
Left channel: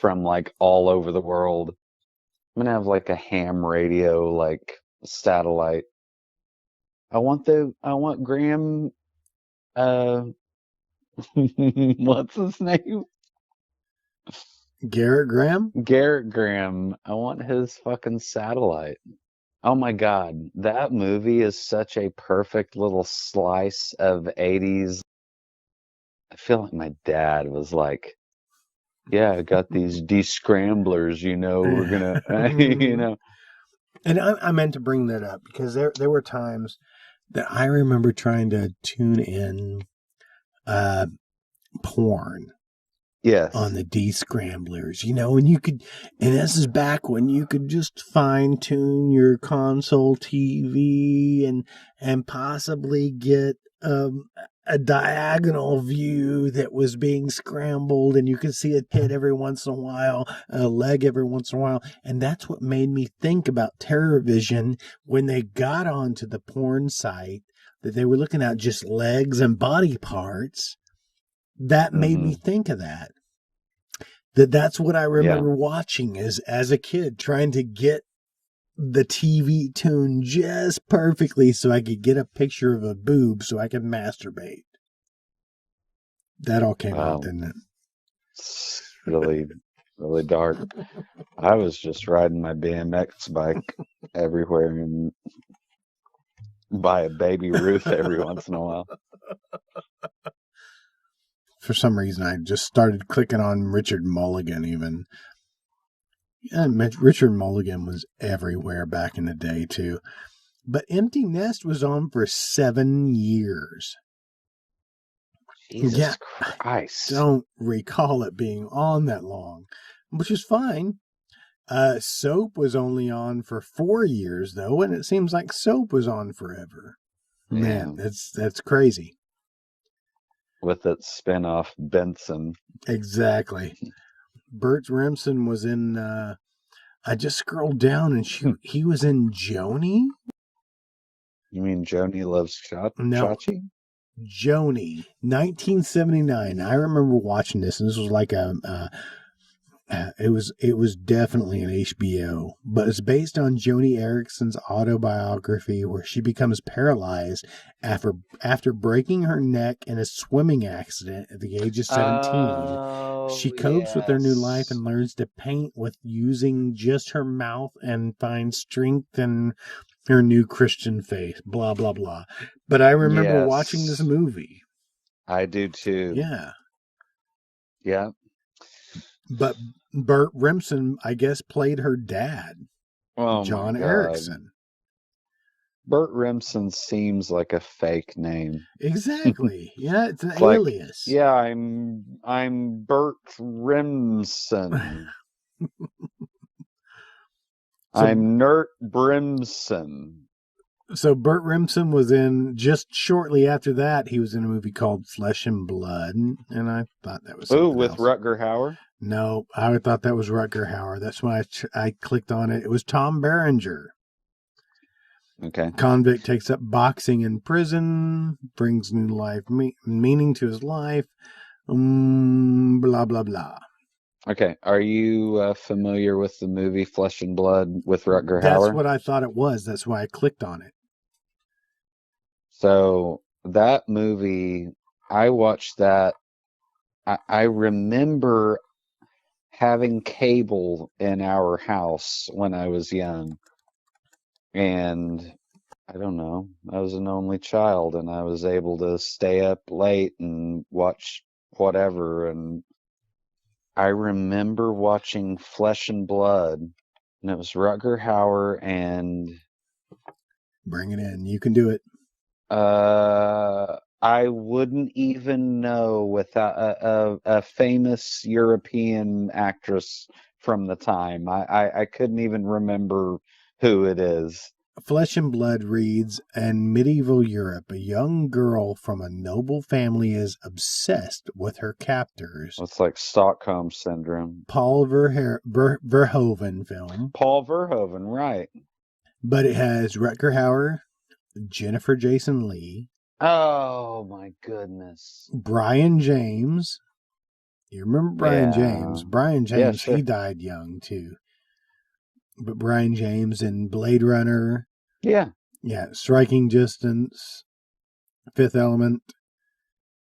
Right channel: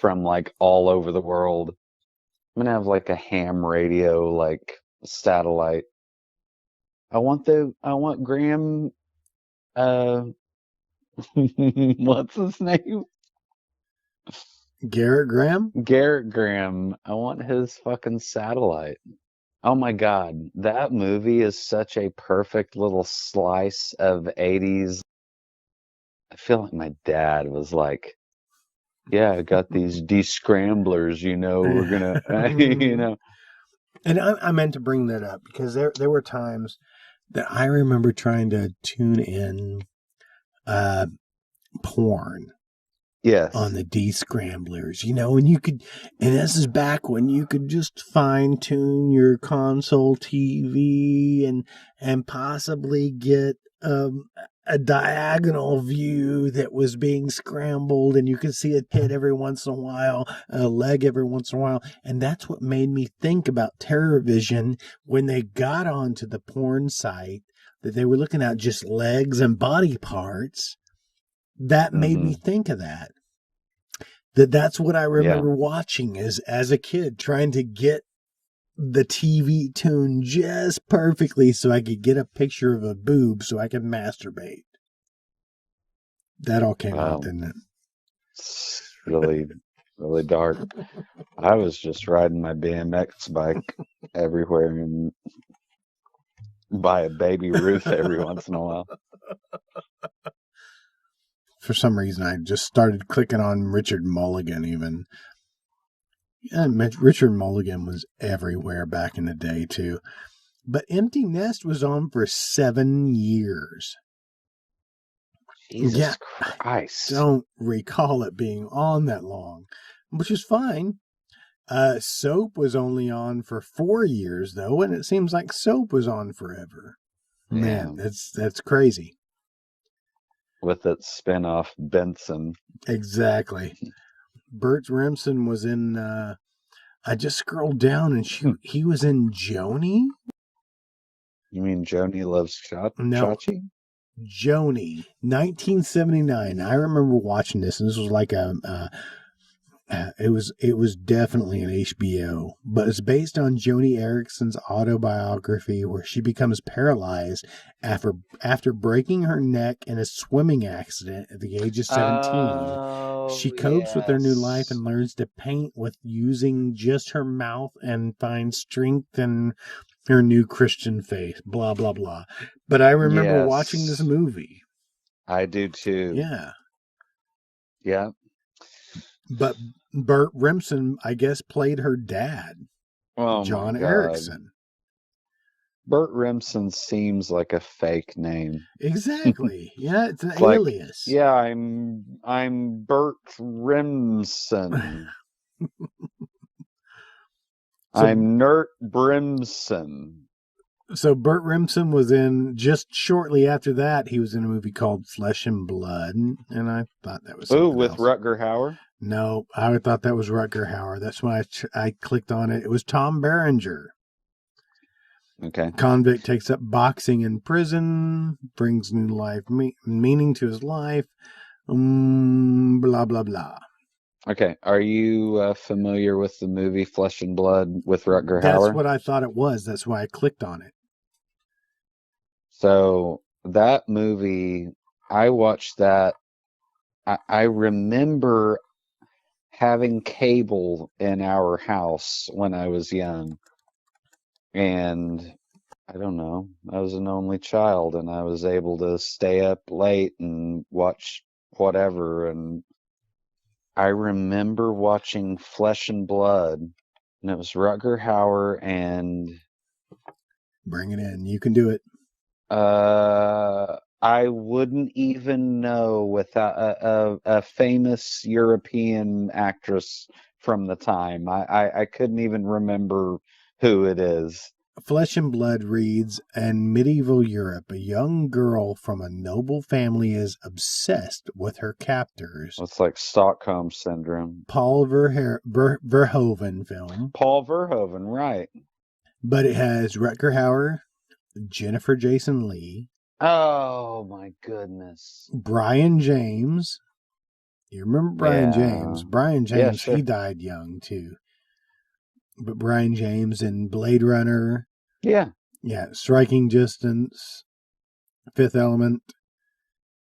from like all over the world. I'm going to have like a ham radio, like satellite. I want Garrett Graham? Garrett Graham. I want his fucking satellite. Oh my God, that movie is such a perfect little slice of 80s. I feel like my dad was like, yeah, we got these scramblers, And I meant to bring that up because there were times that I remember trying to tune in porn on the D-scramblers, and you could, and this is back when you could just fine tune your console TV and possibly get a diagonal view that was being scrambled, and you could see a head every once in a while, a leg every once in a while. And that's what made me think about TerrorVision when they got onto the porn site, that they were looking at just legs and body parts. That made me think of that. That's what I remember watching as a kid, trying to get the TV tuned just perfectly so I could get a picture of a boob so I could masturbate. That all came out, didn't it? For some reason, I just started clicking on Richard Mulligan even. Yeah, Richard Mulligan was everywhere back in the day, too. But Empty Nest was on for 7 years. Yeah, I don't recall it being on that long, which is fine. Soap was only on for 4 years, though, and it seems like Soap was on forever. Man, that's crazy. Exactly. Bert Remsen was in, I just scrolled down and he was in Joni? No, Joni, 1979. I remember watching this, and this was like it was definitely an HBO, but it's based on Joni Erickson's autobiography, where she becomes paralyzed after breaking her neck in a swimming accident at the age of 17. She copes with her new life and learns to paint with using just her mouth and finds strength in her new Christian faith. Blah blah blah. But I remember watching this movie. Yeah. But Bert Remsen, I guess, played her dad, John Erickson. Exactly. Yeah, it's an alias. So Bert Remsen was in, just shortly after that, he was in a movie called Flesh and Blood, and I thought that was something else. No, I thought that was Rutger Hauer. That's why I clicked on it. It was Tom Berenger. Convict takes up boxing in prison, brings new life meaning to his life, blah, blah, blah. That's what I thought it was. That's why I clicked on it. So that movie, I watched that. I remember having cable in our house when I was young. And I don't know, I was an only child, and I was able to stay up late and watch whatever. And I remember watching Flesh and Blood. And it was Rutger Hauer and... Bring it in. You can do it. I wouldn't even know without a famous European actress from the time. I couldn't even remember who it is. Flesh and Blood reads, in medieval Europe, a young girl from a noble family is obsessed with her captors. Paul Verhoeven film. But it has Rutger Hauer, Jennifer Jason Leigh, Brian James. You remember Brian James? Brian James, he died young too. But Brian James in Blade Runner, yeah, Striking Distance, Fifth Element.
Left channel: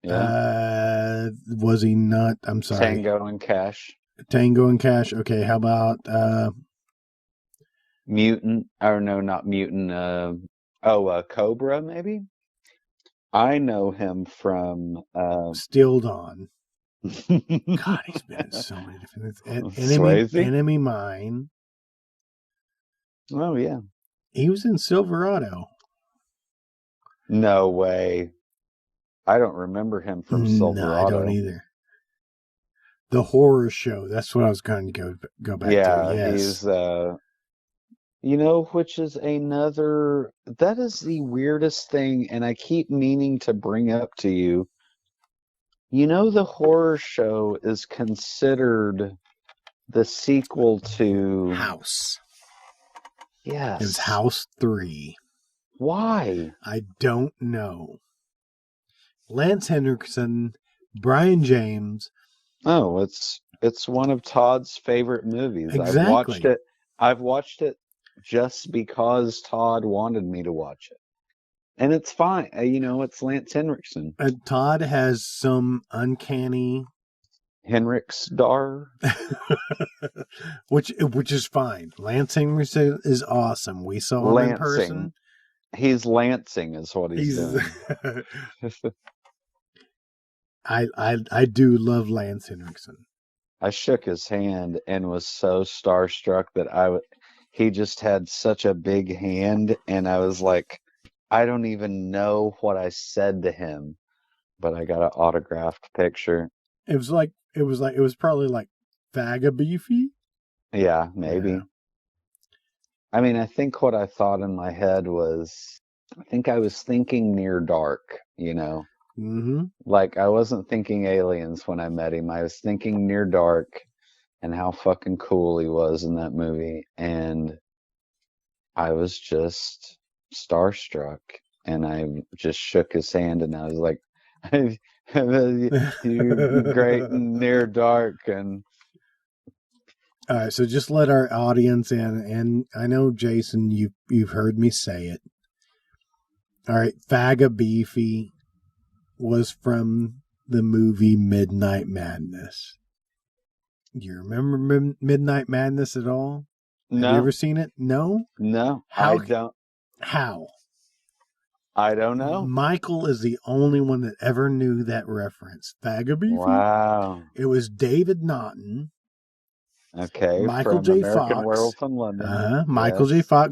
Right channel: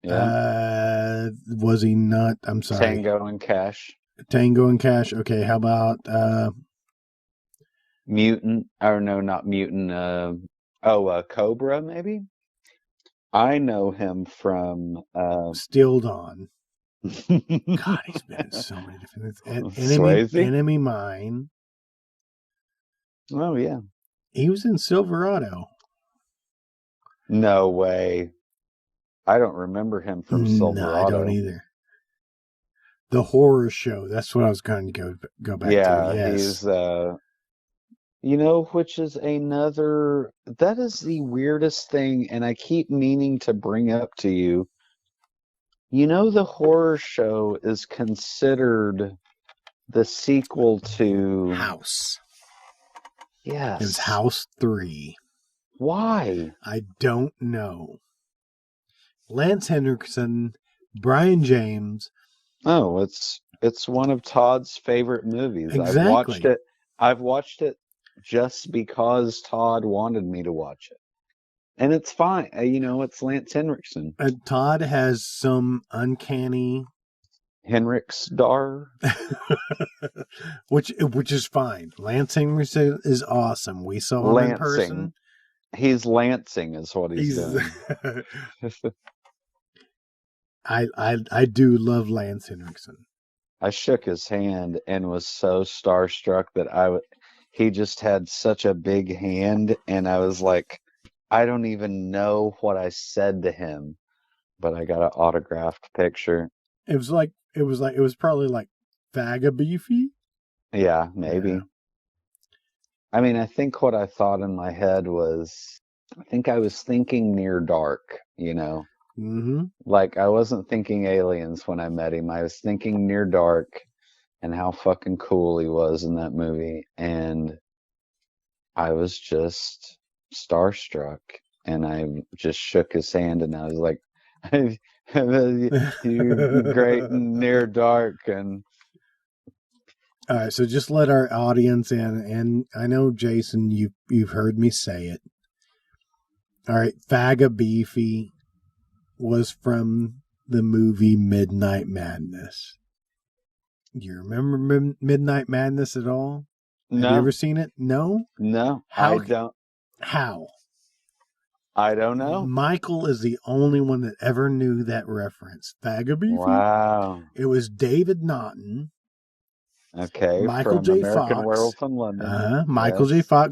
Was he not? I'm sorry. Tango and Cash. Okay, how about Still Dawn? God, he's been in so many different things. Enemy Mine. He was in Silverado. No, I don't either. The Horror Show. That's what I was going to go back to. Yes. You know, which is another... That is the weirdest thing, and I keep meaning need to bring up to you. You know the horror show is considered the sequel to the movie. House. It was House 3. Why? I don't know. Lance Henriksen, Brian James. No, it's one of Todd's favorite movies. Exactly. I watched it just because Todd wanted me to watch it. And it's fun. And you know, it's Lance Henriksen. Todd has some uncanny, which is fine. Lance Henriksen is awesome. We saw him in person. He's Lansing, is what he's. I do love Lance Henriksen. I shook his hand and was so starstruck that he just had such a big handshake, and I was like, I don't even know what I said to him, but I got an autographed picture. It was probably like Faga Beefy. Yeah. Yeah. I mean, I think all I thought in my head was, I think I was thinking near dark, you know? Mm-hmm. Like, I wasn't thinking aliens when I met him. I was thinking near dark and how fucking cool he was in that movie. And I was just starstruck. And I just shook his hand and I was like, All right, so just let our audience in, and I know, Jason, you've heard me say it. All right, Faga Beefy was from the movie Midnight Madness. Do you remember Midnight Madness at all? Have you ever seen it? No? How? Michael is the only one that ever knew that reference. Faga Beefy? It was David Naughton, Michael J. Fox,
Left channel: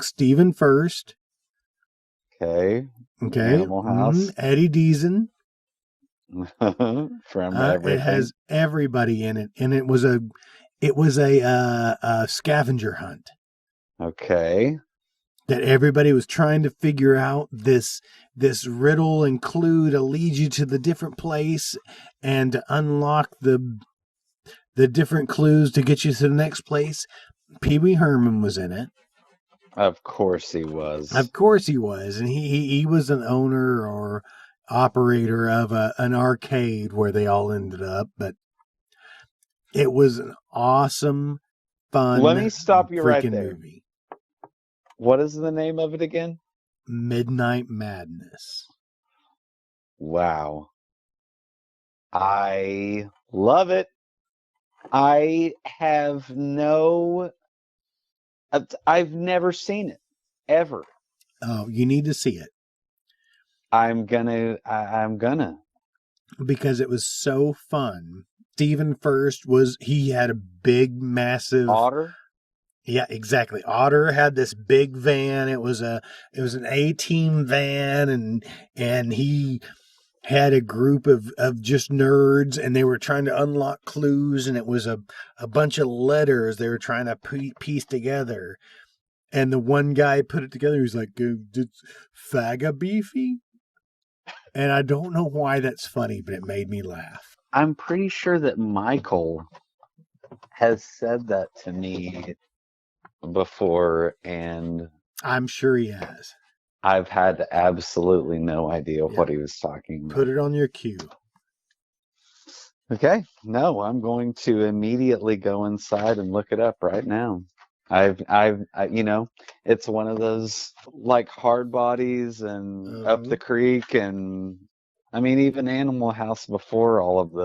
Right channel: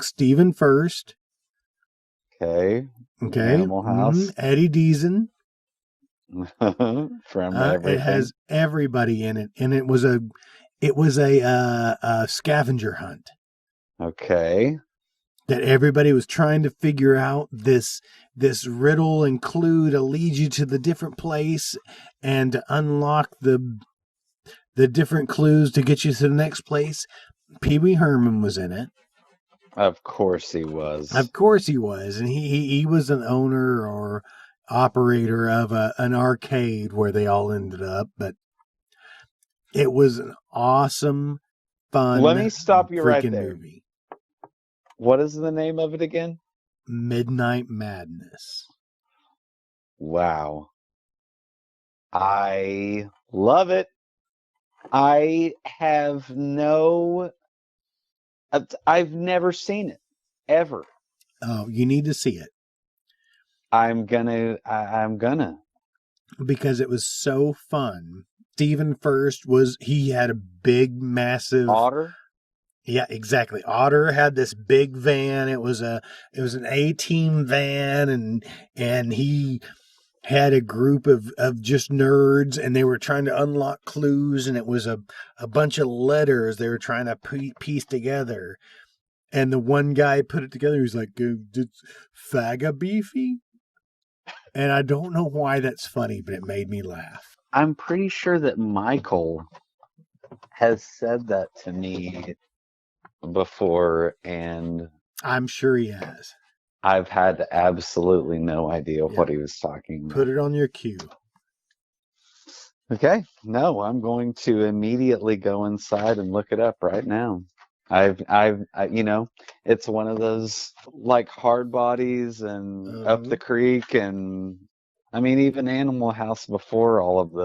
Stephen First, okay, Eddie Deason. It has everybody in it, and it was a scavenger hunt that everybody was trying to figure out this riddle and clue to lead you to the different place and to unlock the different clues to get you to the next place. Pee Wee Herman was in it. Of course he was, and he was an owner or operator of an arcade where they all ended up, but it was an awesome, fun, freaking movie. What is the name of it again? Midnight Madness. Wow. I love it. I've never seen it, ever. Oh, you need to see it. I'm gonna. Because it was so fun. Stephen First he had a big, massive, yeah, exactly. Otter had this big van. It was an A-team van, and he had a group of just nerds, and they were trying to unlock clues, and it was a bunch of letters they were trying to piece together. And the one guy put it together. He's like, "It's Faga Beefy?" And I don't know why that's funny, but it made me laugh. I'm pretty sure that Michael has said that to me before. I'm sure he has. I have absolutely no idea. Yeah. Put it on your queue. Okay. No, I'm going to immediately go inside and look it up right now. You know, it's one of those, like, hard bodies and Creek and, I mean, even Animal House before all of those.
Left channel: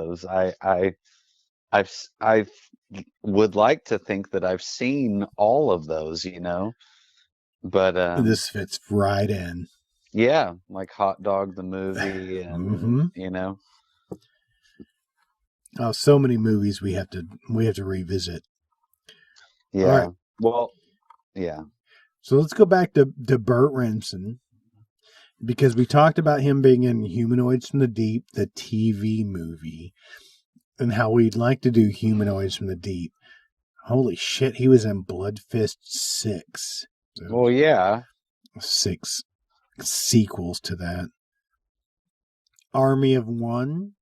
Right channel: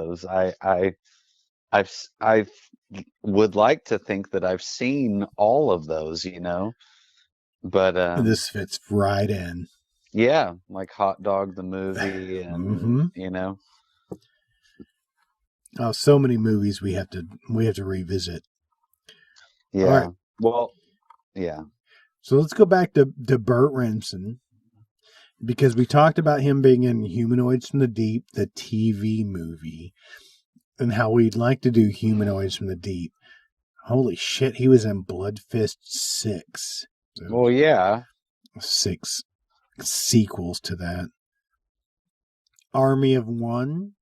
I would like to think that I've seen all of those, you know. But this fits right in. Yeah, like hot dogs and You know. Oh, so many movies we have to revisit. All right. So let's go back to Burt Reynolds, because we talked about him being in Humanoids from the Deep, the TV movie, and how we'd like to do Humanoids from the Deep. Holy shit, he was in Blood Fist 6. So 6 sequels to that. Army of One.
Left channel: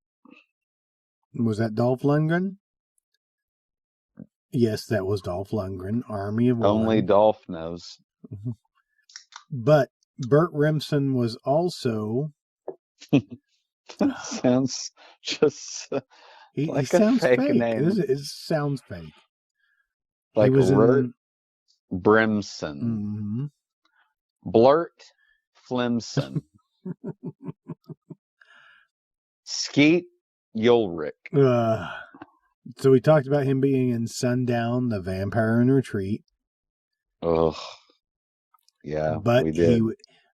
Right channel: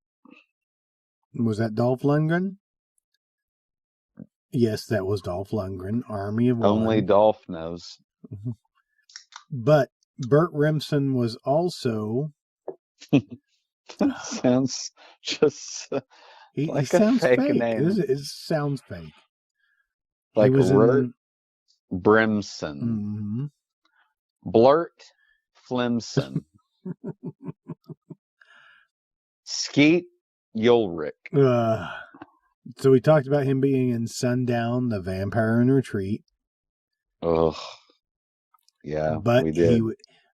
Was that Dolph Lundgren? Yes, that was Dolph Lundgren. Army of One. But Burt Remsen was also. He sounds fake. It sounds fake. He was in. Mm-hmm. So we talked about him being in Sundown, The Vampire in Retreat. But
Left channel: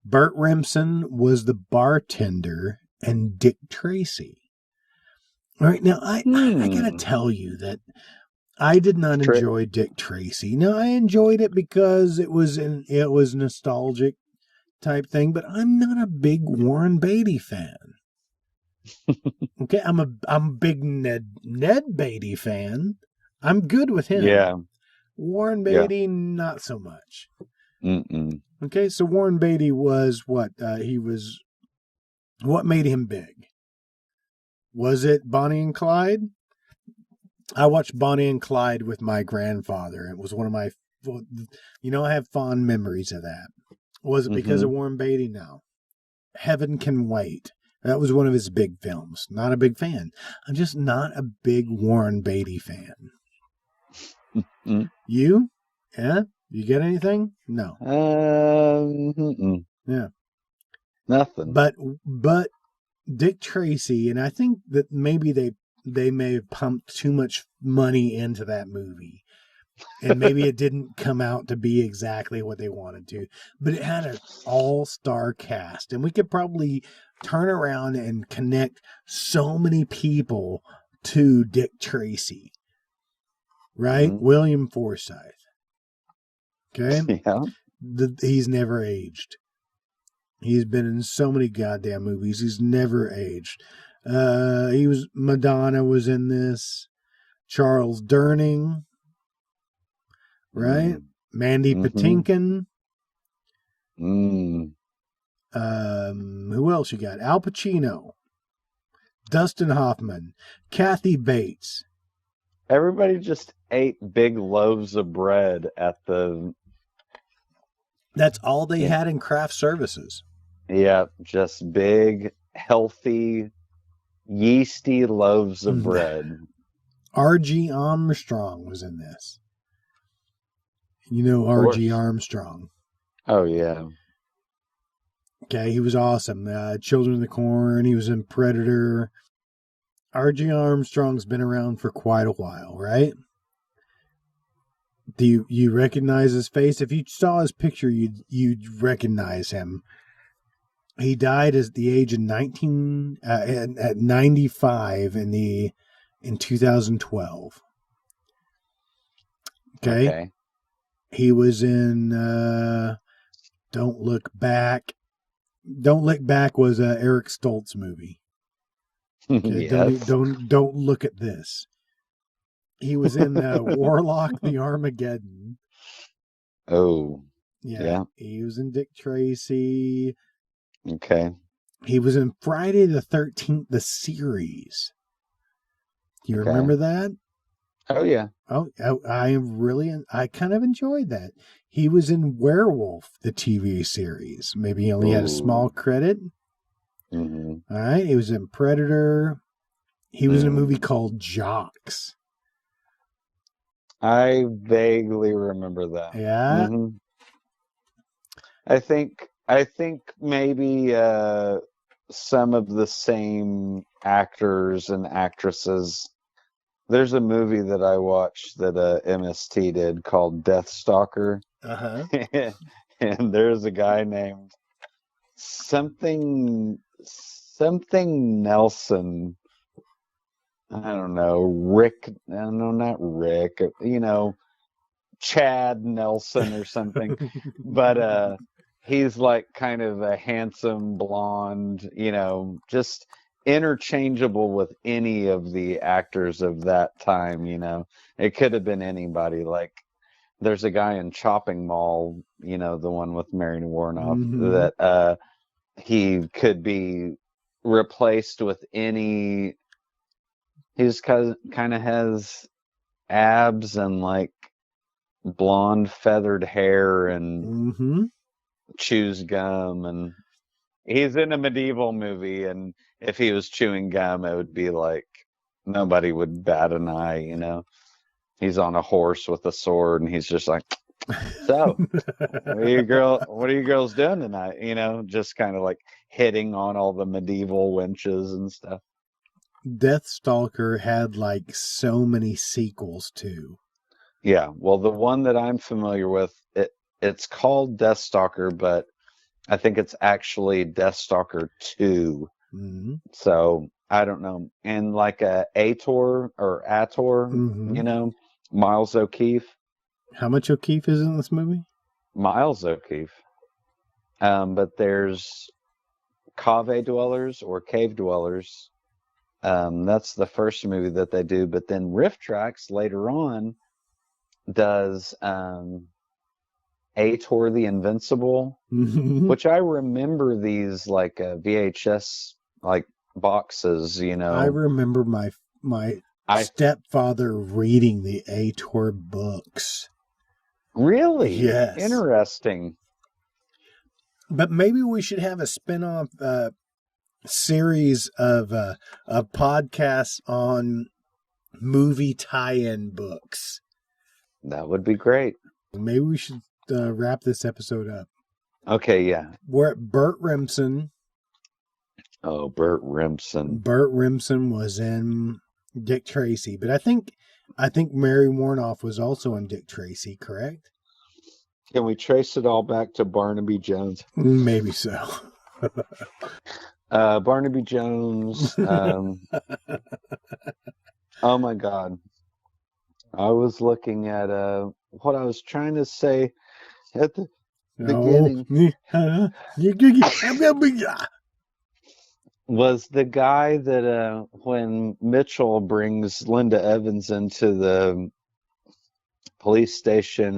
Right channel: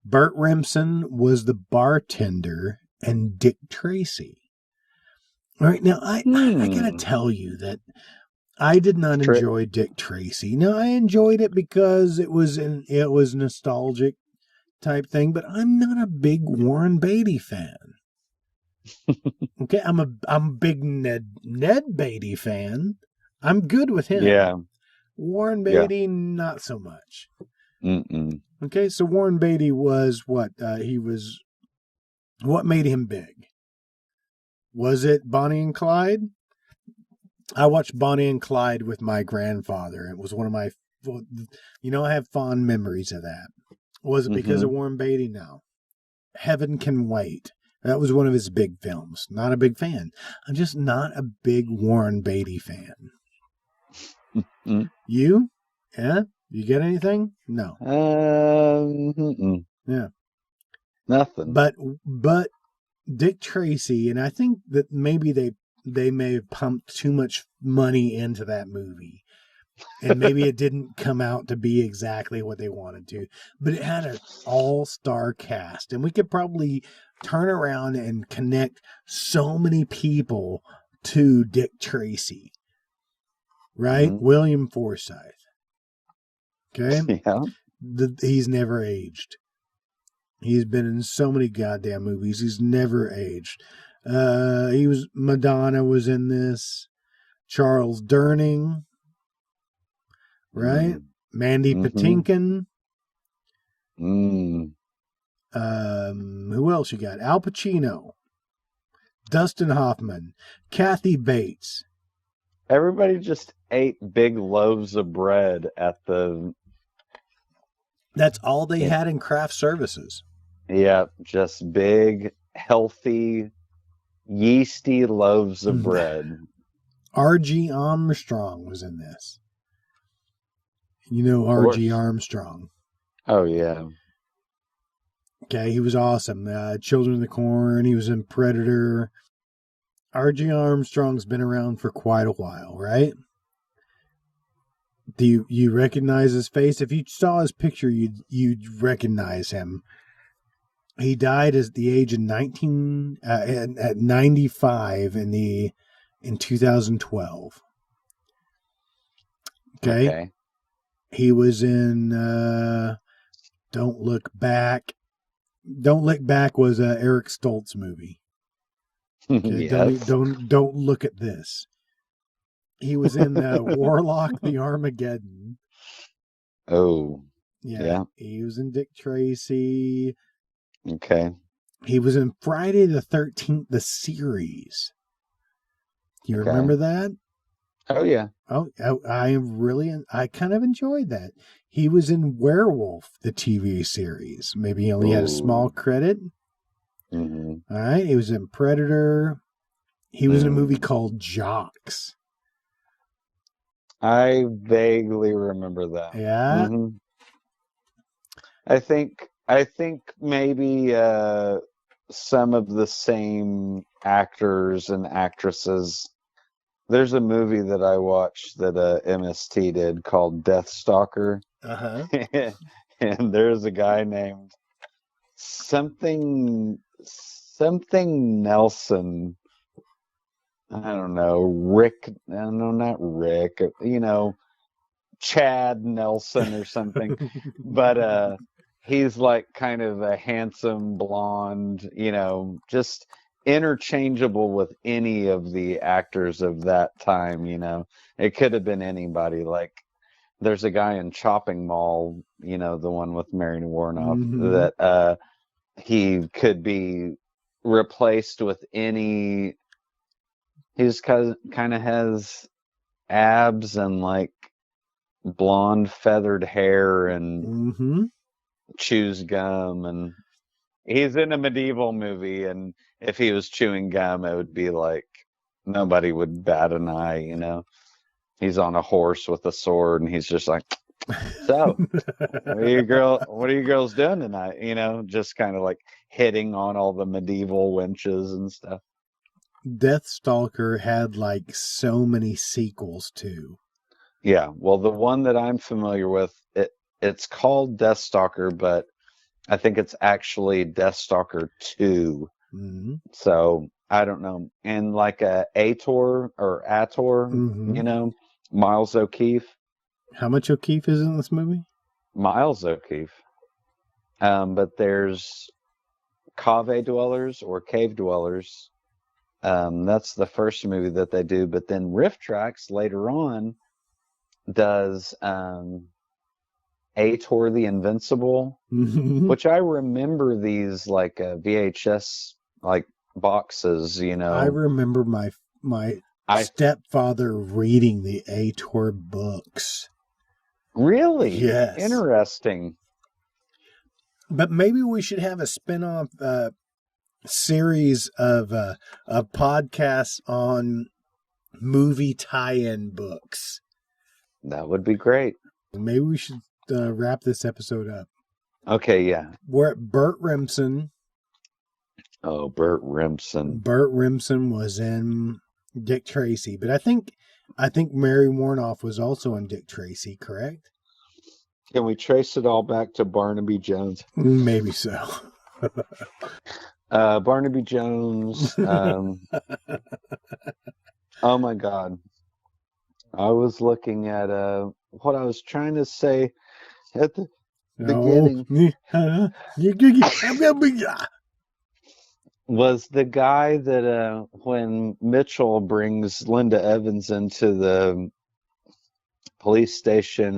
Burt Remsen was the bartender and Dick Tracy. All right, now I gotta tell you that I did not enjoy Dick Tracy. Now I enjoyed it because it was nostalgic type thing, but I'm not a big Warren Beatty fan. Okay, I'm a big Ned Beatty fan. I'm good with him. Warren Beatty, not so much. Okay, so Warren Beatty was what? What made him big? Was it Bonnie and Clyde? I watched Bonnie and Clyde with my grandfather. It was one of my, I have fond memories of that. Was it because of Warren Beatty? No. Heaven Can Wait. That was one of his big films. Not a big fan. I'm just not a big Warren Beatty fan. You? Yeah? You get anything? No. Yeah. But Dick Tracy, and I think that maybe they may have pumped too much money into that movie. And maybe it didn't come out to be exactly what they wanted to. But it had an all-star cast. And we could probably turn around and connect so many people to Dick Tracy. Right? William Forsythe. Okay? He's never aged. He's been in so many goddamn movies. He's never aged. Madonna was in this. Charles Durning. Right? Mandy Patinkin. Who else you got? Al Pacino. Dustin Hoffman. Kathy Bates. That's all they had in craft services. R.G. Armstrong was in this. You know R.G. Armstrong. Okay, he was awesome. Children of the Corn. He was in Predator. R.G. Armstrong's been around for quite a while, right? Do you recognize his face? If you saw his picture, you'd recognize him. He died at the age of 95 in 2012. Okay. He was in Don't Look Back. Don't Look Back was a Eric Stoltz movie. Okay, don't look at this. He was in Warlock the Armageddon. Yeah, he was in Dick Tracy. He was in Friday the 13th, the series. Do you remember that? Oh, I kind of enjoyed that. He was in Werewolf, the TV series. Maybe he only had a small credit. All right, he was in Predator. He was in a movie called Jocks. Yeah. I think maybe some of the same actors and actresses. There's a movie that I watched that AMC did called Death Stalker. Uh-huh. There was a guy named something Nelson. I don't know, Rick, not Rick, but Chad Nelson. He's like kind of a handsome blonde, just interchangeable with any of the actors of that time. It could have been anybody. Like there's a guy in Shopping Mall, the one with Mary Warner. Mm-hmm. He could be replaced face with any. He just kind of has abs and like blonde feathered hair and Mm-hmm. chews gum. And he's in a medieval movie, and if he was chewing gum, it would be like nobody would bat an eye. You know, he's on a horse with a sword, and he's just like. What are you really doing, man? You know, just kind of like hitting on all the medieval witches and stuff. Deathstalker had like so many sequels too. Yeah, well, the one that I'm familiar with, it's called Deathstalker, but I think it's actually Deathstalker 2. Mm-hmm. So, I don't know, in like Ator or Ator, Mm-hmm. Miles O'Keefe. How much O'Keefe is in this movie? Miles O'Keefe. But there's Cowboy Dwellers or Cave Dwellers. That's the first movie that they did. But then Riff Tracks later on does A4 The Invincible. Mm-hmm. Which I remember these like VHS like boxes. You know? I remember my stepfather reading the Ator books. Really? Yes. But maybe we should have a spin-off series of podcasts on movie tie-in books. Maybe we should wrap this episode up. Okay, yeah. We're at Burt Remsen. Burt Remsen was in Dick Tracy, but I think Mary Warnoff was also in Dick Tracy, correct? Maybe so. No. I'm gonna be. The guy that when Mitchell brings Linda Evans into the police station,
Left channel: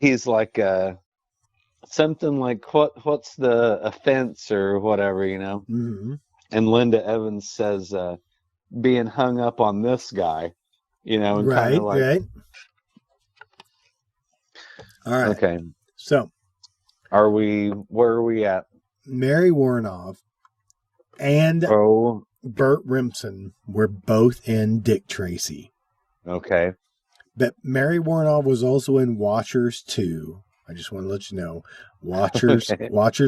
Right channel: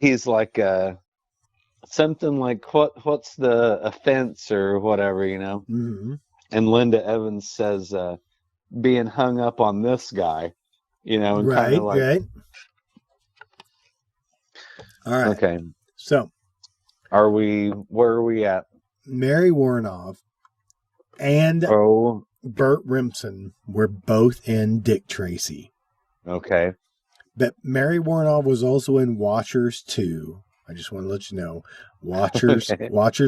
he's like something like what's the offense or whatever, you know? Mm-hmm. And Linda Evans says being hung up on this guy. You know? Right. All right. So, Mary Warnoff and Burt Remsen were both in Dick Tracy. But Mary Warnoff was also in Watchers 2. I just want to let you know. Watchers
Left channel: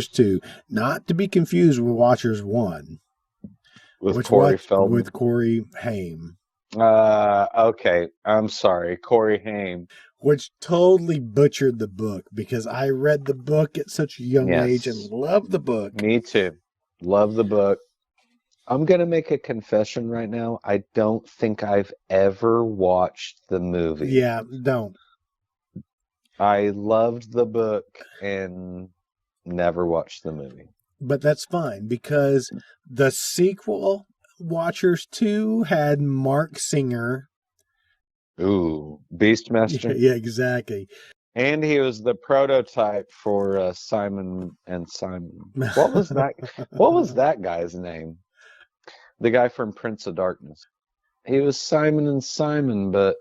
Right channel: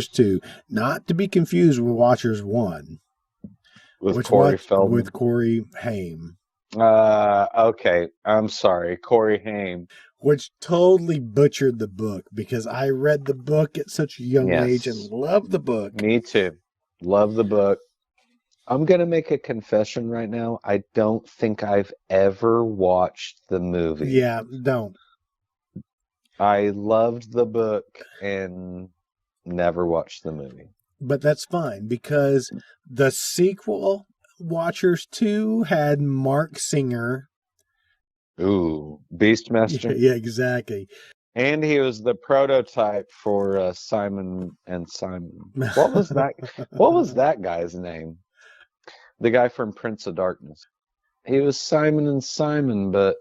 2. Not to be confused with Watchers 1. Which watch with Corey Haim. Which totally butchered the book because I read the book at such a young age and loved the book. I'm going to make a confession right now. I don't think I've ever watched the movie. Yeah, don't. I loved the book and never watched the movie. But that's fine because the sequel, Watchers 2, had Mark Singer. Yeah, exactly. And he was the prototype for Simon. What was that guy's name? The guy from Prince of Darkness. It was Simon, but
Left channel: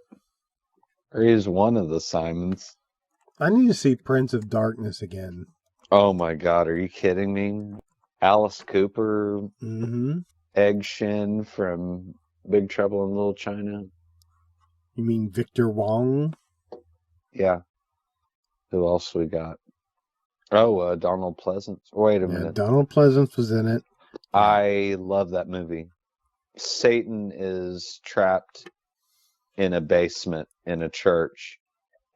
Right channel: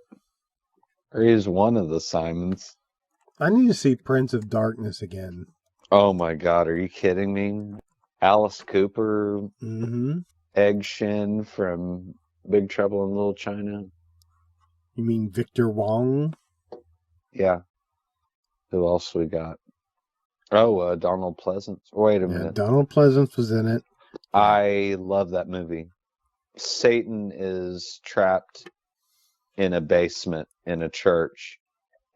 he was one of the Simons. I need to see Prince of Darkness again. Oh my God, are you kidding me? Alice Cooper. Mm-hmm. Edson from Victor Littleton. You mean Victor Wong? Yeah. Yeah, Donald Pleasance was in it. Yeah. I love that movie. Satan is trapped in a basement in a church,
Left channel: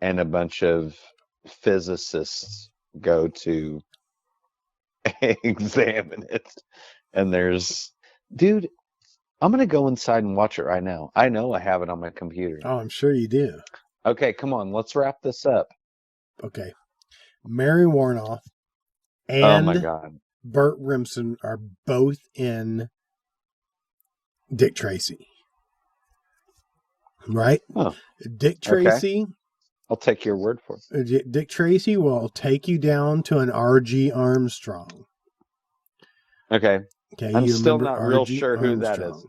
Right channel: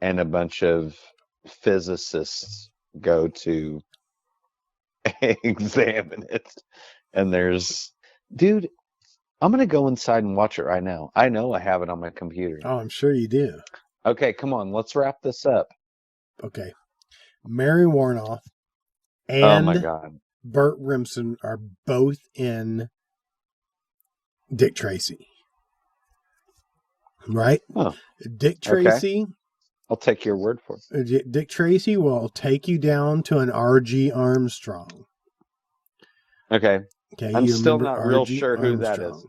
and a bunch of physicists go to examine it. And there's, I'm going to go inside and watch it right now. I know I have it on my computer. Oh, I'm sure you do. Okay, come on, let's wrap this up. Okay. Mary Warnoff and Burt Remsen are both in Dick Tracy. Right? Dick Tracy will take you down to an R.G. Armstrong. Okay, you remember R.G. Armstrong.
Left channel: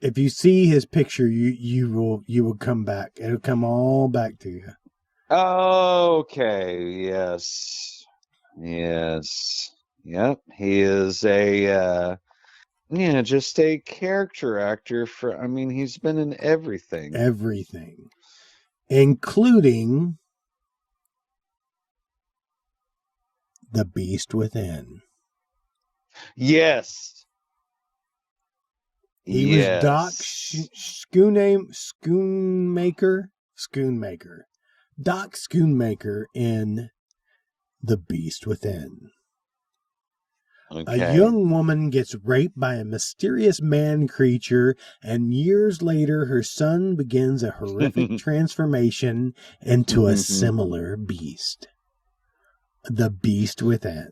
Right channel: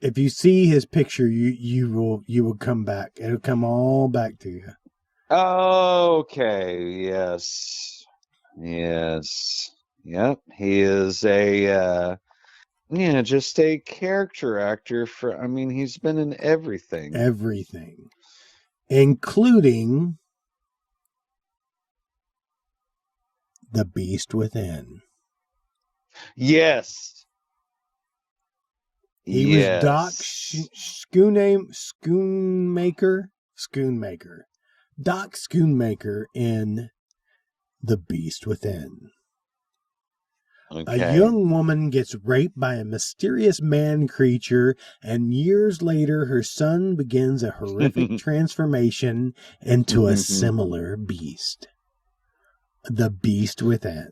If you see his picture, you will come back. It'll come all back to you. Everything, including The Beast Within. He was Doc Schoonmaker. Doc Schoonmaker in The Beast Within. A young woman gets raped by a mysterious man creature, and years later her son begins a horrific transformation into a similar beast. The Beast Within.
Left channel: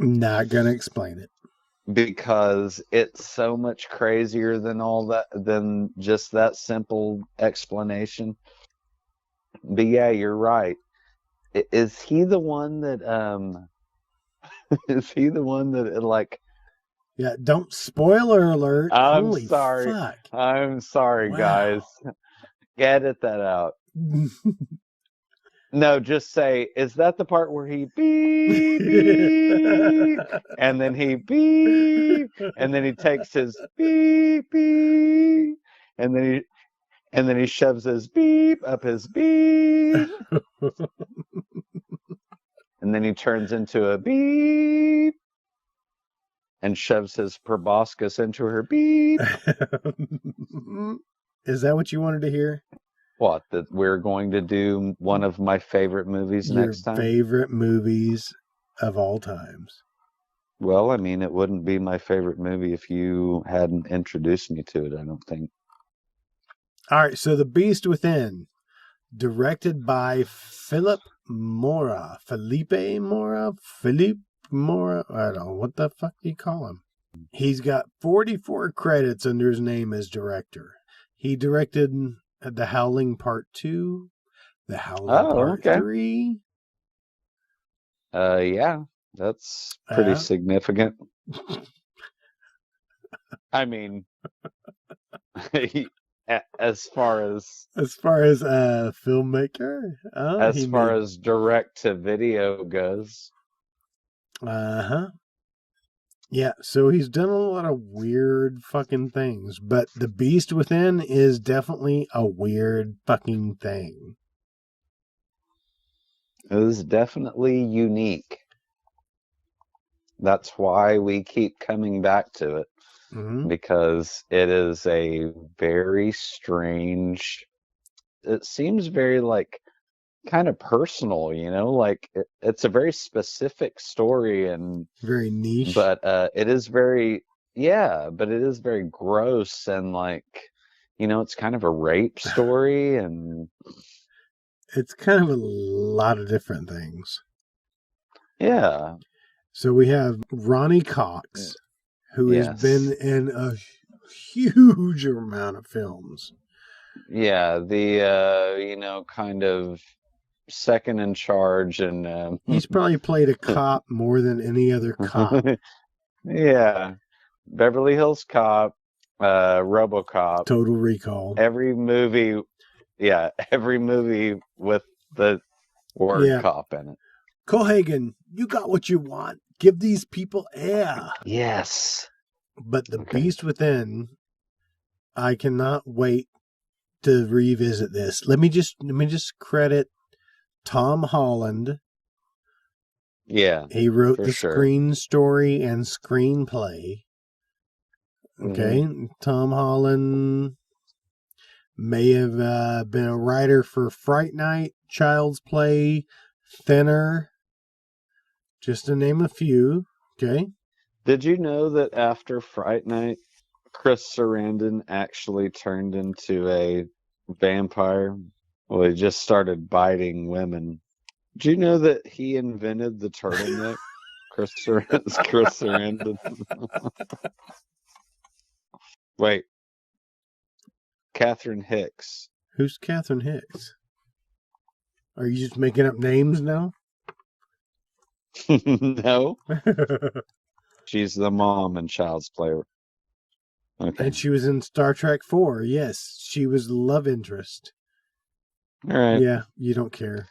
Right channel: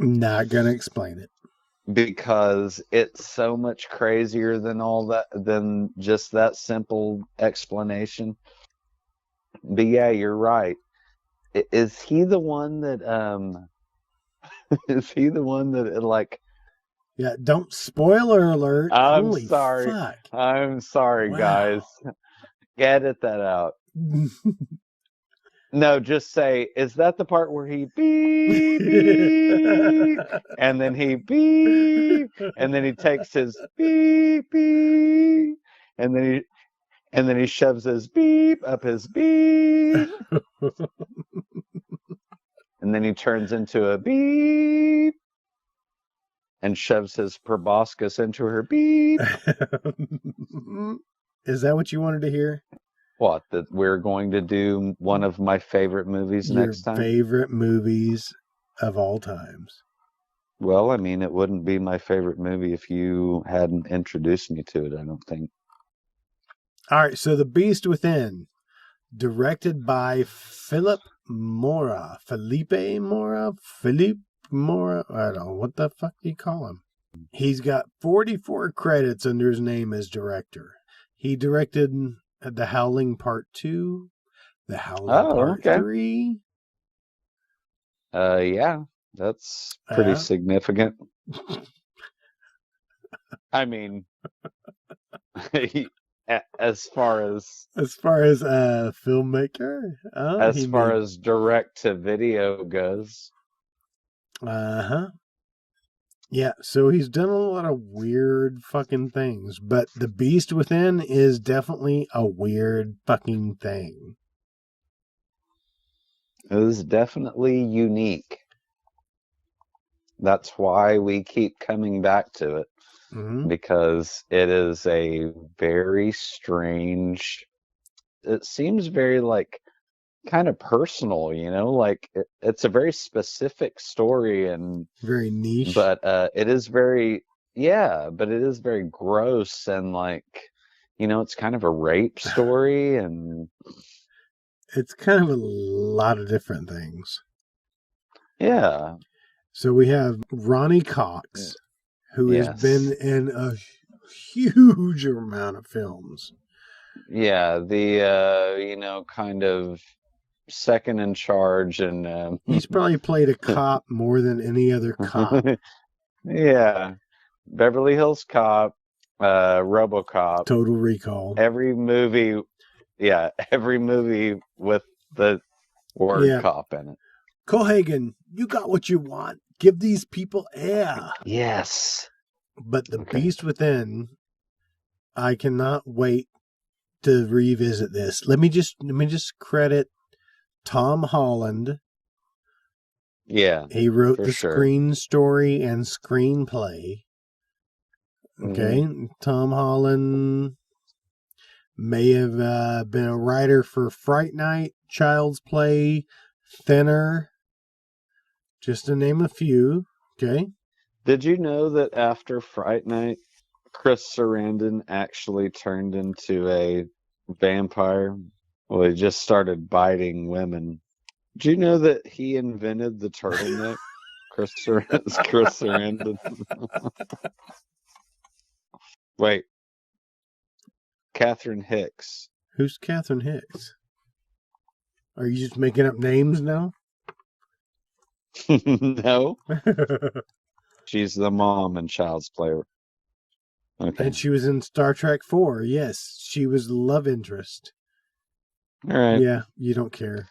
Not gonna explain it. Yeah, don't spoiler alert. Holy fuck. Wow. Is that what you wanted to hear? Your favorite movies of all times. All right, so The Beast Within, directed by Philippe Mora. I don't know. What the fuck do you call him? He's got 44 credits under his name as director. He directed The Howling Part 2, The Howling Part 3. Yeah. As far as a filmmaker, he made... Yeah, so he's done a lot of weird fucking things, but The Beast Within is definitely a weird fucking thing. That's why we keep coming back to it. Mm-hmm. Because it is a very strange, it seems very, like, kind of personal, you know? Like, it's a very specific story. And very niche. It is very, yeah, it is very gross and, like, you know, it's kind of a rape story. And it's kind of a lot of different things. So we have Ronnie Cox, who has been in a huge amount of films. Yeah, kind of second in charge. He's probably played a cop more than any other cop. Yeah, Beverly Hills Cop, RoboCop. Total Recall. Every movie with the... Yeah. Cohagen, you got what you want. Give these people air. But The Beast Within, I cannot wait to revisit this. Let me just credit Tom Holland. He wrote the screen story and screenplay. Okay, Tom Holland may have been a writer for Fright Night, Child's Play, Thinner, just to name a few. Okay. Did you know that after Fright Night, Kit Sarandon actually turned into a vampire? Well, he just started biting women. Do you know that he invented the term? Wait. Catherine Who's Catherine Hicks? Are you just making up names now? And she was in Star Trek 4. Yes, she was love interest. Yeah, you don't care.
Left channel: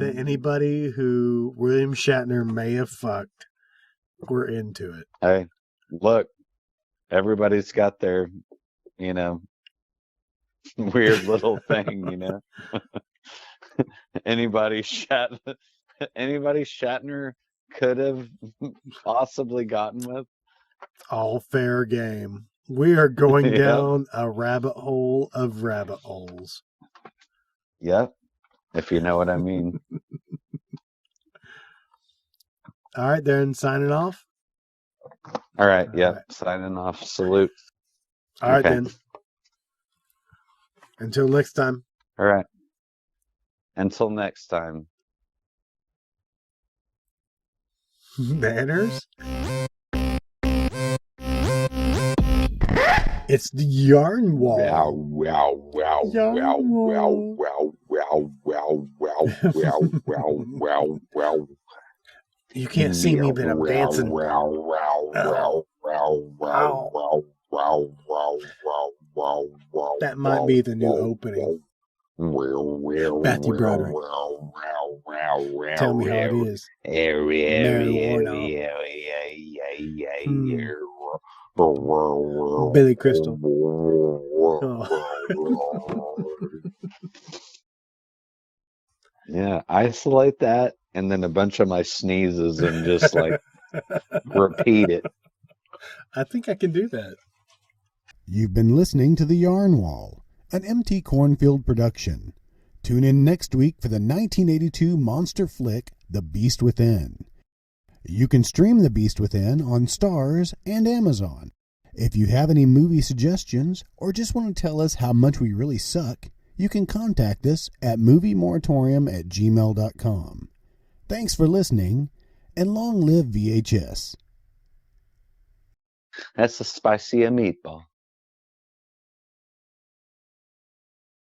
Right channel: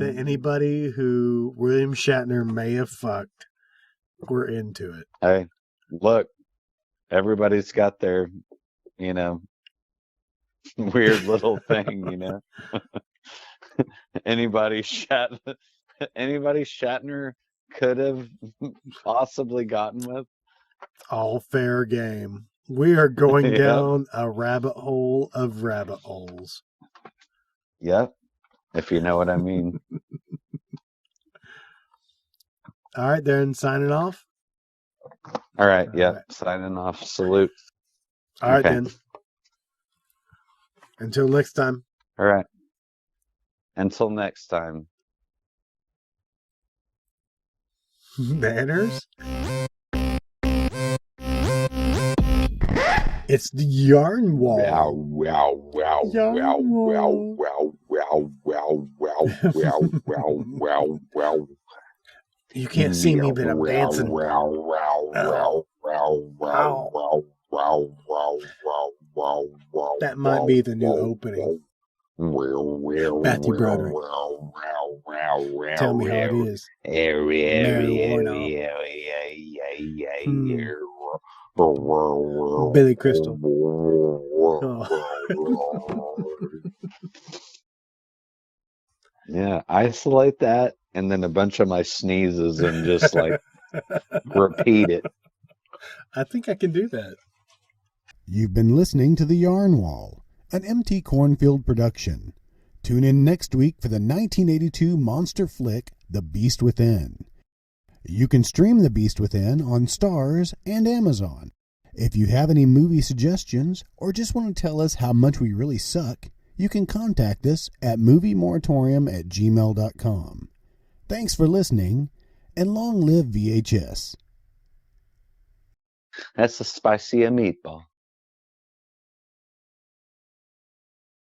Anybody who William Shatner may have fucked, we're into it. Everybody's got their, anybody Shatner kind of possibly gotten it. All fair game. We are going down a rabbit hole of rabbit holes. All right, then, signing off. All right. All right, then. Until next time. Manners? It's the yarn wall. Yarn wall. You can't see me, but I'm dancing. Ow. Ow. That might be the new opening. Matthew Broderick. Tell me how it is. Mary Warnow. Billy Crystal. Oh. I think I can do that. You've been listening to The Yarn Wall, an MT Cornfield production. Tune in next week for the 1982 monster flick, The Beast Within. You can stream The Beast Within on Starz and Amazon. If you have any movie suggestions or just want to tell us how much we really suck, you can contact us at moviemoratorium@gmail.com. Thanks for listening, and long live VHS.